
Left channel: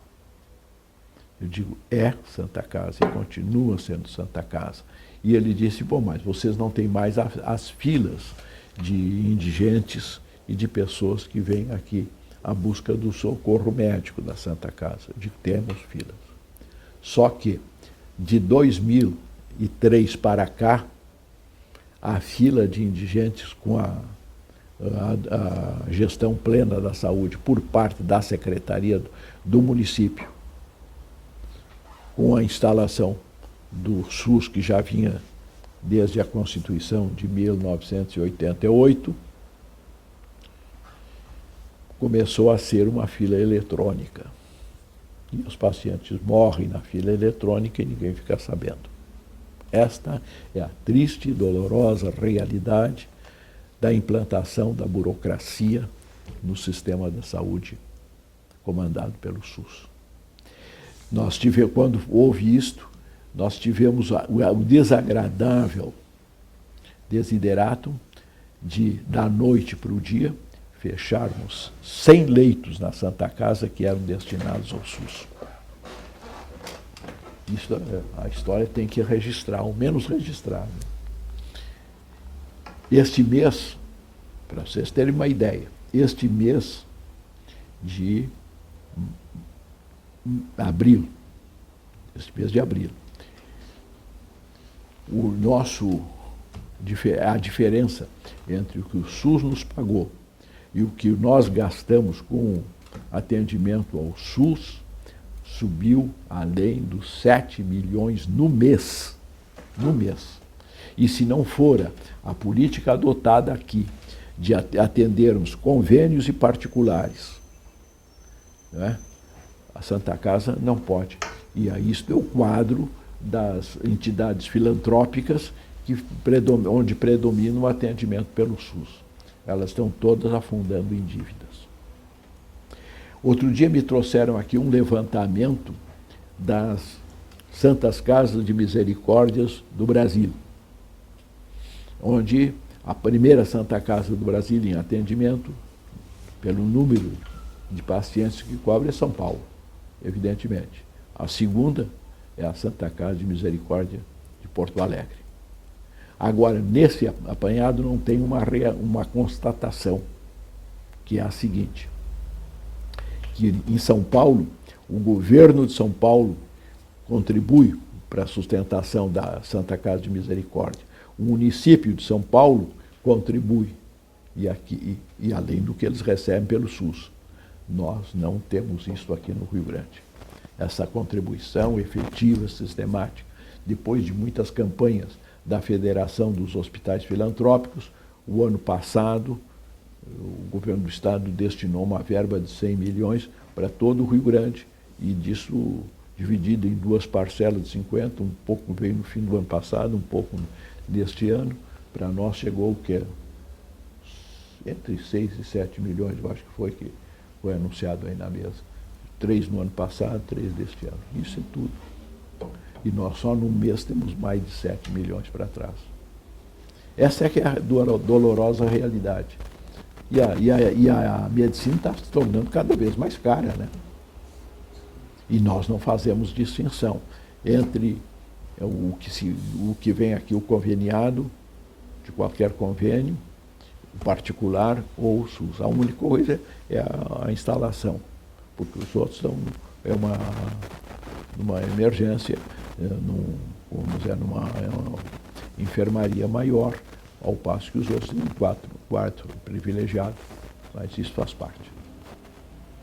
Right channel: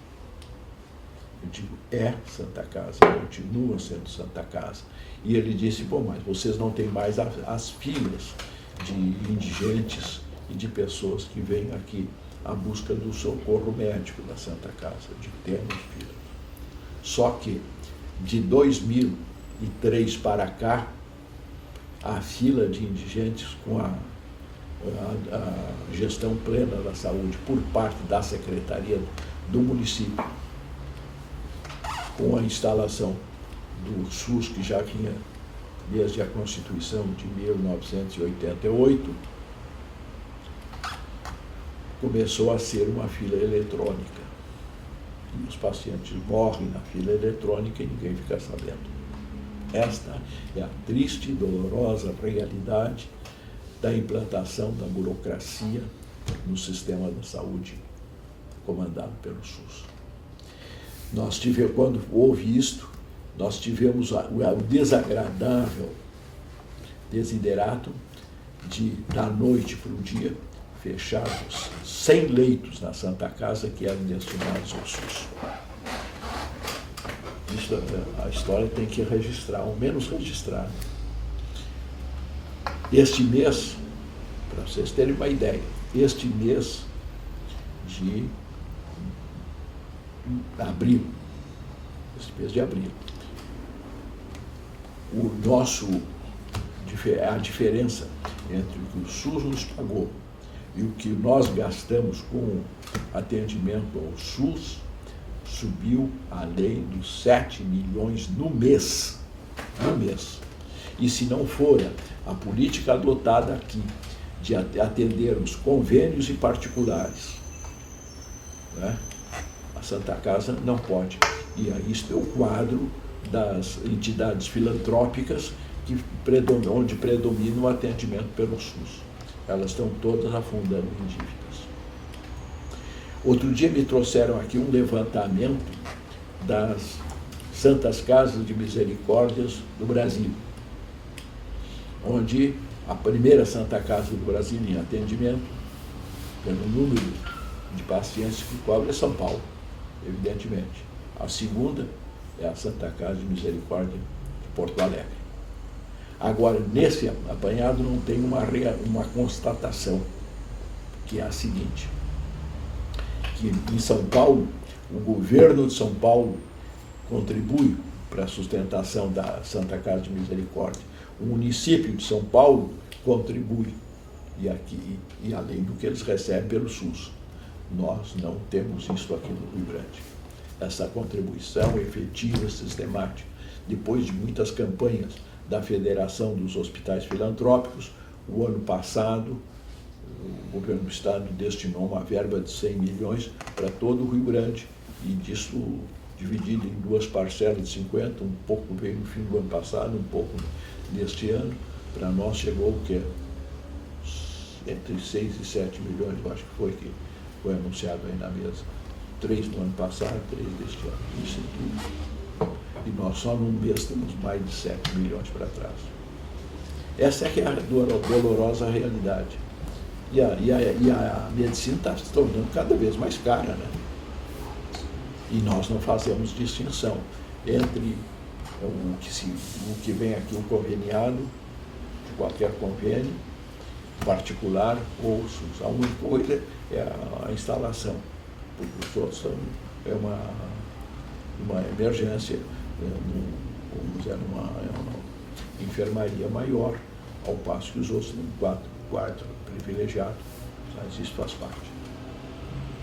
Eu digo, é Santa Casa, e continua sendo Santa Casa. E ele disse, bom, mas vocês não têm mais as filas de indigentes e de pessoas que vêm aqui à busca do socorro médico da Santa Casa. Eu digo, temos filas. Só que, de 2003 para cá, a fila de indigentes com a gestão plena da saúde por parte da Secretaria do município, com a instalação do SUS que já vinha desde a Constituição de 1988, começou a ser uma fila eletrônica. E os pacientes morrem na fila eletrônica e ninguém fica sabendo. Esta é a triste e dolorosa realidade da implantação da burocracia no sistema da saúde comandado pelo SUS. Quando houve isto, nós tivemos o desagradável desiderato de, da noite para o dia, fecharmos 100 leitos na Santa Casa que eram destinados ao SUS. Isso, a história tem que registrar, ao menos registrar. Este mês, para vocês terem uma ideia, este mês de abril, a diferença entre o que o SUS nos pagou e o que nós gastamos com atendimento ao SUS subiu além dos 7 milhões no mês. No mês. E se não fora a política adotada aqui de atendermos convênios e particulares, né, a Santa Casa não pode. E aí isto é o quadro das entidades filantrópicas onde predomina o atendimento pelo SUS. Elas estão todas afundando em dívidas. Outro dia me trouxeram aqui um levantamento das Santas Casas de Misericórdias do Brasil, onde a primeira Santa Casa do Brasil em atendimento, pelo número de pacientes que cobre, é São Paulo, evidentemente. A segunda é a Santa Casa de Misericórdia de Porto Alegre. Agora, nesse apanhado não tem uma constatação, que é a seguinte, que em São Paulo, o governo de São Paulo contribui para a sustentação da Santa Casa de Misericórdia. O município de São Paulo contribui, e além do que eles recebem pelo SUS. Nós não temos isso aqui no Rio Grande. Essa contribuição efetiva, sistemática, depois de muitas campanhas da Federação dos Hospitais Filantrópicos, o ano passado, o governo do estado destinou uma verba de 100 milhões para todo o Rio Grande, e disso dividido em duas parcelas de 50, um pouco veio no fim do ano passado, um pouco deste ano. Para nós chegou o que? Entre 6 e 7 milhões, eu acho que foi anunciado aí na mesa. 3 no ano passado, 3 deste ano. Isso é tudo. E nós só num mês temos mais de 7 milhões para trás. Essa é que é a dolorosa realidade. E a medicina está se tornando cada vez mais cara, né? E nós não fazemos distinção entre o que vem aqui, o conveniado, de qualquer convênio, particular ou SUS. A única coisa é a instalação, porque os outros é uma emergência, numa enfermaria maior, ao passo que os outros têm quarto privilegiado. Mas isso faz parte.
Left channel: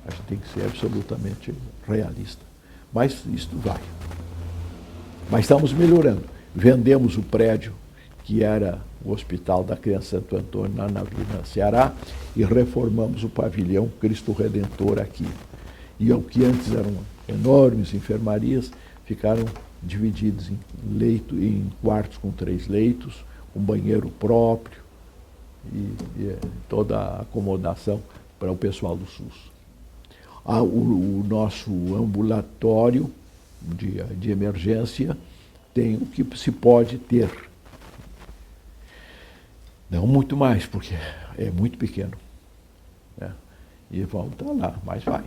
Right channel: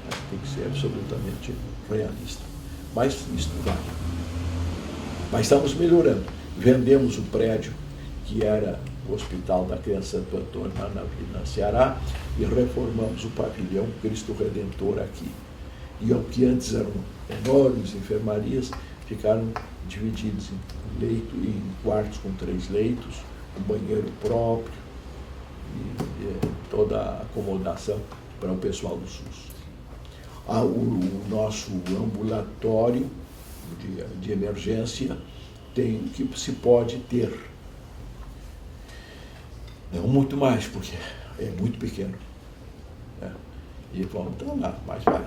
Acho que tem que ser absolutamente realista. Mas isto vai. Mas estamos melhorando. Vendemos o prédio que era o Hospital da Criança Santo Antônio, lá na Ceará, e reformamos o pavilhão Cristo Redentor aqui. E o que antes eram enormes enfermarias, ficaram divididos em quartos com 3 leitos, um banheiro próprio e toda a acomodação para o pessoal do SUS. O nosso ambulatório de emergência tem o que se pode ter. Não muito mais, porque é muito pequeno. Né? E vão estar lá, mas vai.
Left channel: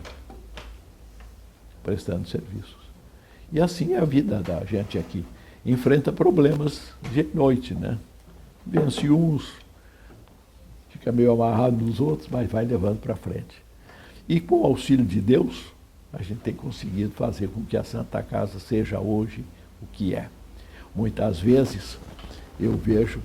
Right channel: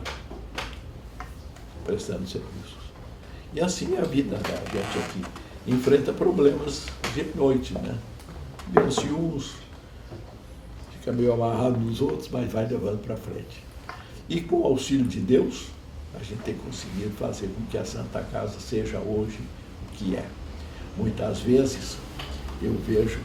Prestando serviços. E assim é a vida da gente aqui. Enfrenta problemas de noite, né? Vence uns, fica meio amarrado nos outros, mas vai levando para frente. E com o auxílio de Deus, a gente tem conseguido fazer com que a Santa Casa seja hoje o que é. Muitas vezes eu vejo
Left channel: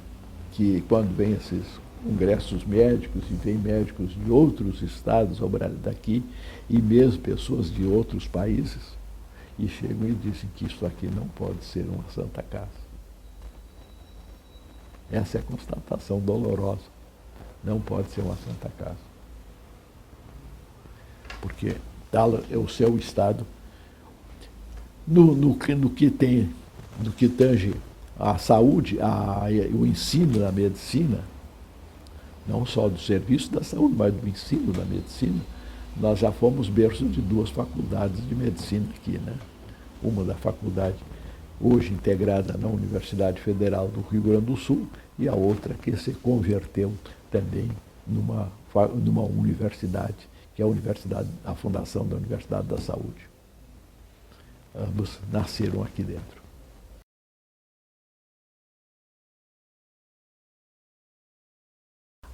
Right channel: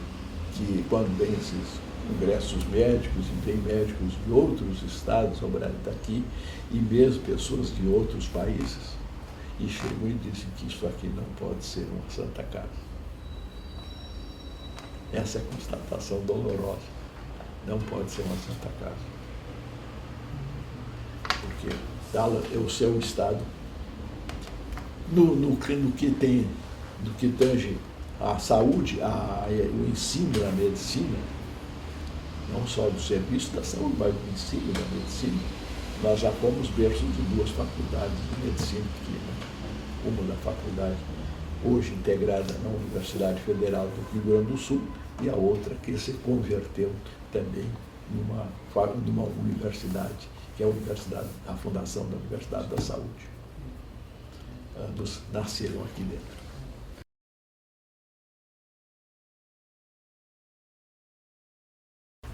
que quando vem esses congressos médicos e vem médicos de outros estados daqui, e mesmo pessoas de outros países, e chegam e dizem que isso aqui não pode ser uma Santa Casa. Essa é a constatação dolorosa. Não pode ser uma Santa Casa. Porque é o seu estado, no que tange a saúde, o ensino da medicina, não só do serviço da saúde, mas do ensino da medicina, nós já fomos berço de 2 faculdades de medicina aqui, né? Uma da faculdade hoje integrada na Universidade Federal do Rio Grande do Sul e a outra que se converteu também numa universidade, que é a Fundação da Universidade da Saúde. Ambos nasceram aqui dentro.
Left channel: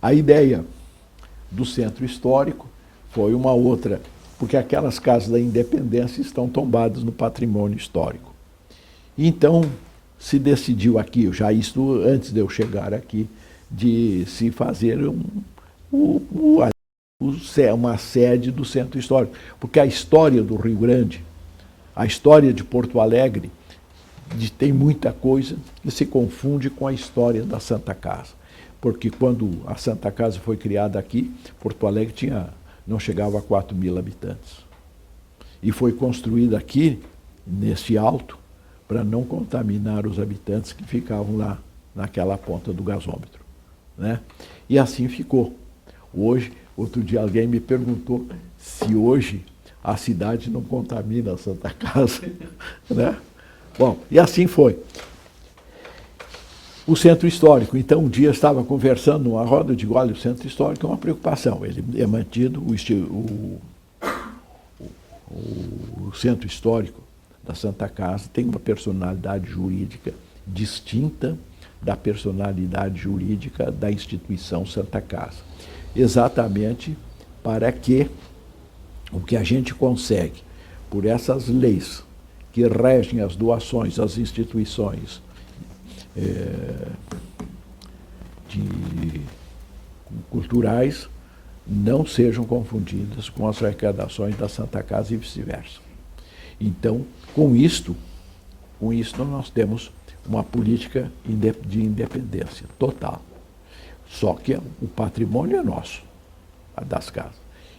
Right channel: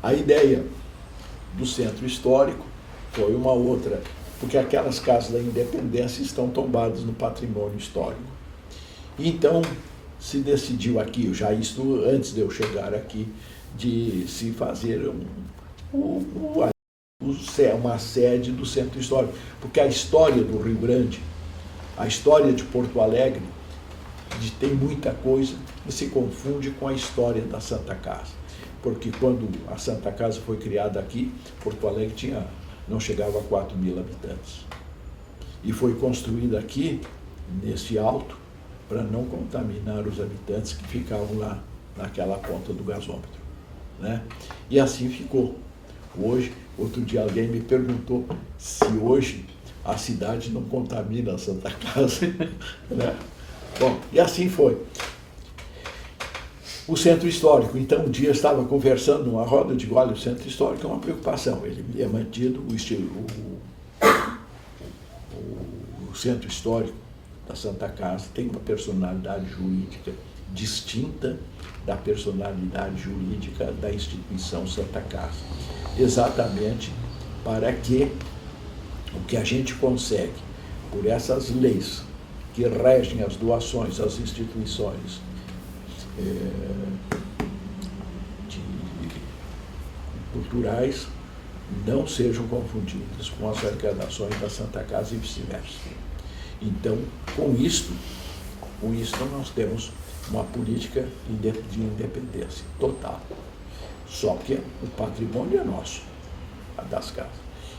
A ideia do centro histórico foi uma outra, porque aquelas casas da Independência estão tombadas no patrimônio histórico. Então, se decidiu aqui, já isto antes de eu chegar aqui, de se fazer uma sede do centro histórico, porque a história do Rio Grande, a história de Porto Alegre, tem muita coisa e se confunde com a história da Santa Casa. Porque quando a Santa Casa foi criada aqui, Porto Alegre não chegava a 4.000 habitantes. E foi construída aqui, nesse alto, para não contaminar os habitantes que ficavam lá naquela ponta do gasômetro, né? E assim ficou. Hoje, outro dia alguém me perguntou se hoje a cidade não contamina a Santa Casa, né? Bom, e assim foi. O centro histórico, então, um dia eu estava conversando numa roda, eu digo, olha, o centro histórico é uma preocupação, ele é mantido, o centro histórico da Santa Casa tem uma personalidade jurídica distinta da personalidade jurídica da instituição Santa Casa. Exatamente para que o que a gente consegue, por essas leis que regem as doações às instituições culturais, não sejam confundidas com as arrecadações da Santa Casa e vice-versa. Então, com isto nós temos uma política de independência total. Só que o patrimônio é nosso, a das casas.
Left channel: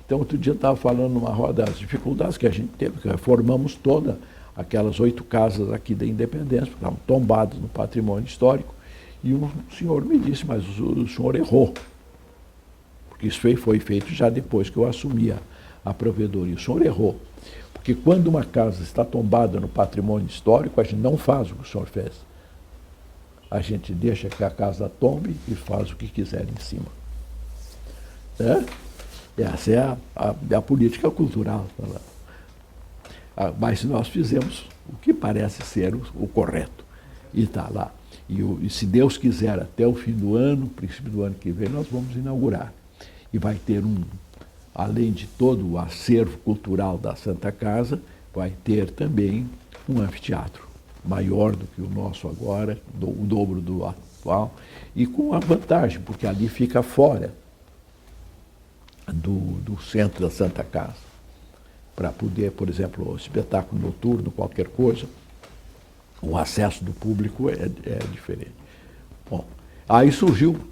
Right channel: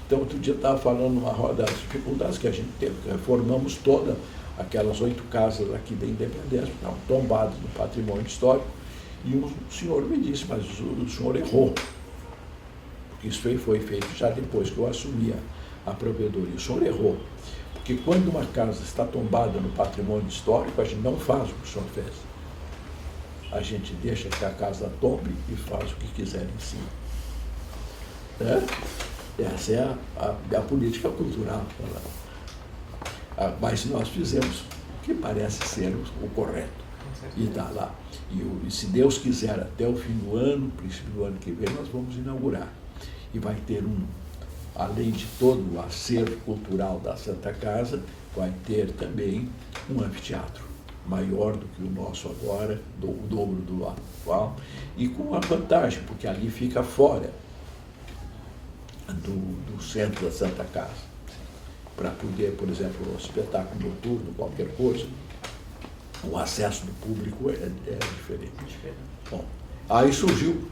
Então, outro dia eu estava falando numa roda das dificuldades que a gente teve, que reformamos todas aquelas 8 casas aqui da Independência, que estavam tombadas no patrimônio histórico, e um senhor me disse, mas o senhor errou. Porque isso foi feito já depois que eu assumi a provedoria. O senhor errou. Porque quando uma casa está tombada no patrimônio histórico, a gente não faz o que o senhor fez. A gente deixa que a casa tombe e faz o que quiser em cima. Essa é a política cultural. Mas nós fizemos o que parece ser o correto. E está lá. E se Deus quiser, até o fim do ano, princípio do ano que vem, nós vamos inaugurar. E vai ter além de todo o acervo cultural da Santa Casa, vai ter também um anfiteatro maior do que o nosso agora, o dobro do atual, e com a vantagem, porque ali fica fora do centro da Santa Casa, para poder, por exemplo, o espetáculo noturno, qualquer coisa, o acesso do público é diferente. Bom, aí surgiu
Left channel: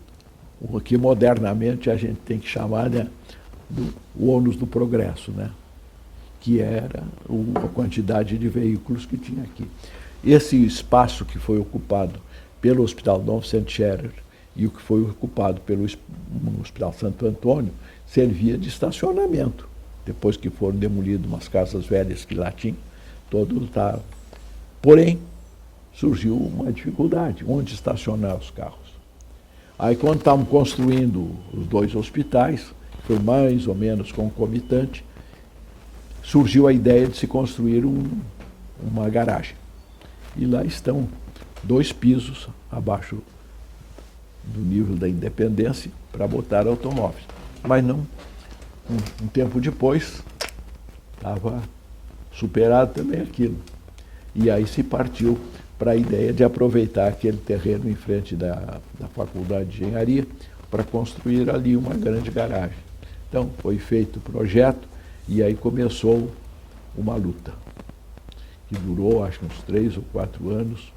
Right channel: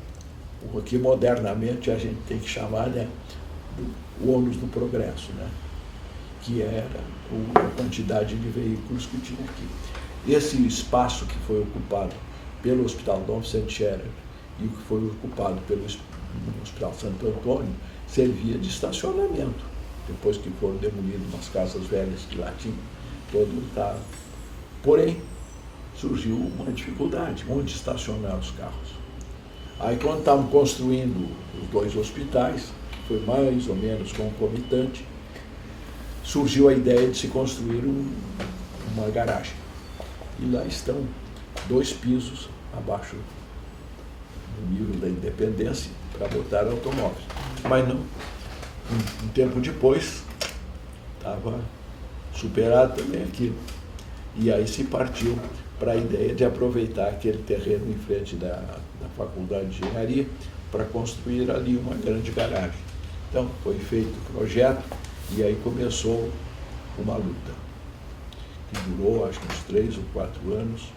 o que modernamente a gente tem que chamar, né, o ônus do progresso, né, que era a quantidade de veículos que tinha aqui. Esse espaço que foi ocupado pelo Hospital Dom Vicente Scherer e o que foi ocupado pelo Hospital Santo Antônio servia de estacionamento. Depois que foram demolidas umas casas velhas que lá tinham, todo estava. Porém, surgiu uma dificuldade, onde estacionar os carros. Aí, quando estavam construindo os 2 hospitais, foi mais ou menos concomitante, surgiu a ideia de se construir uma garagem. E lá estão 2 pisos abaixo do nível da Independência para botar automóveis. Mas não, um tempo depois, estava superado também aquilo. E aí se partiu para a ideia de aproveitar aquele terreno em frente da Faculdade de Engenharia para construir ali uma grande garagem. Então, foi feito o projeto e aí começou uma luta, que durou, acho que uns 3 ou 4 anos,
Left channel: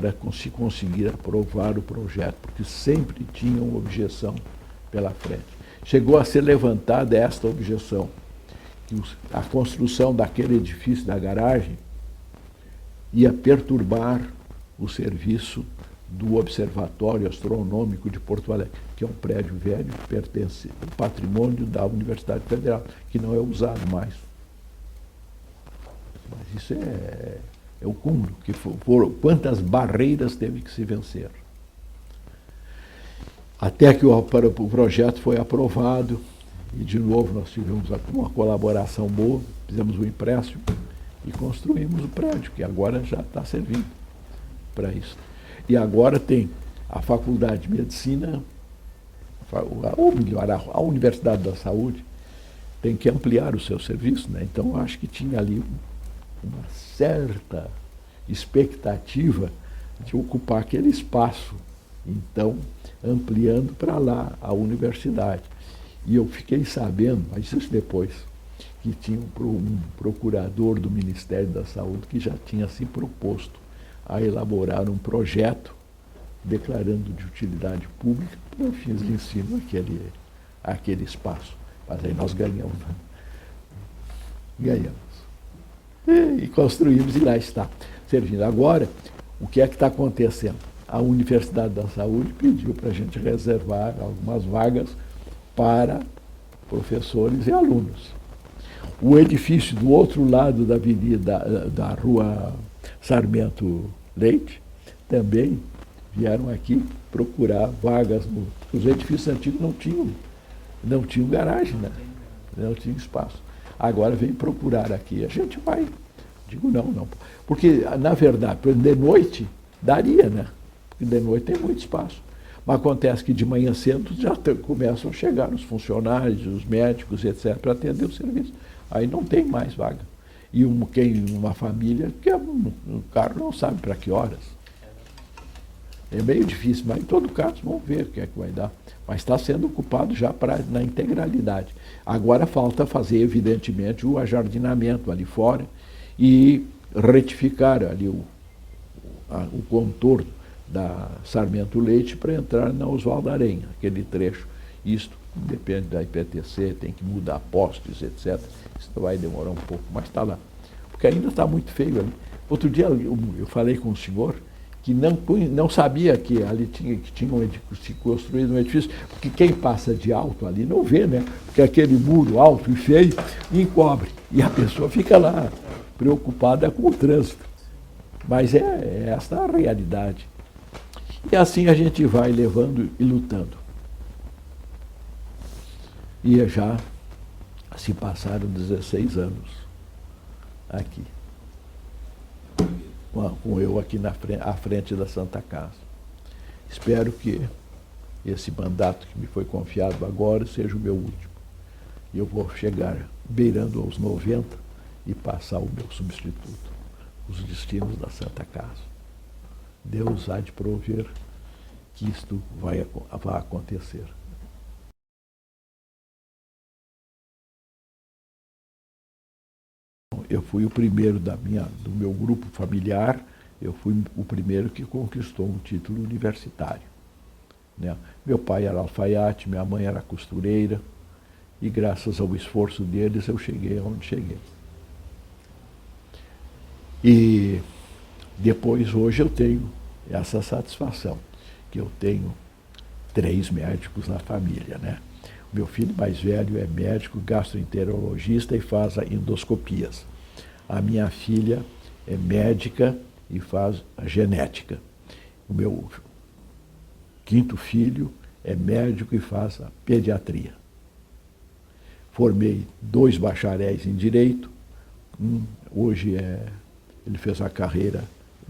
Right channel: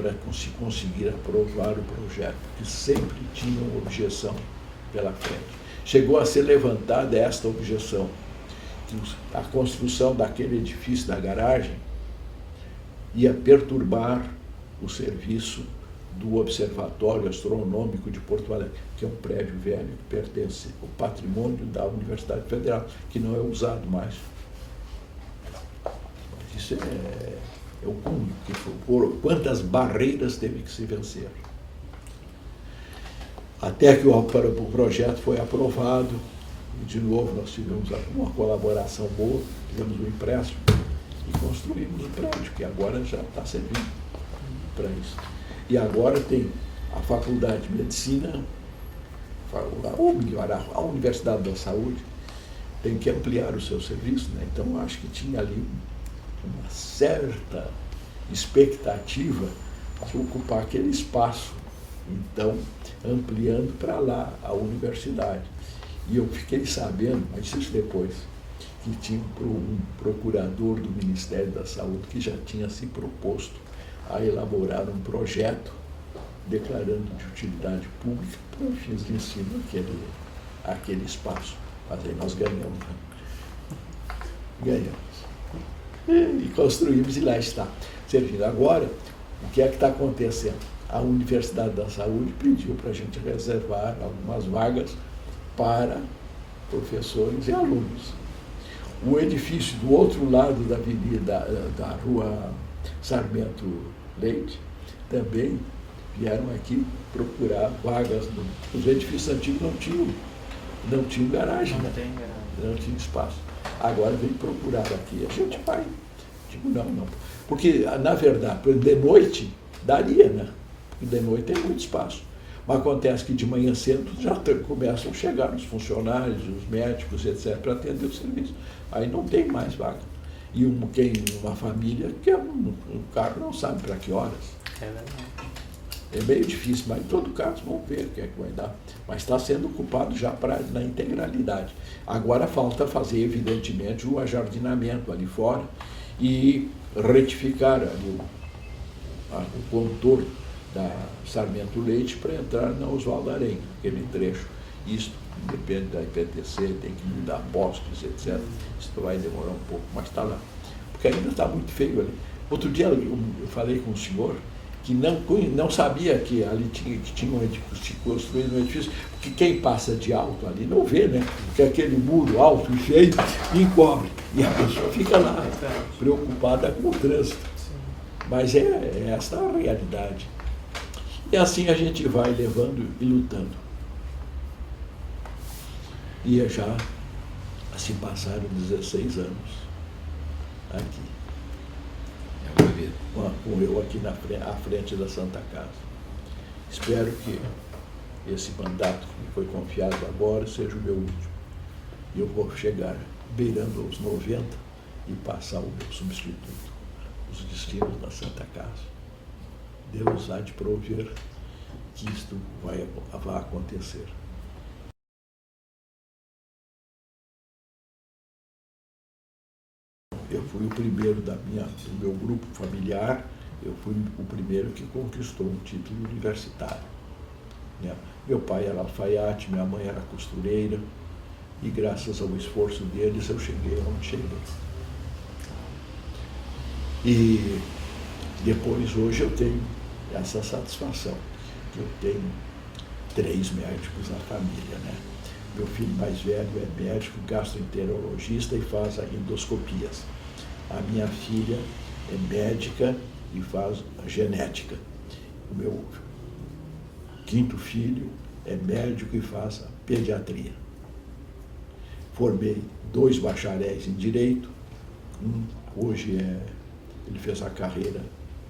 para se conseguir aprovar o projeto, porque sempre tinham objeção pela frente. Chegou a ser levantada esta objeção, que a construção daquele edifício da garagem ia perturbar o serviço do Observatório Astronômico de Porto Alegre, que é um prédio velho que pertence ao patrimônio da Universidade Federal, que não é usado mais. Mas isso é o cúmulo, que quantas barreiras teve que se vencer. Até que o projeto foi aprovado, e de novo nós tivemos uma colaboração boa, fizemos um empréstimo e construímos o prédio, que agora já está servindo para isso. E agora tem a Faculdade de Medicina, ou melhor, a Universidade da Saúde, tem que ampliar o seu serviço, né? Então eu acho que tinha ali uma certa expectativa de ocupar aquele espaço, então ampliando para lá a universidade. E eu fiquei sabendo, mas isso depois, que tinha um procurador do Ministério da Saúde que já tinha se proposto a elaborar um projeto declarando de utilidade pública para fins de ensino aquele espaço. Mas aí nós ganhamos. Ganhamos. E construímos e lá está. Servindo. Agora, o que é que está acontecendo? A Universidade da Saúde pediu para a gente reservar algumas vagas para professores e alunos. O edifício do outro lado da avenida, da rua Sarmento Leite, também vieram aqui procurar vagas. Os edifícios antigos não tinham garagem, né? Não tinha espaço. Agora vem procurar aqui. A gente vai. Digo, não. Porque, na verdade, de noite daria, né? Porque de noite tem muito espaço. Mas acontece que de manhã cedo já começam a chegar os funcionários, os médicos, etc., para atender o serviço. Aí não tem mais vaga. E uma família que o carro não sabe para que horas. É meio difícil, mas em todo caso vamos ver o que é que vai dar. Mas está sendo ocupado já na integralidade. Agora falta fazer, evidentemente, o ajardinamento ali fora e retificar ali o contorno da Sarmento Leite para entrar na Oswaldo Aranha, aquele trecho. Isso depende da IPTC, tem que mudar postes, etc. Isso vai demorar um pouco, mas está lá. Porque ainda está muito feio ali. Outro dia eu falei com um senhor que não sabia que ali tinha construído um edifício, porque quem passa de alto ali não vê, né? Porque aquele muro alto e feio encobre. E a pessoa fica lá preocupada com o trânsito. Mas é essa a realidade. E assim a gente vai levando e lutando. E já se passaram 16 anos aqui. Com eu aqui à frente da Santa Casa. Espero que esse mandato que me foi confiado agora seja o meu último. E eu vou chegar beirando aos 90 e passar o meu substituto, os destinos da Santa Casa. Deus há de prover que isto vai acontecer. Eu fui o primeiro do meu grupo familiar, eu fui o primeiro que conquistou um título universitário. Né? Meu pai era alfaiate, minha mãe era costureira, e graças ao esforço deles eu cheguei onde cheguei. E depois, hoje, eu tenho essa satisfação, que eu tenho 3 médicos na família, né? Meu filho mais velho é médico gastroenterologista e faz endoscopias. A minha filha é médica e faz a genética. O meu 5º filho é médico e faz a pediatria. Formei 2 bacharéis em Direito. Hoje ele fez a carreira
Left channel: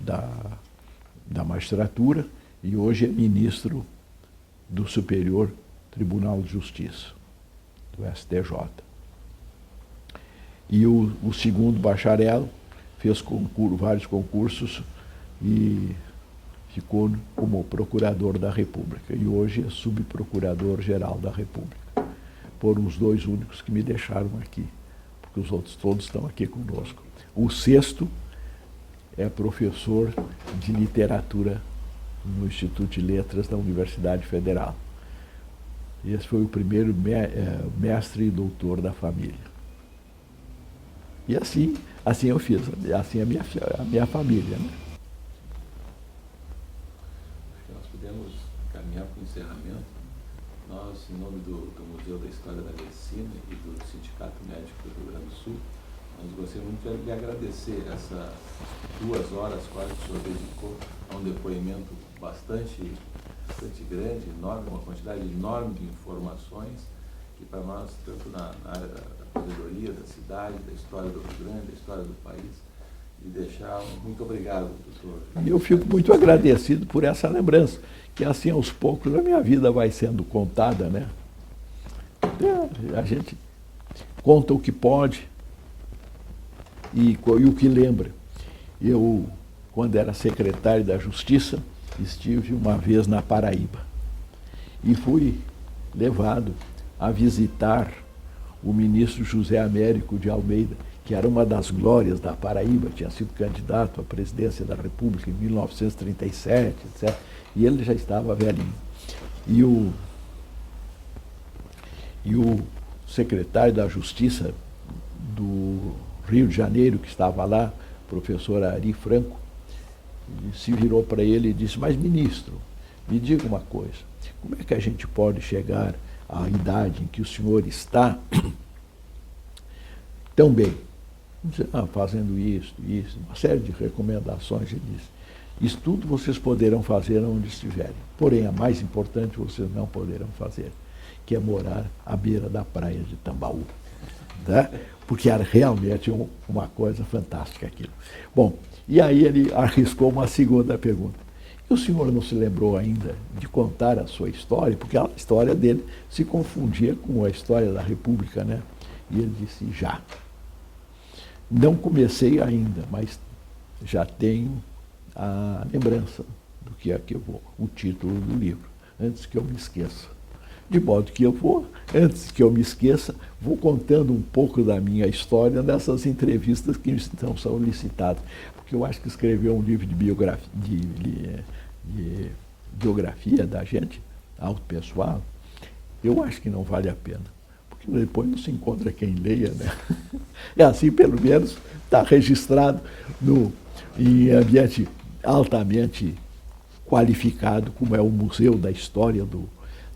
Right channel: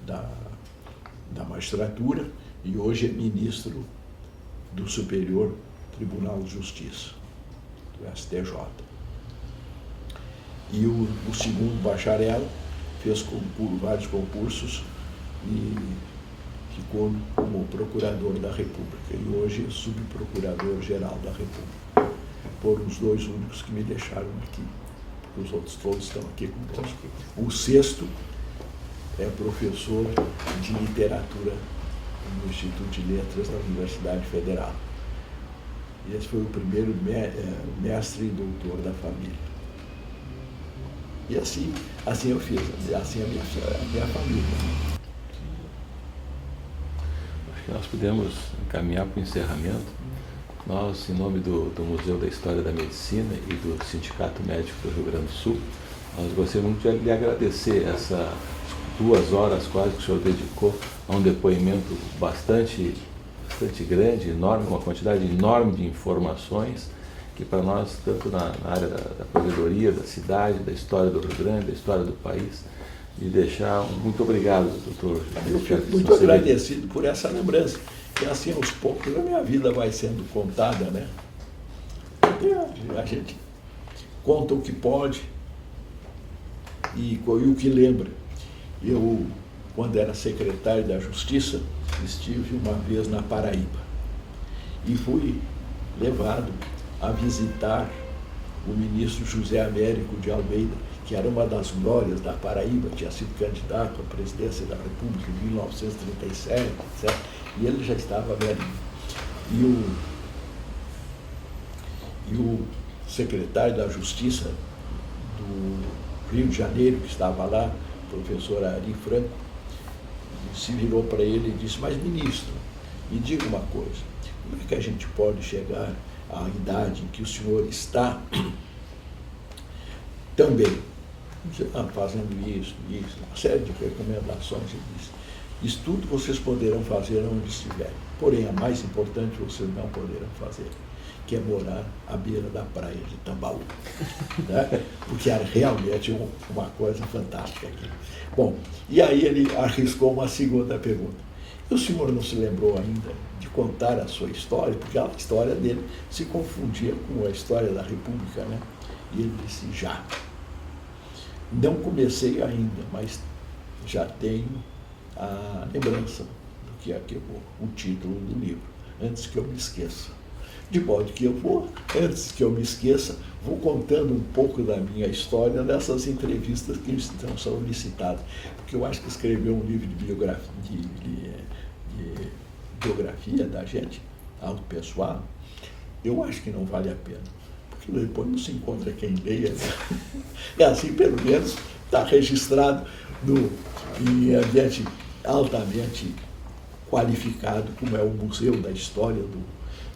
da magistratura e hoje é ministro do Superior Tribunal de Justiça, do STJ. E o 2º bacharel fez vários concursos e ficou como procurador da República. E hoje é subprocurador-geral da República. Foram os 2 únicos que me deixaram aqui, porque os outros todos estão aqui conosco. O 6º é professor de literatura no Instituto de Letras da Universidade Federal. E esse foi o primeiro mestre e doutor da família. E assim eu fiz, assim a minha família. Né? Acho que nós podemos caminhar para o encerramento. Nós, em nome do Museu da História da Medicina e do Sindicato Médico do Rio Grande do Sul, nós gostaríamos de lhe agradecer essas 2 horas quase que o senhor dedicou a um depoimento bastante grande, enorme, uma quantidade enorme de informações que para nós, tanto na área da provedoria, da cidade, da história do Rio Grande, da história do país, de deixar muito obrigado, doutor. Eu fico muito agradecido por essa lembrança. E assim, aos poucos, a minha vida vai sendo contada, né? A gente conta o que pode e o que lembra. Eu, quando era secretário da Justiça, estive uma vez na Paraíba e fui levado a visitar o ministro José Américo de Almeida, que era uma das glórias da Paraíba, tinha sido candidato à presidência da República em 1937, etc. E ele já estava velhinho. E o secretário da Justiça do Rio de Janeiro, que estava lá, o professor Ari Franco, se virou para ele e disse: mas, ministro, me diga uma coisa, como é que a gente pode chegar à idade em que o senhor está tão bem? Fazendo isso, uma série de recomendações. Ele disse: isso tudo vocês poderão fazer onde estiverem, porém a mais importante vocês não poderão fazer, que é morar à beira da praia de Tambaú. Né? Porque era realmente uma coisa fantástica aquilo. Bom, e aí ele arriscou uma segunda pergunta. E o senhor não se lembrou ainda de contar a sua história? Porque a história dele se confundia com a história da República, né? E ele disse: já. Não comecei ainda, mas já tenho a lembrança do que é o título do livro, antes que eu me esqueça. De modo que eu vou, antes que eu me esqueça, vou contando um pouco da minha história nessas entrevistas que estão solicitadas. Porque eu acho que escrever um livro de biografia da gente, auto-pessoal, eu acho que não vale a pena. Porque depois não se encontra quem leia. Né? É assim, pelo menos, está registrado em ambiente altamente qualificado, como é o Museu da História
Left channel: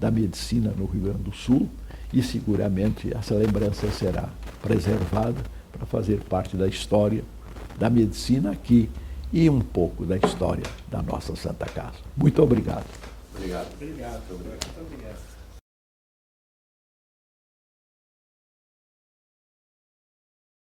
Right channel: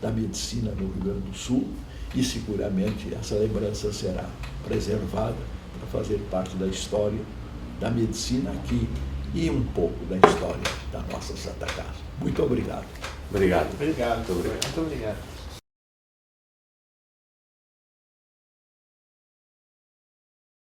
da Medicina no Rio Grande do Sul, e seguramente essa lembrança será preservada para fazer parte da história da medicina aqui e um pouco da história da nossa Santa Casa. Muito obrigado. Obrigado. Obrigado. Muito obrigado.